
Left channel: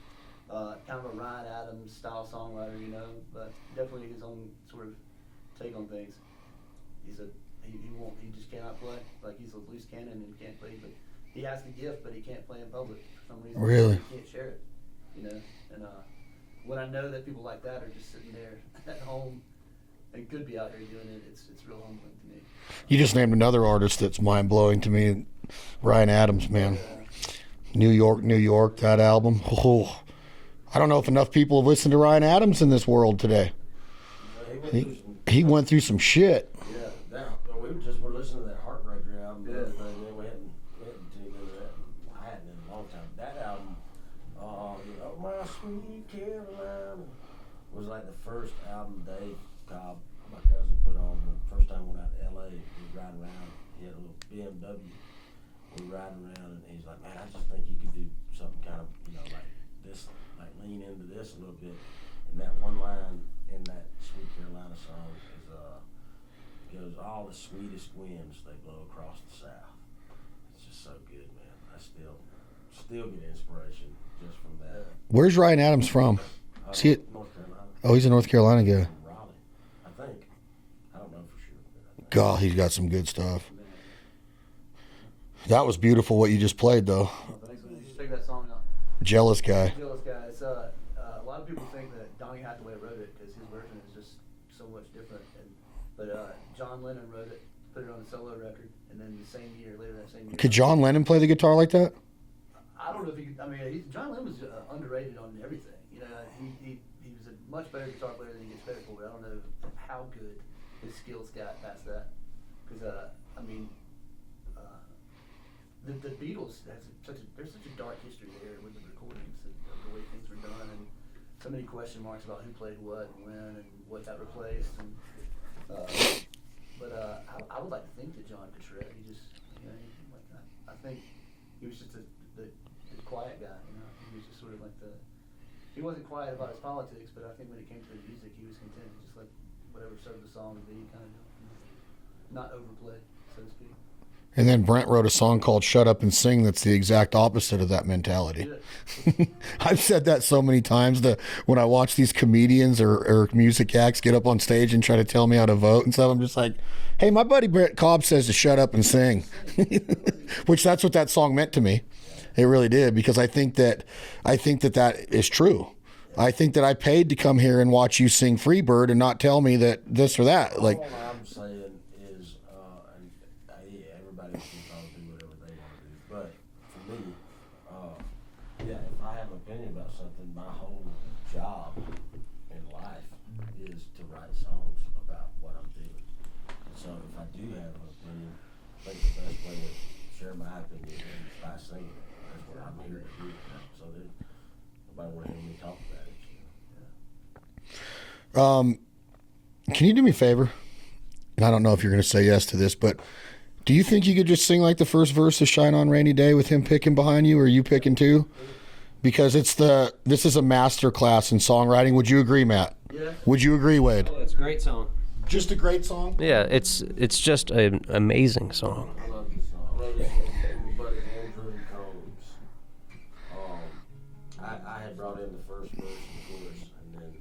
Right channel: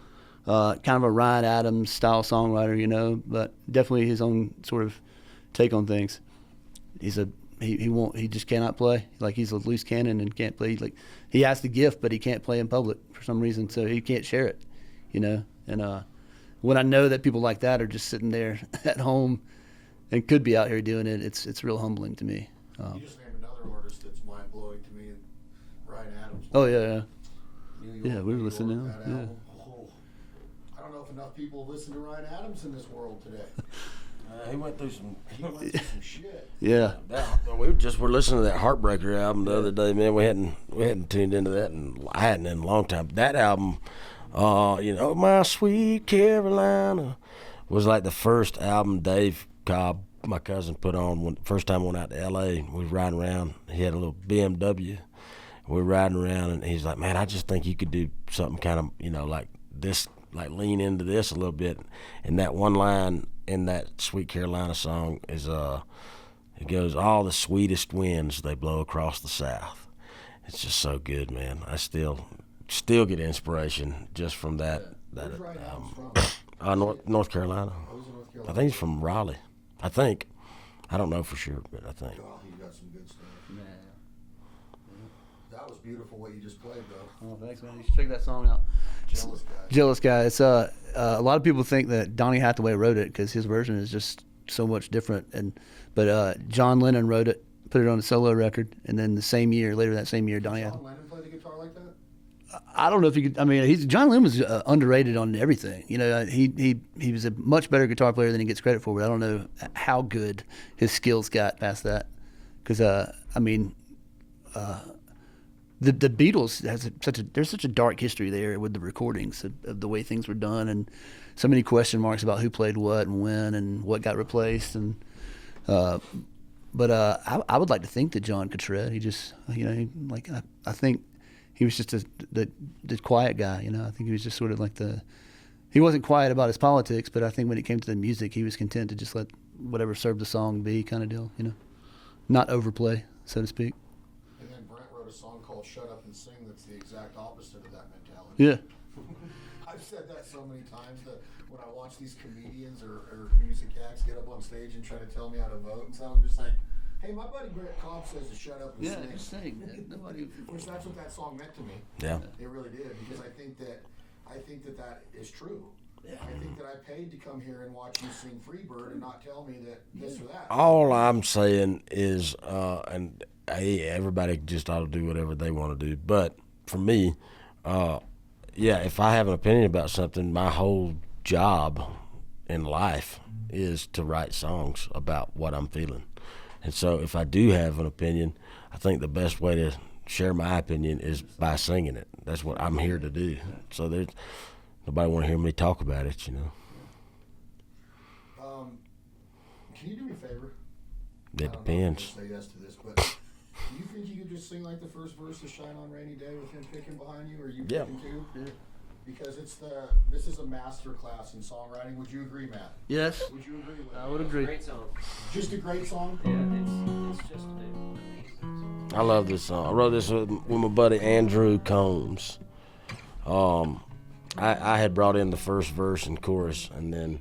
kind of a Ryan Adams style songwriter, but definitely his own sort of take on things. He just cannot play. Like, he's a loose cannon and can't play. Like, he has the gift, but he can't play in public for some reason. Really? So he can't share it, and when I know that people like that are just sitting there at home and could be out here doing it, it's real humbling to me. You just named another artist that's mind blowing to me, Ryan Adams. Man. Oh yeah. New York, that album. Oh, I don't know if enough people have listened to Ryan Adams in this world today. He went through some shit. Yeah. We were listening to that Heartbreaker album the other day, man. We hadn't tuned into that, and I hadn't in a long time. That album, My Sweet Carolina, was like the first album Dave Cobb, my cousin, put on when first time I went out to L.A. We was riding around. He had a little BMW. We were riding around, and he's like, man, I just think you could do something kind of, like this, like lean into this a little bit. And that one line in that Sweet Carolina song is, it goes, all the sweetest winds, they blow across the South. It's just so good, man. I still get inspiration just from that. Where's Ryan Adams from? North Carolina. Oh, he's a North Carolina guy. He's from Raleigh, I think. I don't know for sure, but I think. God, he's got some good stuff. That was beautiful what you just played, though. Oh, thanks, man. You should check that song out. Jealous Guy. It's a lot of people think that Donny Hathaway wrote it because his version is just so much different, but John Lennon wrote it, put it on a solo record, and then later that same year. Could John Lennon play the guitar like that? I don't know if he could. I mean, John Lennon was underrated on everything. He was a much better guitar player than he gets credit for. But I don't know how good his skills got past that. Because the Beatles there's such a dark history there with the recordings of the way things were done, and so many question marks about who played what and when and what got replaced. And but I would like to think that John could shred. He just I think. He was just the quiet guy, I think he was just sort of like he wasn't quiet about his politics, but I think when it came to the music, he was content to just let whatever served the song be, kind of deal, not overplay, so to speak. And then Brent wrote a song called Shut Up and Sing that's the exact opposite of that mentality. Yeah. I've said that so many times when I watch these comedians or music acts get up on stage and try to tell me how to vote and stuff, I'm just like, hey, my buddy Brent Cobb says to shut up and sing, which that's what that song meant to me. Yeah, it really did, because I think that is true. I think that I paid to come here and watch you sing Freebird and not tell me that this or that. All I'm saying is, everybody just ought to do whatever they want to do. But for me, if I have an opinion about something, my whole job in life is to write songs about what I'm feeling. And so if I do have an opinion, I think the best way to share my opinion is by singing it. That's what I'm here to do. So there's nobody want to hear me talk about it, Can you do me a favor? I don't know if you're going to say yes to this, but do you think you could just sing like the first verse of Shine On Rainy Day with him picking behind you, or you picking too? Because this is a master class in songwriting. Would you agree, Matt? Yes. Would you agree, Wade? I would agree. Great song. Just a great song. Yeah, it's just an amazing song. I love this song. I wrote this with my buddy Andrew Combs. I had brought in the first verse and chorus, and then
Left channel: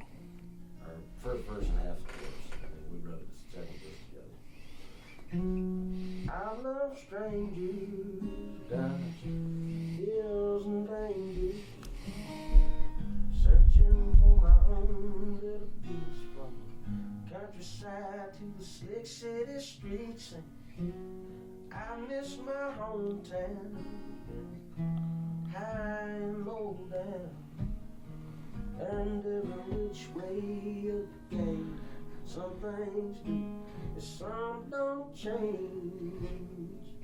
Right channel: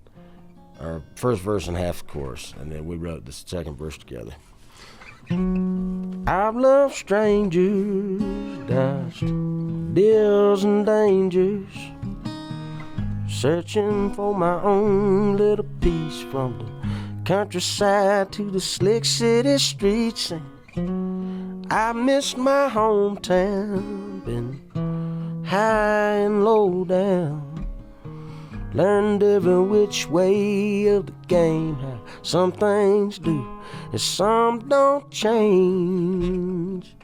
our first verse and half the chorus, and then we wrote the second verse together. I've loved strangers, dodged deals and dangers, searching for my own little piece from the countryside to the slick city streets. And I missed my hometown, been high and low down, learned every which way of the game, how some things do and some don't change.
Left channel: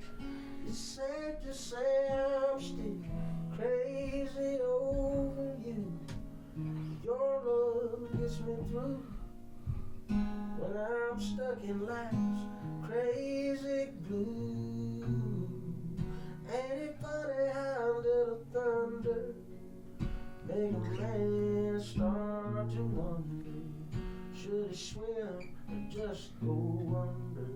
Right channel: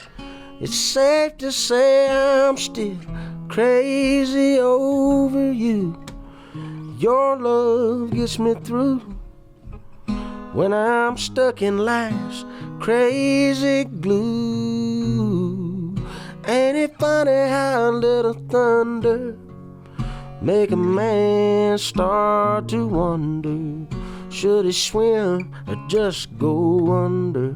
It's safe to say I'm still crazy over you. Your love gets me through when I'm stuck in life's crazy glue. Ain't it funny how a little thunder make a man start to wonder, should he swim or just go under?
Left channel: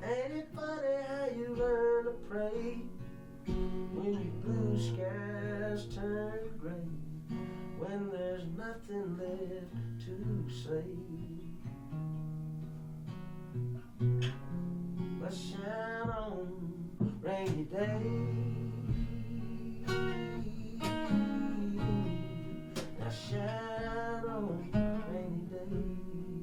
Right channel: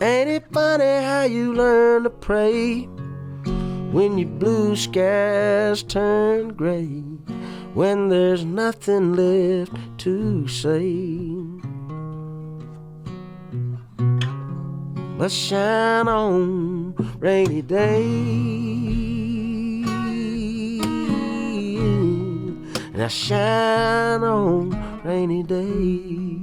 Ain't it funny how you learn to pray when your blue skies turn gray, when there's nothing left to say but shine on rainy day? Now shine on rainy day.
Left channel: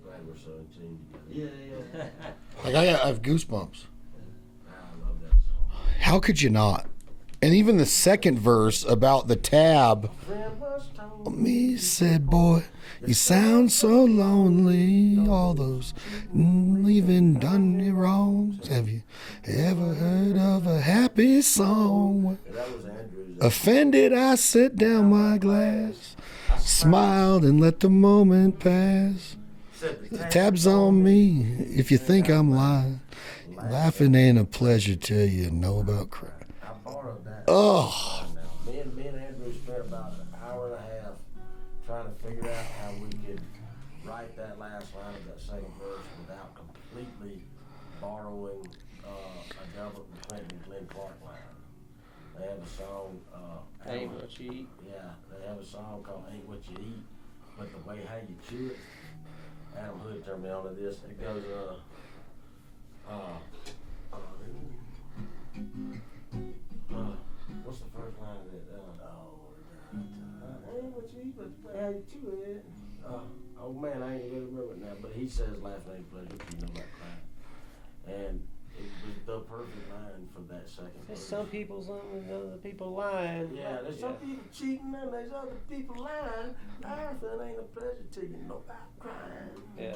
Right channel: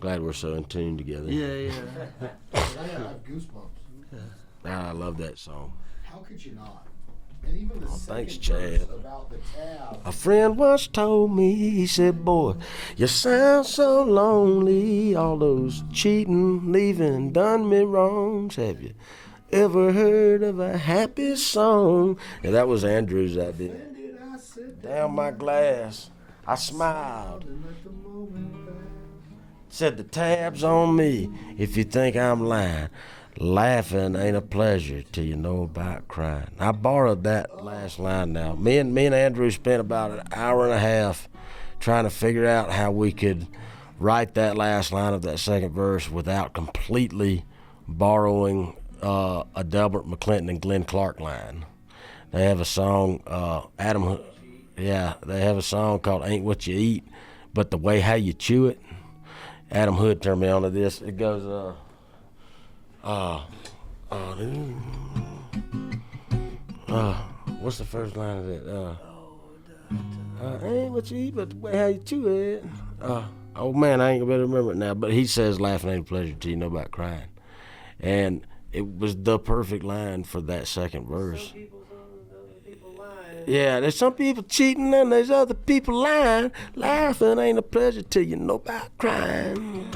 Glad we're so in tune together. Yeah. I have goosebumps. I love that song. How could you not? And even the second Thanks, verse Chad. about the tab. A friend once told me, he said, boy, you sound so lonely. All those cheating, leaving, done me wrongs. Have you ever heard of a happy song? Yeah, that was Andrew's. Offended, I set down my glass, I smiled and let the moment pass. Said the tab's on me. If you think I'm lying, laughing ain't a pleasure till you know about crying. I borrowed that last line now. Me and Andrew spent about an hour and a half trying to figure out how we could write that last line of that second verse without completely borrowing a Delbert McClinton and Glenn Clark line. They have a song, they have a song called Ain't What You Eat, but the way how you chew it. Adam Hood turned me on to this. It goes, what's the first line of it? Ain't what you eat, but the way how you chew it. Oh man, I ain't gonna be able to remember it now. But he says, laughing ain't a pleasure till you know about crying. And it was the perfect line for that second verse. Some people's on and other people lying. Yeah, there's some people cheating and there's other people lying. Laughing ain't a pleasure till you know about crying.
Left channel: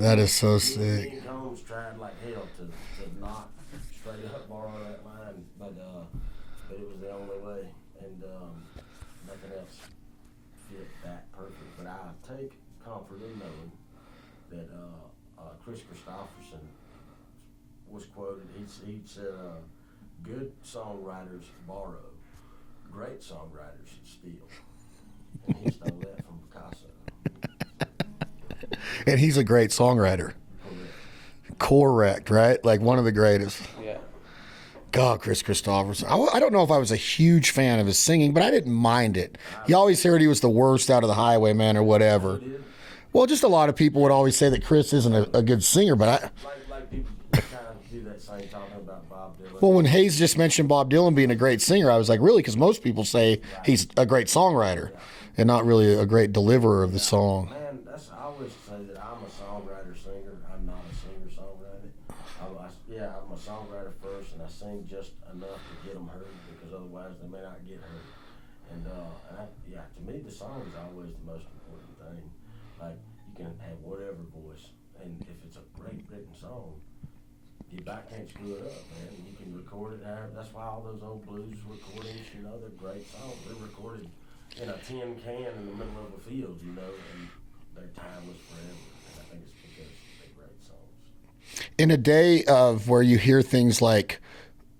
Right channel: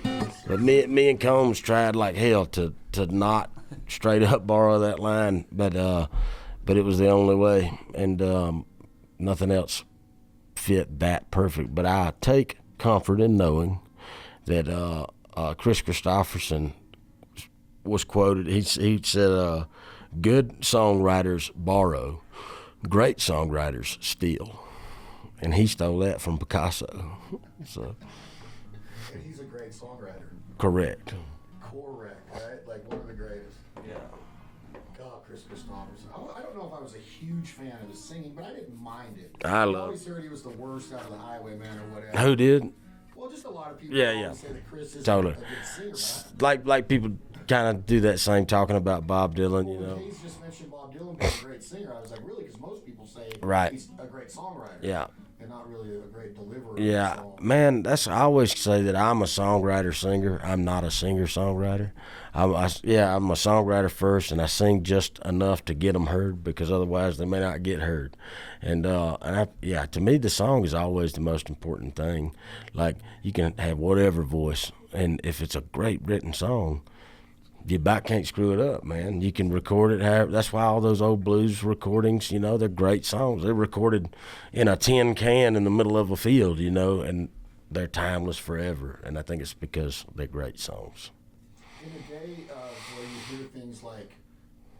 That is so sick. Me and Combs tried like hell to not straight up borrow that line, but it was the only way, and nothing else fit that perfect. But I take comfort in knowing that Chris Christopherson was quoted. He said, "Good songwriters borrow, great songwriters steal," and he stole that from Picasso. So. And he's a great songwriter. Correct, right? Like one of the greatest. Yeah. God, Chris Christopherson. I don't know if I was a huge fan of his singing, but I didn't mind it. I You always heard he was the worst out of the Highwaymen or whatever. Who did? Well, just a lot of people would always say that Chris isn't Totally. a good singer, but Like people kind of do that same talking about Bob Dylan. well, when Hayes just mentioned Bob Dylan being a great singer, I was like, really? Because most people say Right. he's a great songwriter, Yeah. and not really a great deliverer of the song. Man, I always say that I'm a songwriter-singer. I'm not a singer-songwriter. I'm a songwriter first, and I sing just enough to get them heard, because otherwise they may not get heard. And to me, the song is always the most important thing. Like, you can have whatever voice, and if it's a great written song, you about can't screw it up, man. You can record it however. That's why all those old blues recordings, you know, they're great songs. They're recorded in a tin can in the middle of a field, you know, and they're timeless forever. And I think it's because they're great songs. In a day of where you hear things like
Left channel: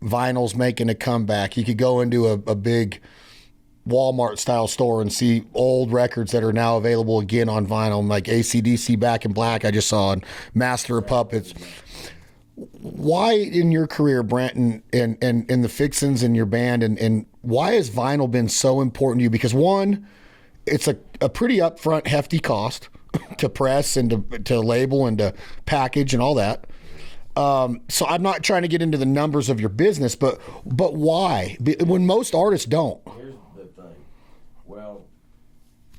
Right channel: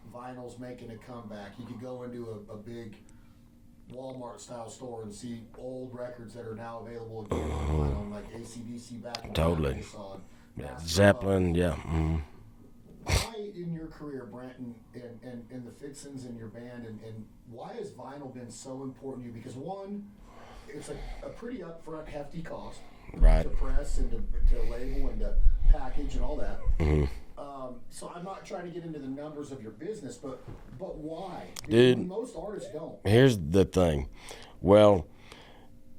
vinyl's making a comeback, you could go into a big Walmart style store and see old records that are now available again on vinyl, like AC/DC Back in Black. I just saw, and Master of Puppets. Yeah. Why in your career, Brent, and the Fixins in your band, and why has vinyl been so important to you? Because one, it's a pretty upfront, hefty cost to press and to label and to package and all that. So I'm not trying to get into the numbers of your business, but why? When most artists don't. Here's the thing. Well,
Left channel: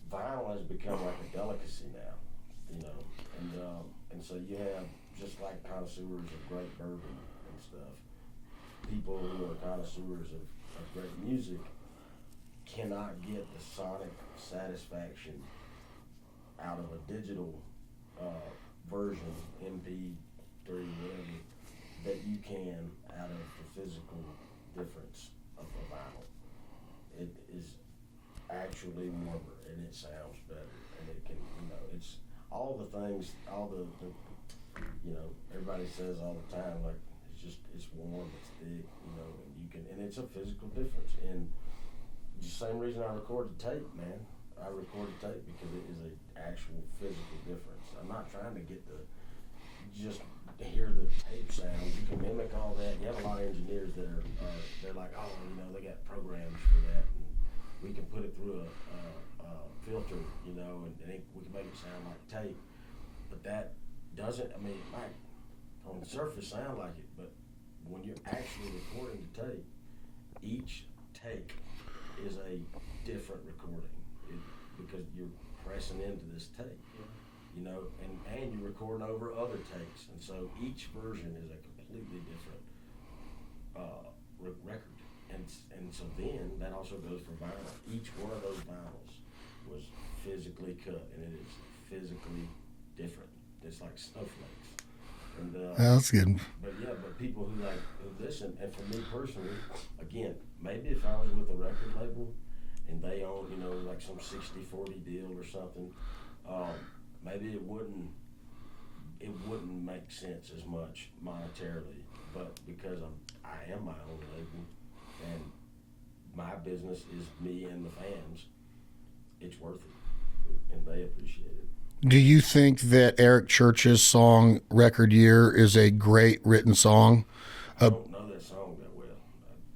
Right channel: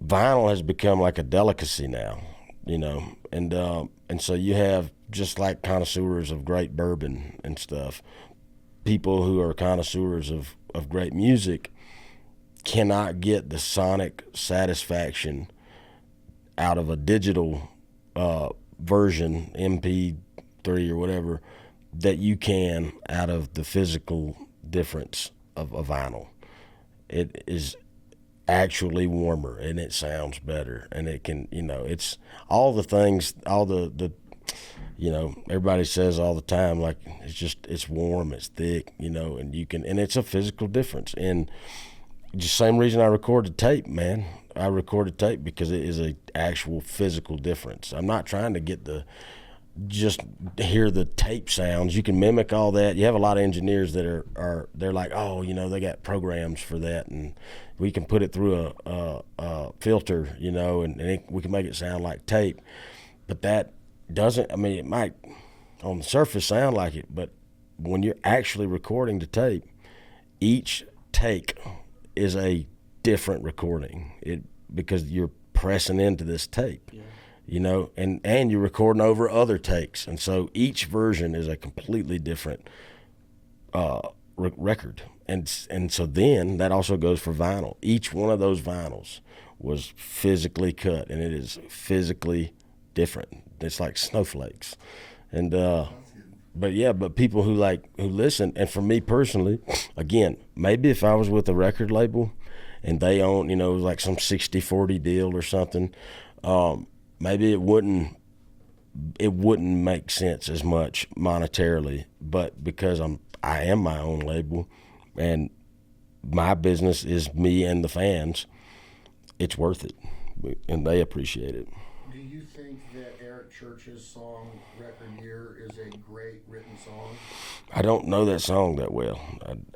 vinyl has become like a delicacy now, you know, and so you have, just like connoisseurs of great bourbon and stuff, people who are connoisseurs of great music cannot get the sonic satisfaction out of a digital version, MP3 or whatever, that you can out of the physical difference of a vinyl. It is actually warmer and it sounds better, and it can, you know, it's all the things, all the you know, everybody says all the time, like, it's warm, it's thick, you know, and it's a physical difference. And just same reason I recorded tape, man. I recorded tape because it is a actual physical difference. I'm not trying to get just hear the tape sounds. You can mimic all that. You have a lot of engineers that they're like, oh, you know, they got programs for that, and we can put it through a filter, you know, and we can make it sound like tape. But that doesn't, I mean, it might on the surface sound like it, but when you're actually recording the tape, each take is a different recording. Because you're pressing into this tape, you know, and you're recording over other takes, and so each version is a completely different record, and so then that also goes for vinyl. Each one of those vinyls was physically cut, and it is physically different. It's like snowflakes, and that's good. But people who listen, and for me personally, again, maybe if I was with a record label and they own, you know, like some 60-40 deal or something, maybe it wouldn't make sense as much monetarily. But because I am my own label, and my business is me and the fans, it's worth it, and they appreciate it. Do you think that Eric Church's song "Record Year" is a great written song? I don't know that song that well.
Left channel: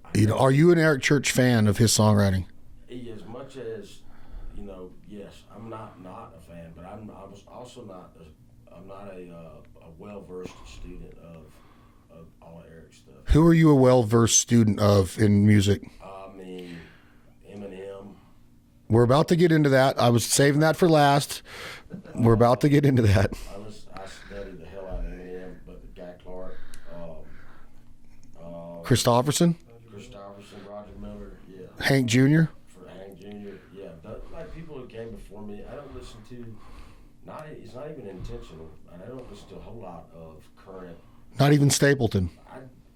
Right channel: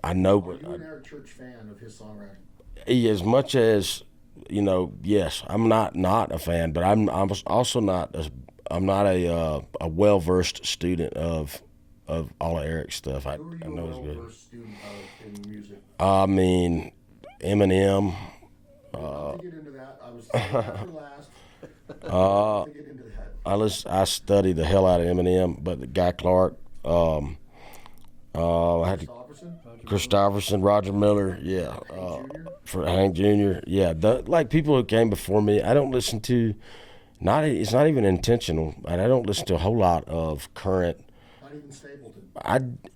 I know. Are you an Eric Church fan of his songwriting? As much as, you know, yes, I'm not a fan, but I'm also not a well-versed student of all of Eric's stuff. Who are you a well-versed student of in music? I mean, Eminem. We're about to get into that. I was saving that for last. We're about to get into that. I study the hell out of Eminem, but the Guy Clark, Christopherson, Roger Miller, yeah. Hank Jr. For Hank Jr., yeah. Like people who came before me, I don't listen to. It's not even intentional, and I don't listen to a whole lot of current. Not even Stapleton.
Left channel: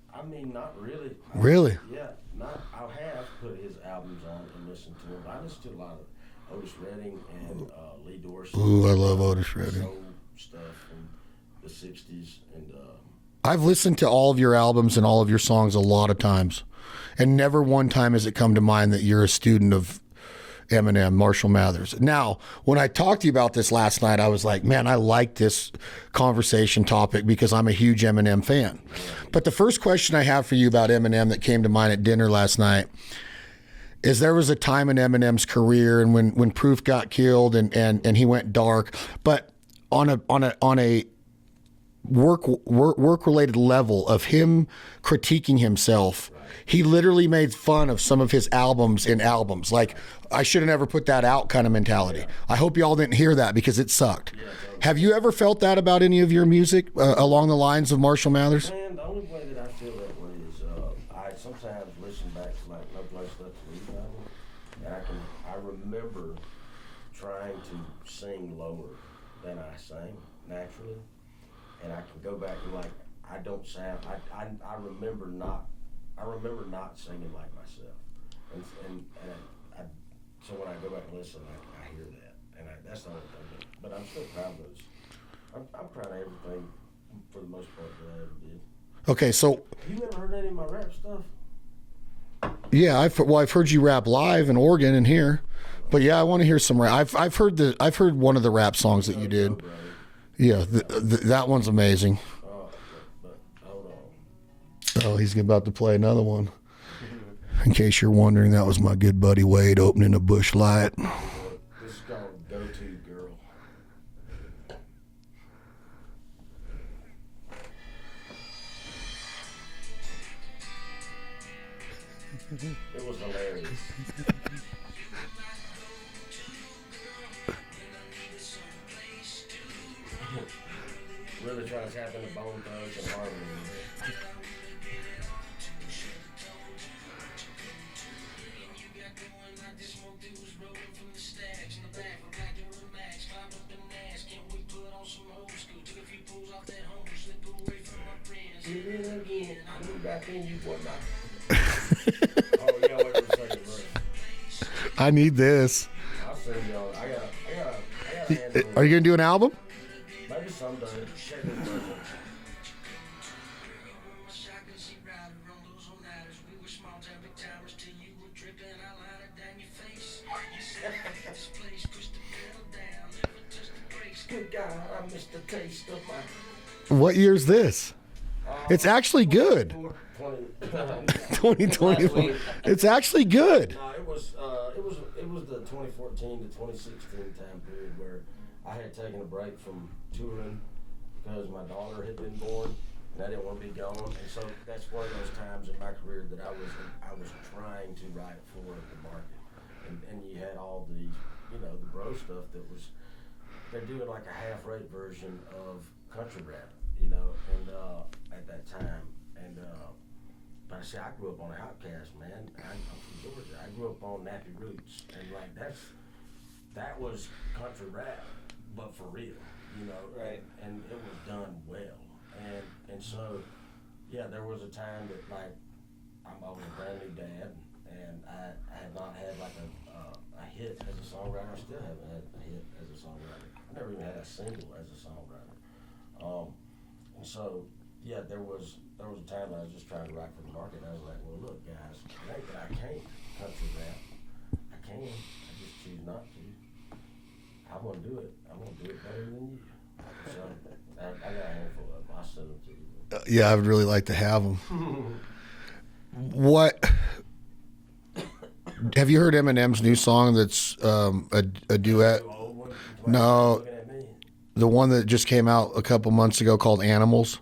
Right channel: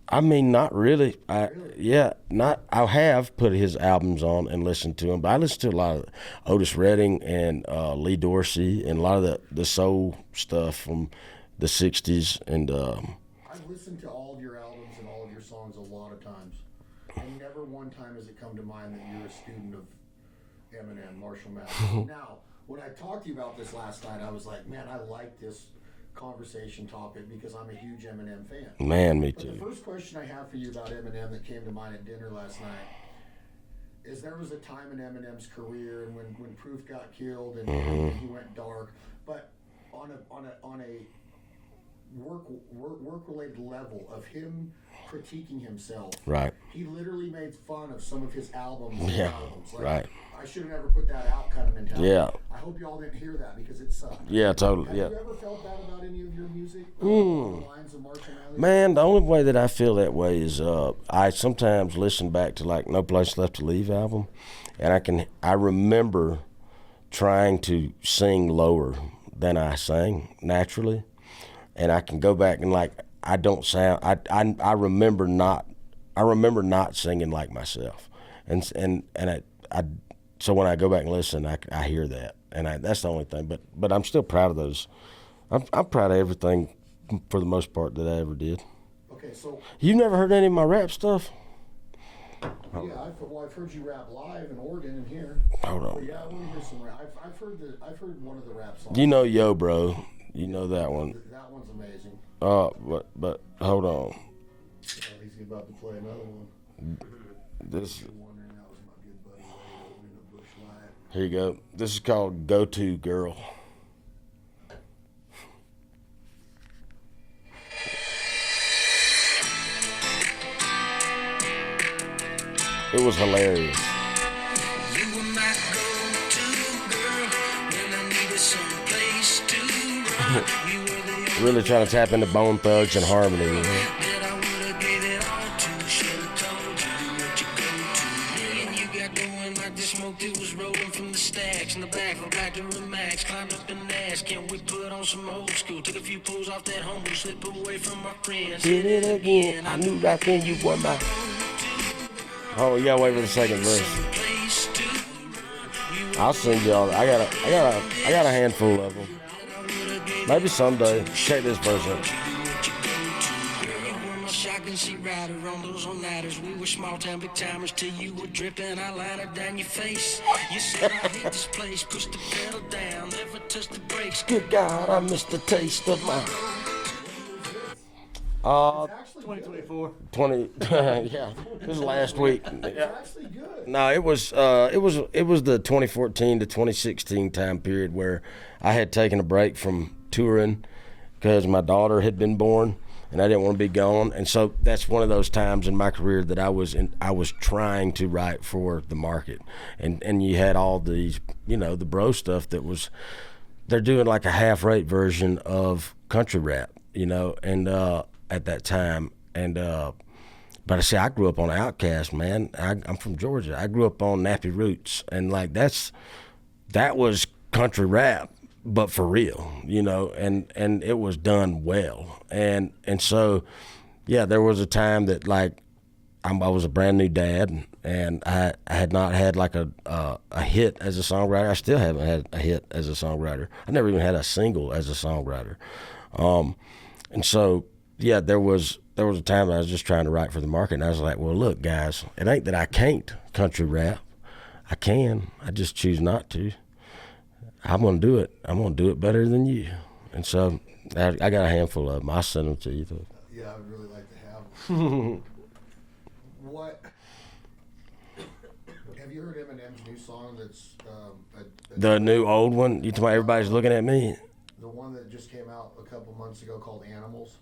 I mean, not really. Really? Yeah, not. I have put his albums on and listened to them, but I listen to a lot of Otis Redding and Lee Dorsey, and a lot of the soul stuff from the '60s. And I've listened to all of your albums and all of your songs a lot of times, and never one time has it come to mind that you're a student of Eminem, Marshall Mathers. Now, when I talked to you about this last night, I was like, man, I like this conversation topic because I'm a huge Eminem fan. Man, but the first question I have for you about Eminem that came to mind at dinner last night is there was a time in Eminem's career and when Proof got killed and he went dark, but on a work related level of him critiquing himself, right? He literally made fun of some of his albums in albums, like I should have never put that out kind of mentality. Yeah. I hope y'all didn't hear that because it sucked. Yeah, totally. Have you ever felt that about any of your music along the lines of Marshall Mathers? Man, the only way that I feel that way is I sometimes listen back to like No Place Left to Leave album, and I remember trying to sing lower than I sang naturally, and I can go back and like I don't sound. I remember not singing like myself, and I so when I go back and listen, I hear that, and that's the only thing. But I'm still proud of those. I'm proud of everything for the most part that I ever did. Okay, so You never heard any of my rap stuff? yeah, I've heard you rap live in Oregon and here, but yeah, I want to hear some rap. I've heard one of the rap songs. You know, that you Yo did. Bro. Yeah, that one. that one's amazing. But hold on. Oh, he's about to play another one. In case you're wondering, that was my good buddy Wade opening a Bush Light. Here you go. This is called Go To Girl. It was hilarious. Really trying to tap into Bone Thugs and Harmony. You know? Did it again. I knew right then you were my. Oh yeah, wait for the second verse. I need this. I'll sing y'all. I got a handful. Are you gonna do an album? Maybe someday. Check this verse out. She ride around those on ladders. We were small town big timers till you were dripping eyeliner down your face. You said I hate this place, push the pedal down, never touch the brakes. Good God, I missed the taste of my What year's this? It's actually good. 20. Yeah, 2020. last week. It's actually good. No, it was the 2014 to 2016 time period where I had taken a break from touring because my daughter had been born. And I didn't want to be gone, and so that's one of those times in my career that I was trying to write for the market, and you had all these, you know, the bro stuff that was, they're doing like a half-rate version of country rap, you know, and at that time, and but I say I grew up on Outkast, man. I'm from Georgia. I grew up on Nappy Roots, and like that was country rap, but for real, you know, and it was done well. And so, yeah, there was a time that like I was a brand new dad, and I had not had like a hit as a songwriter. I still haven't had a hit as a songwriter. I never even had a single as a songwriter. And so, yeah, there was a time that I was just trying to write for the market, and I was like, well, look, guys, it ain't that I can't country rap. I can. I just choose not to. I'm gonna do it. I'm gonna do it better than you. And so I got a handful of them. I'll send them to you. Yeah, I would really like to have them. What? Have you heard Eminem's new song that's a The duet? new old one? You talking about everybody's looking at me? The one that just came out a couple months ago called Animals?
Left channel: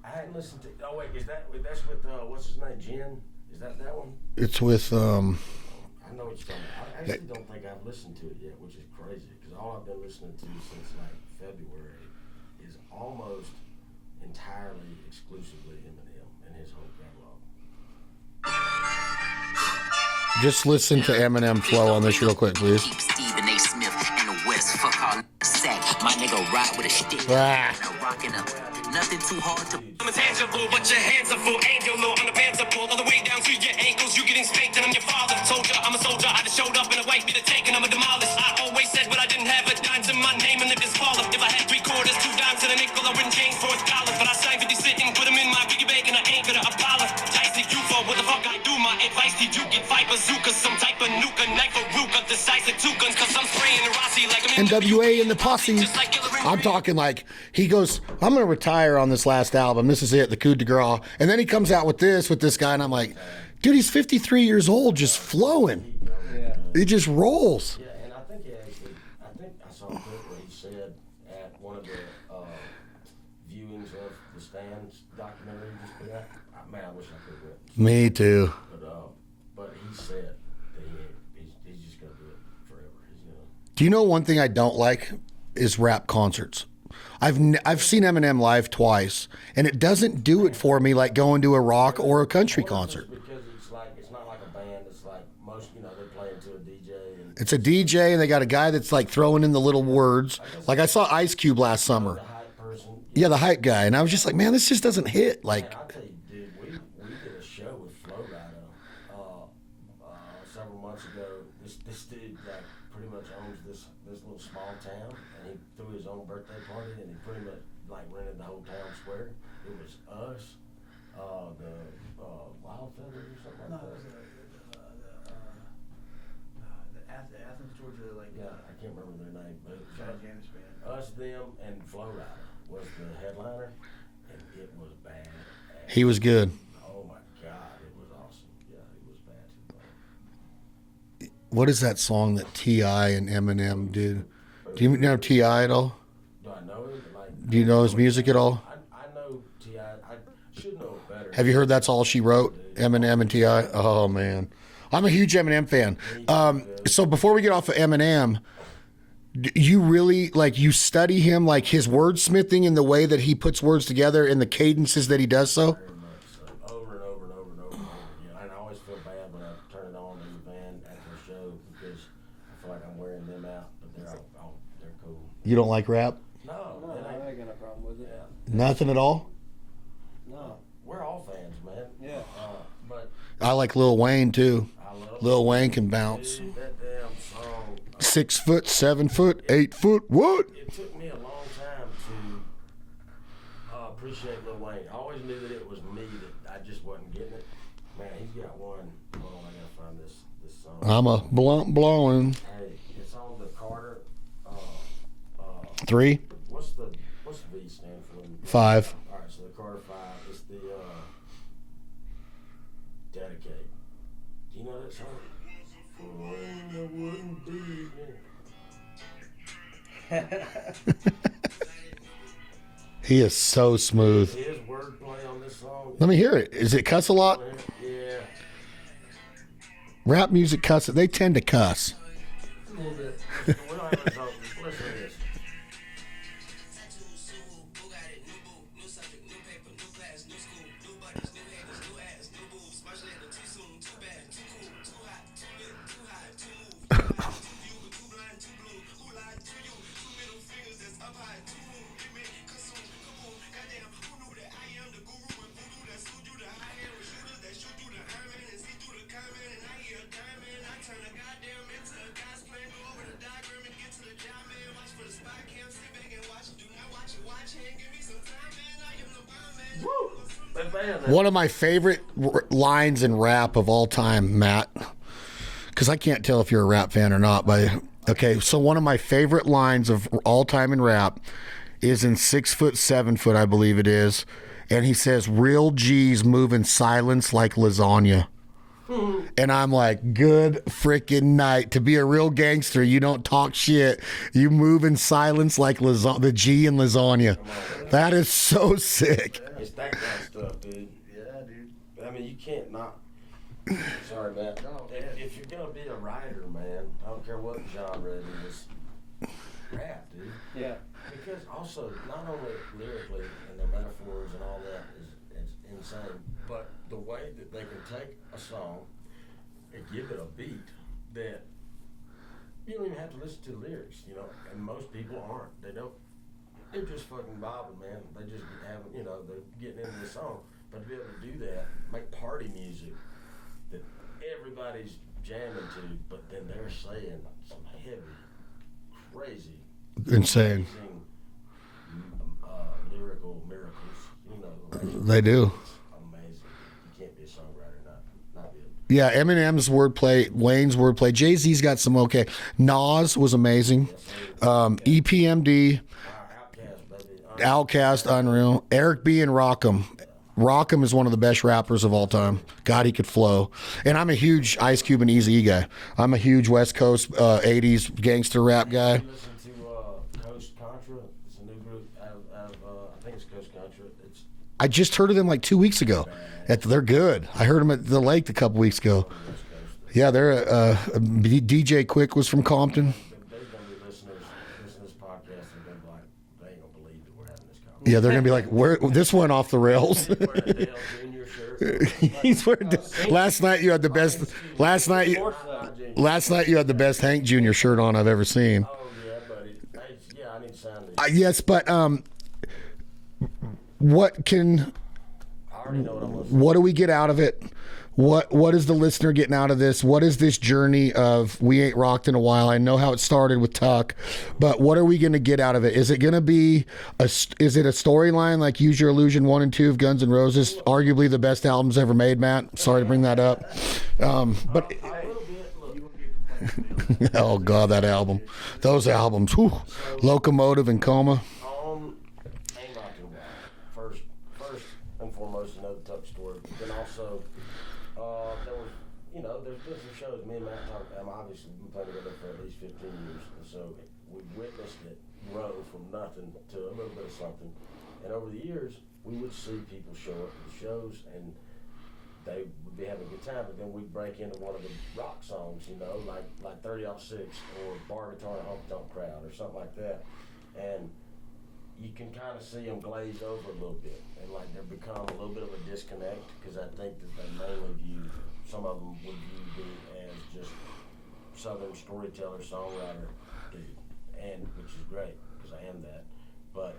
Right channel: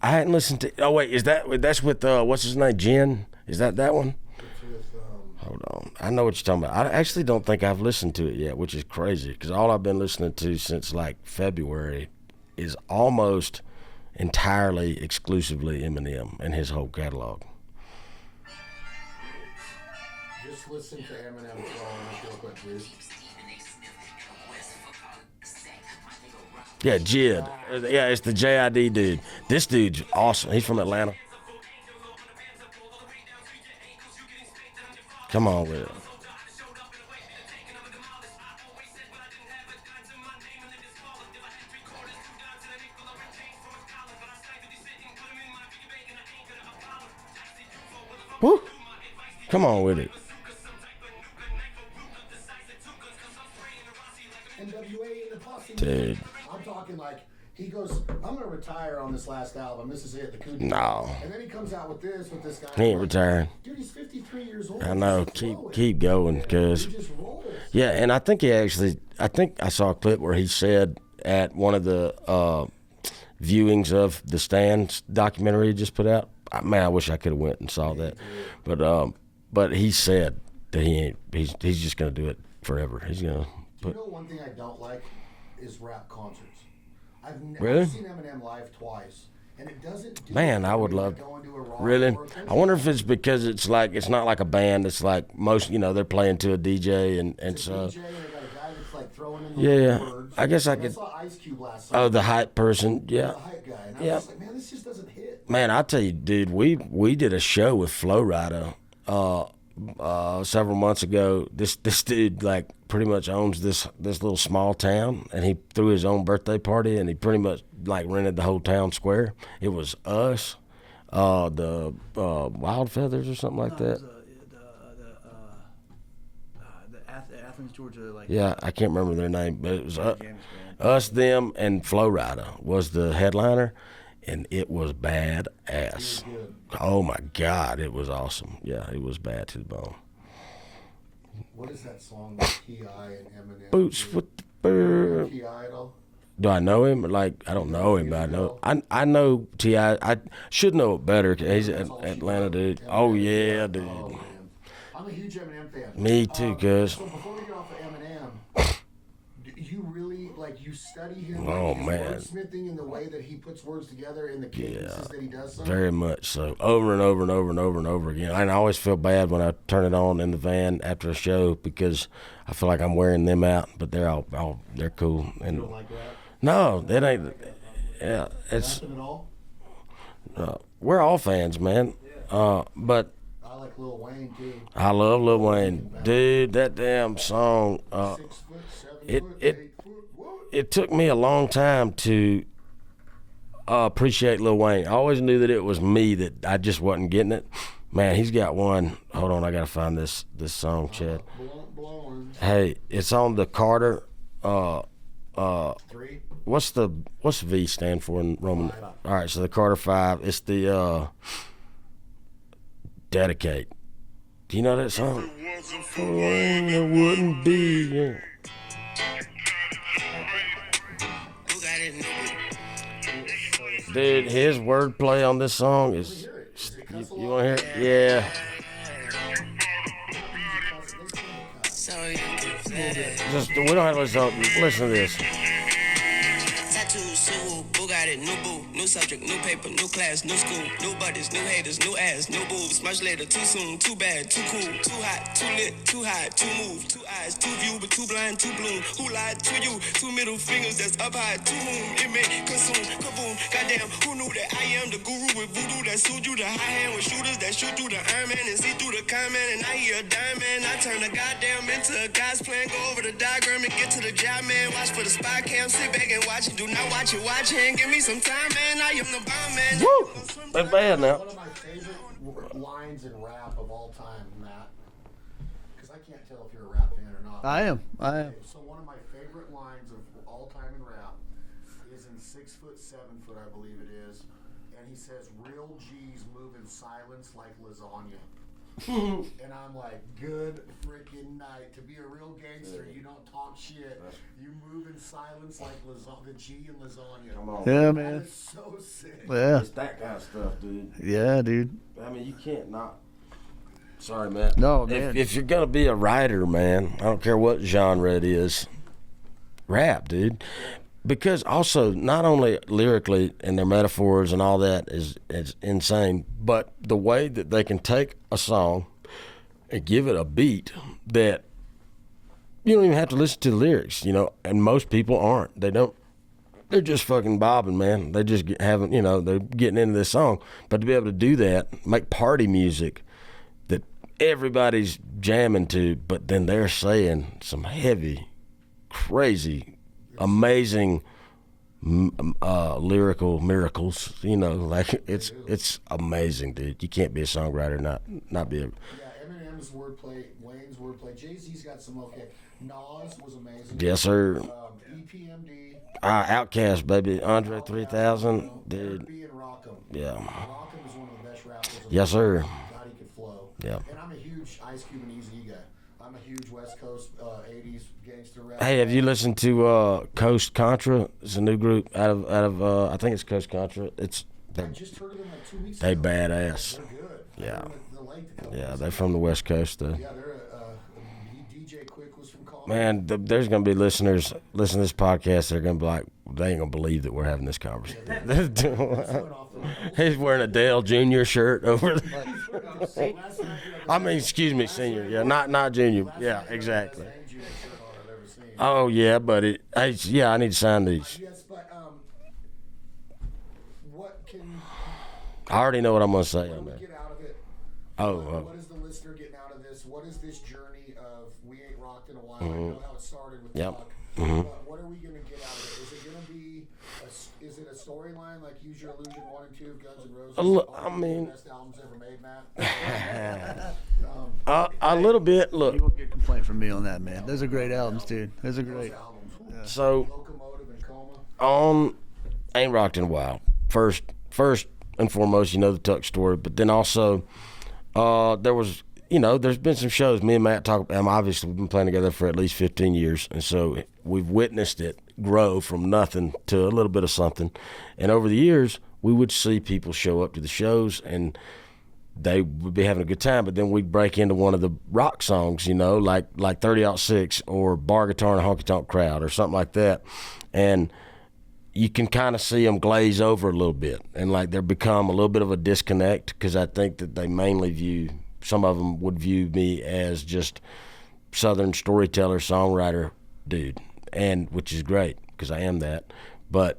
I hadn't listened to. Oh wait, that's with what's his name? Jen? Is that one? It's with Hold on. I know what you're talking about. I actually don't think I've listened to it yet, which is crazy because all I've been listening to since like February is almost entirely exclusively Eminem and his whole catalog. Just listen to Eminem flow on this real quick, please. Yeah, Jill. Yeah, it's the JID dude. This dude's awesome. He's from Atlanta. Come on, man. I'm a soldier, I just showed up in a white beat to take and I'm a demolist. I always said what I didn't have, but dimes in my name and if it's falling. If I had 3 quarters, 2 dimes and a nickel, I wouldn't change for $1. But I sang 50 sitting, put them in my piggy bank and I ain't gonna apologize to you for what the fuck I do. My advice to you, Come on with fight it. bazooka, some type of nuke, a knife, a ruka, decisive 2 guns, cause I'm spraying Rossi like I'm in NWA and the Posse. I'm talking like he goes, I'm gonna retire on this last album. This is it, the coup de grace. No. And then he comes out with this guy, and He I'm ain't like, retiring. dude, he's 53 years old, I just know. flowing. Keep going, cuz. He just rolls. Yeah, and I think I saw a clip where he said at one of the viewings of the Stand documentary he just put out. Man, I wish I could have went and saw Me that. too. But he said that he's just gonna do it forever. He's gonna. Do you know one thing I don't like is rap concerts. I've seen Eminem live twice, and it doesn't do Man, it I for would me love- like going to a rock Really? or a country I wonder concert. if it's because it's not like a band. It's like most, they're playing to a DJ and It's a so- DJ, and they got a guy that's like throwing in the little Yeah. words. I guess like I could- saw Ice Cube last summer. Oh, the hype person. yeah, the hype guy, and I was just like, man, this just doesn't hit. Like, Man, I tell you, dude, we did a show with Flo Rida several months ago. This dude like pretty much owns this little small town, and he threw his own birthday party, and he pretty much like rented the whole town square. It was us, the Wild Feathers or something like that. The Athens, Georgia. Yeah, I can't remember their name, but it was us, them, and Flo Rida was the headliner, and it was bad ass. he was good. Oh my God, it was awesome. Yeah, it was bad to the bone. What is that song that T.I. and Eminem Boots did? with Do you know T.I. at all? Do I know him? Like, I Do you don't know his him, music but at all? I know T.I. I should know it better. Have you heard That's All She Wrote? Dude. Eminem and T.I. Dude. Oh, man. I'm a huge Eminem fan. Me too, cuz. So before we get off of Eminem, you really, like, you study him, like his man. wordsmithing and the way that he puts words together and the cadences that he does so? Very much so. Over and over and over and over and over again. And I always feel bad when I turn it on in the van after a show because I feel like I'm wearing them out, but they're all they're cool. And You don't like rap? No, that ain't. Yeah, Nothing at all? we're all fans, man. But I like Lil Wayne, too. I love Lil Lil Wayne Wayne. can bounce. Dude, that damn song. 6 foot, 7 foot, 8 foot, what? It took me a long time to appreciate Lil Wayne. I always knew that it was me that I just wasn't getting it. Man, he's got one. Hold on, I gotta find this song. I'm a blunt blowing. Hey, it's on the Carter. 3? What's V stand for in Roman? 5. All right, so the Carter 5. It's the Dedicate. Do you know that song? It wouldn't be. He is so Dude, smooth. his wordplay on this song is. Let me hear it. Is it cuss a lot? Wanna hear it? Yeah. Rap music cuss. They tend to cuss. Just, we don't have to listen to this. Tattoos, Sue, Bugatti, new boo, new subject, new paper, new class, new school, new buddies, new haters, new ass, new boobs. Much later, too soon, too bad, too cool, too hot, too lit, too high, too move, too eyes, too view, but too blind, too bloom. Who lied to you? 2 middle fingers that's up high, to whom it may consume. Kaboom, goddamn, who knew that I am the guru with voodoo that sued you? The high hand with shooters that shoot through the Iron Man and see through the comment. And I hear a diamond, I turn the goddamn into a guy's plan. Go over the diagram and get to the job, man. Watch for the spy cam, sit back and watch it. Do not watch it, watch it. Give me some time, man. I am the bomb, man. Woo! That's bad now. One of my favorite lines in rap of all time, Matt, because I can't tell if you're a rap fan or not. I am. So one of my favorite lines of all time in rap is in 6 foot, 7 foot, I believe it is. And he says, real G's move in silence like lasagna. And I'm like, good freaking night. To be a real gangster, you don't talk shit. You move in silence like the G in lasagna. Yeah, That man. is so sick. Yeah. It's that kind of stuff, dude. Yeah, dude. I mean, you can't not. Sorry, Matt. No, man. If you're gonna be a writer, man, I don't care what genre it is. Rap, dude. Because also, not only lyrically and their metaphors and all that is insane, but the way that they can take a song and give it a beat that you don't even have to listen to the lyrics, and most people aren't. They don't. They're just fucking bobbing, man. They just they're getting into this song. But to be able to do that, make party music that everybody's jamming to, but then they're saying some heavy, crazy, Insane. amazing lyrical miracles, They do. It's amazing, dude. You can't be a songwriter not be a Yeah, Eminem's wordplay, Wayne's wordplay. Jay-Z's got some okay. Nas was amazing. yes sir. EPMD, Outkast, baby. Andre Outkast, 3000. unreal. Eric B. and Rockham. Yeah. Rockham is one of the best rappers of all Yes, time. sir. God, he could flow. And I'm a huge Ice Cube and Eazy-E guy. I'm a huge West Coast 80s gangster rap Hey, guy. have you listened to Coast Contra? It's a new group out of I think it's Coast Contra. I just heard of them like 2 weeks They're ago. badass. They're good. I heard them at the lake a couple weeks They're ago. from the West Coast. Though. Yeah, they're DJ Quick was from Compton. Man, there's gonna be listeners listening to this podcast. They're gonna be like, they ain't gonna believe that we're having this conversation. Yeah, they're gonna be like, this went off the rails. He's wearing a Dale Jr. shirt. Over He's wearing, last night you had the best. excuse me. Last night, not Junior. Last night you had the best Hank Jr. shirt on I've ever seen. Oh yeah, but I need to sign these. Yes, but what can? I already know what I'm gonna say. What do we get out of it? What is the listener getting out of this? What is this journey of We Ain't Rocked in a While? I know how it started with Tuck, but what are we going to get out of it? Is it going to be is it a storyline like Use Your Illusion 1 and 2 of Guns N' Roses, arguably the best albums ever made, Matt? Sorry to bring that up. A little bit. Look, You won't get a complaint from me on that, man. Oh Those are God, great that albums, album, dude. those albums. Whew. So- Locomotive and Coma. Ain't Rocked in a While. First and foremost, the Tuck story, but then also there was, there's been some shows me and Matt talk about. Obviously, we've been playing together for at least 15 years, and so we've witnessed it grow from nothing to a little bit of something. And over the years, we would see people show up to the shows, and they would be having a good time, but then we'd break into one of the rock songs, like 30-06 or Bar Guitar and a Honky Tonk Crowd or something like that. And you can kind of see them glaze over a little bit, and like there become a little bit of a disconnect, because I think that they mainly some of them would view me as just Southern storyteller, songwriter dude, and which is great because I am that. But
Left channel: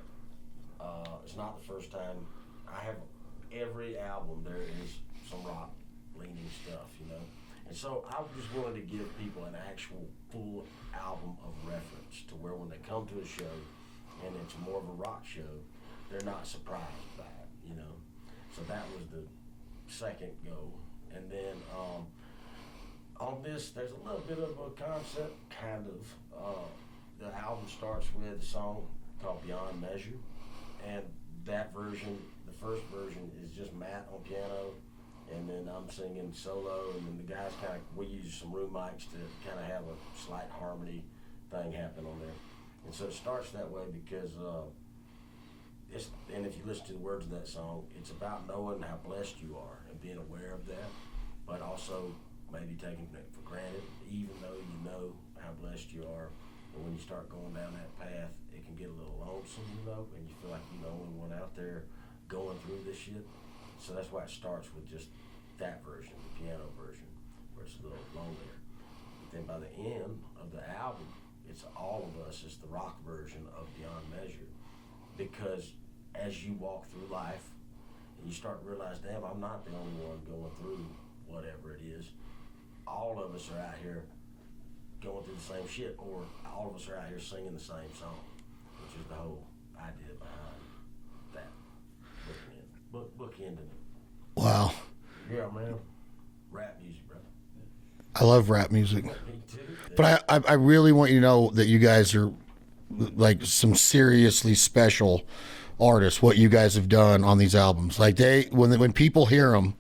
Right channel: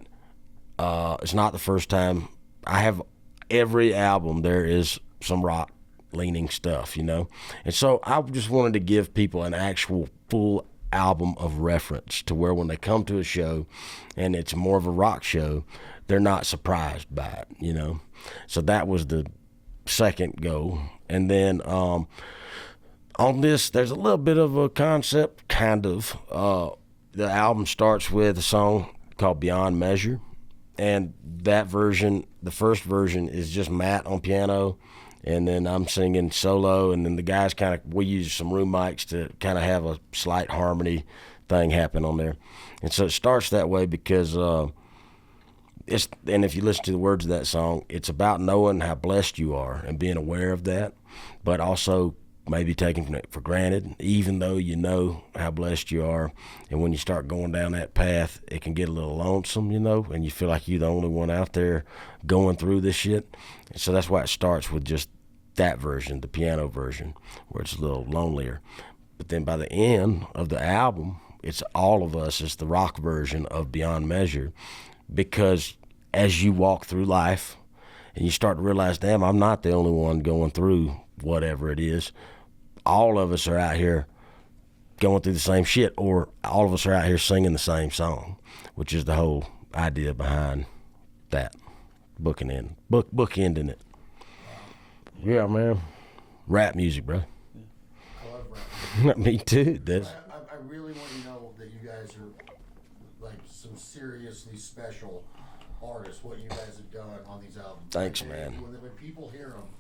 it's not the first time. I have every album there is some rock leaning stuff, and so I just wanted to give people an actual full album of reference to where when they come to a show and it's more of a rock show, they're not surprised by it, So that was the second goal. And then on this, there's a little bit of a concept, kind of. The album starts with a song called Beyond Measure, and that version, the first version, is just Matt on piano, and then I'm singing solo, and then the guys we use some room mics to kind of have a slight harmony thing happen on there. And so it starts that way because and if you listen to the words of that song, it's about knowing how blessed you are and being aware of that, but also maybe taking it for granted, even though you know how blessed you are. And when you start going down that path, it can get a little lonesome, and you feel like you're the only one out there going through this shit. And so that's why it starts with just that version, the piano version, where it's a little lonelier. But then by the end of the album, it's all of us. It's the rock version of Beyond Measure, because as you walk through life and you start to realize, damn, I'm not the only one going through whatever it is. All of us are out here going through the same shit, or all of us are out here singing the same song, which is the whole idea behind that bookending it. Wow. Yeah, man. Rap music, bro. I love rap music. Me too. Dude. But I really want you to know that you guys are like some seriously special artists. What you guys have done on these albums, Thanks, when people hear them,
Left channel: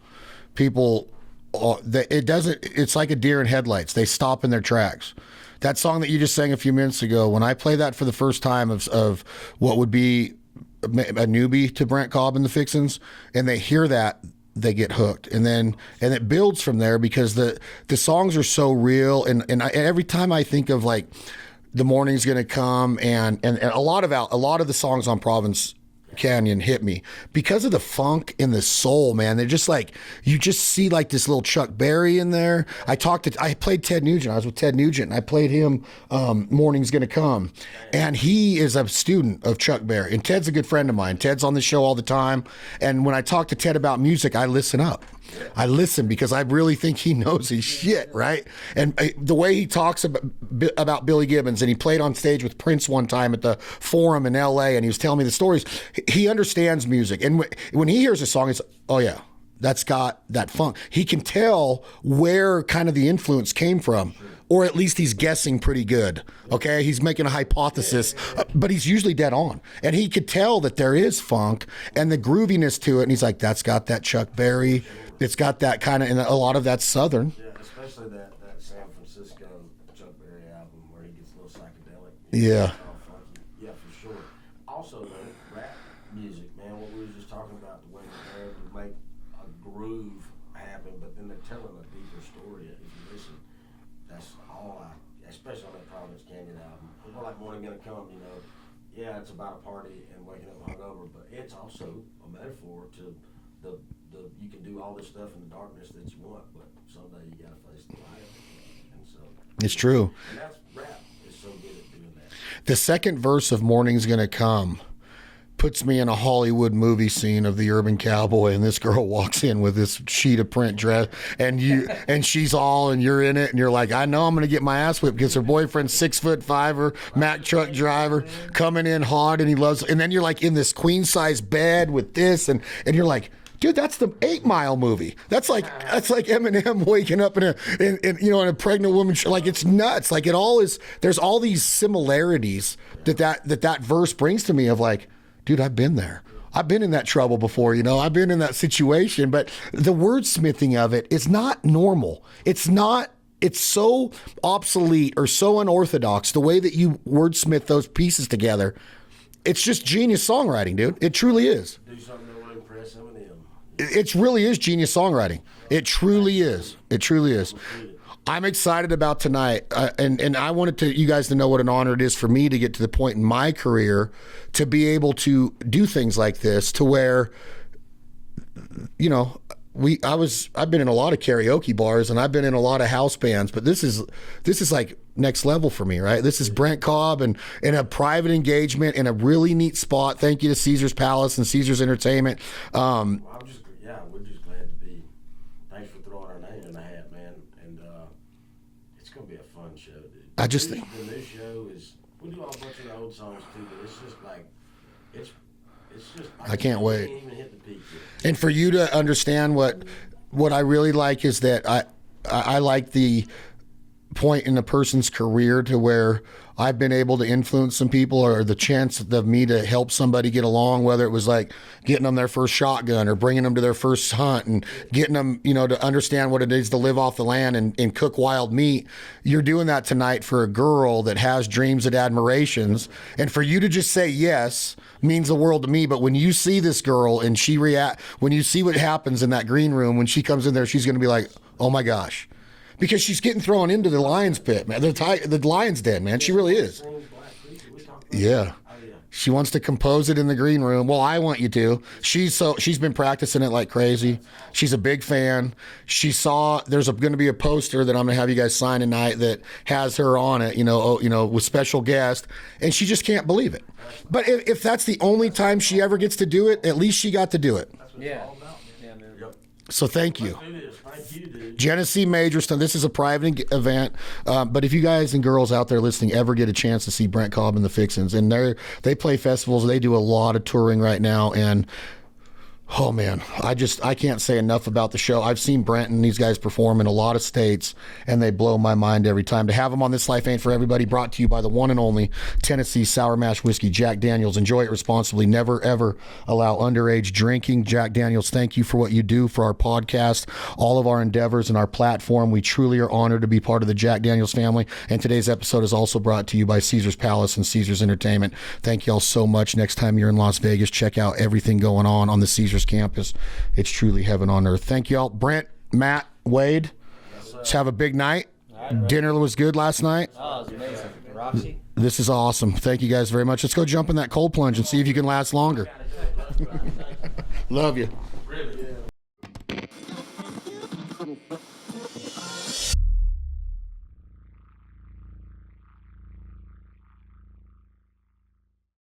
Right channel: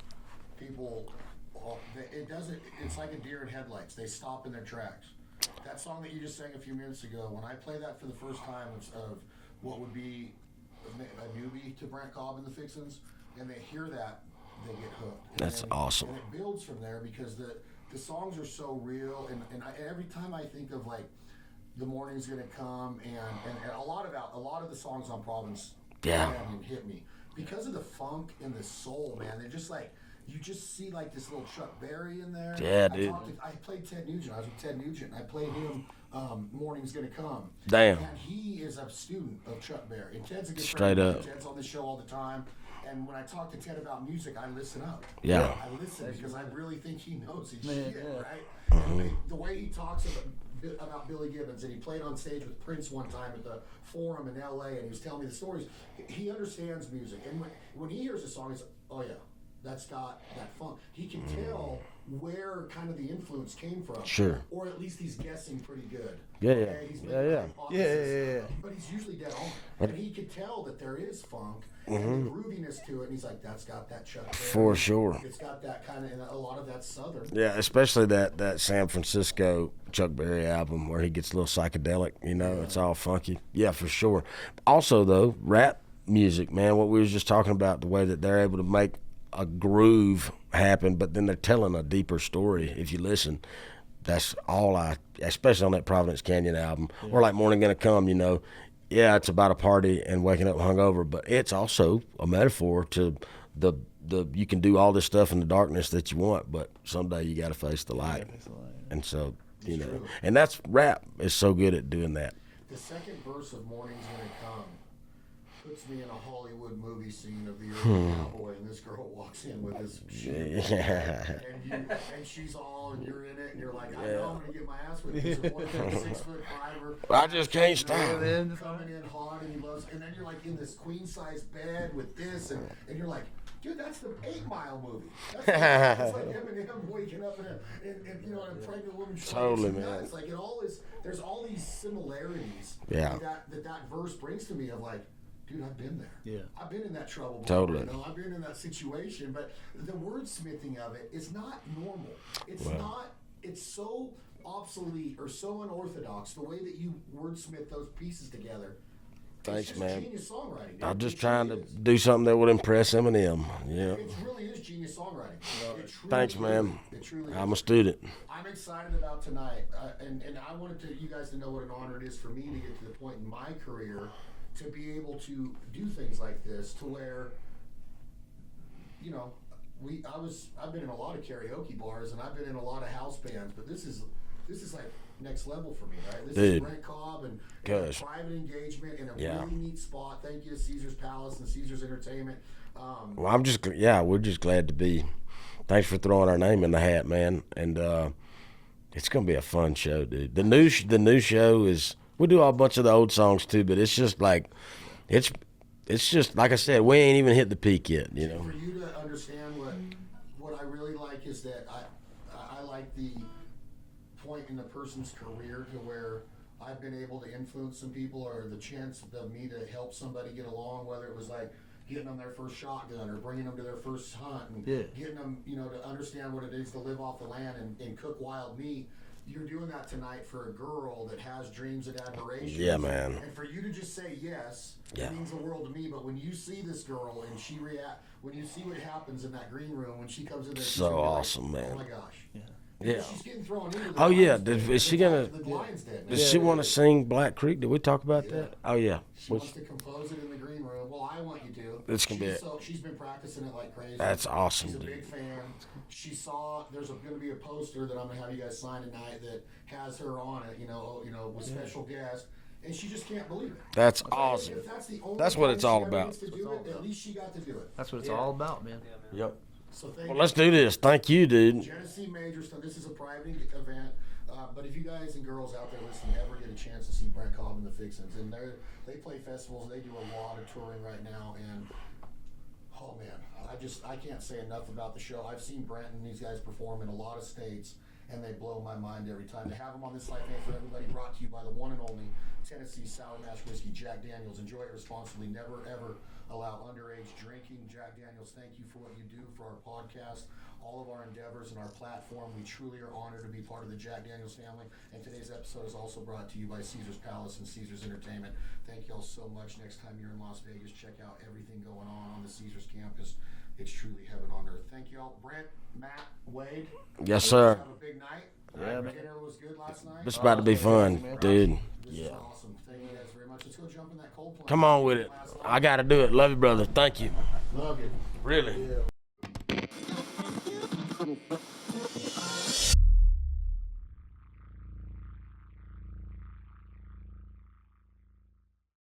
it's like a deer in headlights. They stop in their tracks. That song that you just sang a few minutes ago, when I play that for the first time of what would be a newbie to Brent Cobb and the Fixins, and they hear that, they get hooked, and then awesome. And it builds from there, because the songs are so real, and every time I think of like The Morning's Gonna Come and a lot of the songs on Province Canyon hit me because of the funk and the soul, man. They're just like, you just see like this little Chuck Berry in there. Yeah, I played Ted Nugent. I was with Ted Nugent, and I played him Morning's Gonna Come. Damn. And he is a student of Chuck Berry, and Ted's a good friend of mine. Ted's on the show all the time, and when I talk to Ted about music, I listen up. Yeah. I listen because I really think he knows his shit, right? And the way he talks about Billy Gibbons, and he played on stage with Prince one time at the Forum in L.A., and he was telling me the stories. He understands music, and when he hears a song, it's, oh yeah, that's got that funk. He can tell where kind of the influence came from, Sure. Or at least he's guessing pretty good. Okay, he's making a hypothesis, but he's usually dead on, and he could tell that there is funk and the grooviness to it, and he's like, that's got that Chuck Berry. For sure. It's got that kind of, and a lot of that's Southern. Yeah, especially that San Francisco Chuck Berry album where he gets a little psychedelic. Yeah. It's all funky. Yeah, for sure. Also, though, rap music, man, what we was just talking about, the way that they're able to make a groove happen, but then they're telling a deeper story. If you listen, that's all especially on that Providence Canyon album, or like Morning Gonna Come, yeah, it's about a party and waking up hungover, but it's also a metaphor to the you can do all this stuff in the darkness that you want, but someday you got to face the light. And so It's true. And that's rap is so good at doing that. The second verse of Morning's Gonna Come puts me in a Hollywood movie scene of the urban cowboy, and this girl walks in with this sheet of print dress, and she's all, and you're in it, and you're like, I know I'm gonna get my ass whipped because her boyfriend's 6'5", Mack truck driver, coming in hot, and he loves, and then you're like in this queen size bed with this, and you're like, dude, that's the 8 Mile movie. That's like Eminem waking up in a pregnant woman. Like, it's nuts. Like, it all is. There's all these similarities that verse brings to me of like, dude, I've been there. Yeah. I've been in that trouble before. I've been in that situation. But the wordsmithing of it is not normal. It's not. It's so obsolete or so unorthodox. The way that you wordsmith those pieces together. It's just genius songwriting, dude. It truly is. Do something that would impress Eminem. Yeah. It really is genius songwriting. It truly is. Man. It truly is. I'm a student. I'm excited about tonight, and I wanted you guys to know what an honor it is for me to get to the point in my career to be able to do things like this, to where, I've been in a lot of karaoke bars and I've been in a lot of house bands, but this is like next level for me, right? This is Brent Cobb and in a private engagement in a really neat spot. Thank you to Caesar's Palace and Caesar's Entertainment. Well, we're just glad to be. Thanks for throwing our name in the hat, man. And it's gonna be a fun show, dude. The new show is, we do a bunch of the old songs too, but it's just like it's just like I said, we ain't even hit the peak yet. Yeah. And for you to understand what I really like is that I like the point in a person's career to where I've been able to influence some people, or the chance of me to help somebody get along, whether it was like getting them their first shotgun or bringing them to their first hunt and getting them, to understand what it is to live off the land and cook wild meat. You're doing that tonight for a girl that has dreams and admirations. Yeah, and for you to just say yes means the world to me. But when you see this girl and when you see what happens in that green room, when she comes in there, she's going to be awesome, like, man. oh my gosh. Because she's getting thrown into the lion's pit, the lion's den, man. She really is. Sing Black Creek. Did we talk about Yeah. that? Oh yeah. She wants to compose it in the green room. Well, I want you to. She's been practicing it like crazy. That's awesome. She's a big fan. She saw there's going to be a poster that I'm going to have you guys sign tonight that has her on it. With special guest, and she just can't believe it. That's But awesome. if that's the only time she ever gets to do it, at least she got to do it. That's what it's all about, man. Yep. So thank you. Let's do this. Thank you, dude. Genesee Majorston. This is a private event, but if you guys and girls out there listening ever get a chance to see Brent Cobb and the Fixins, and they play festivals, they do a lot of touring right now, and oh man, I can't say enough about the show. I've seen Brent and these guys perform in a lot of states, and they blow my mind every time. To have them on This Life Ain't For Everybody, brought to you by the one and only Tennessee Sour Mash Whiskey, Jack Daniels. Enjoy it responsibly. Never, ever allow underage drinking. Jack Daniels, thank you for what you do for our podcast, all of our endeavors and our platform. We truly are honored to be part of the Jack Daniels family, and today's episode is also brought to you by Caesar's Palace and Caesar's Entertainment. Thank you all so much. Next time you're in Las Vegas, check out everything going on the Caesar's campus. It's truly heaven on earth. Thank you all. Brent, Matt, Wade. Yes, sir. Let's have a big night. Dinner was good last night. It's about to be fun, dude. This is awesome. Thank you guys very much. Let's go jump in that cold plunge and see if you can last longer. I got to do it. Love you, brother. Thank you. Love you. Really.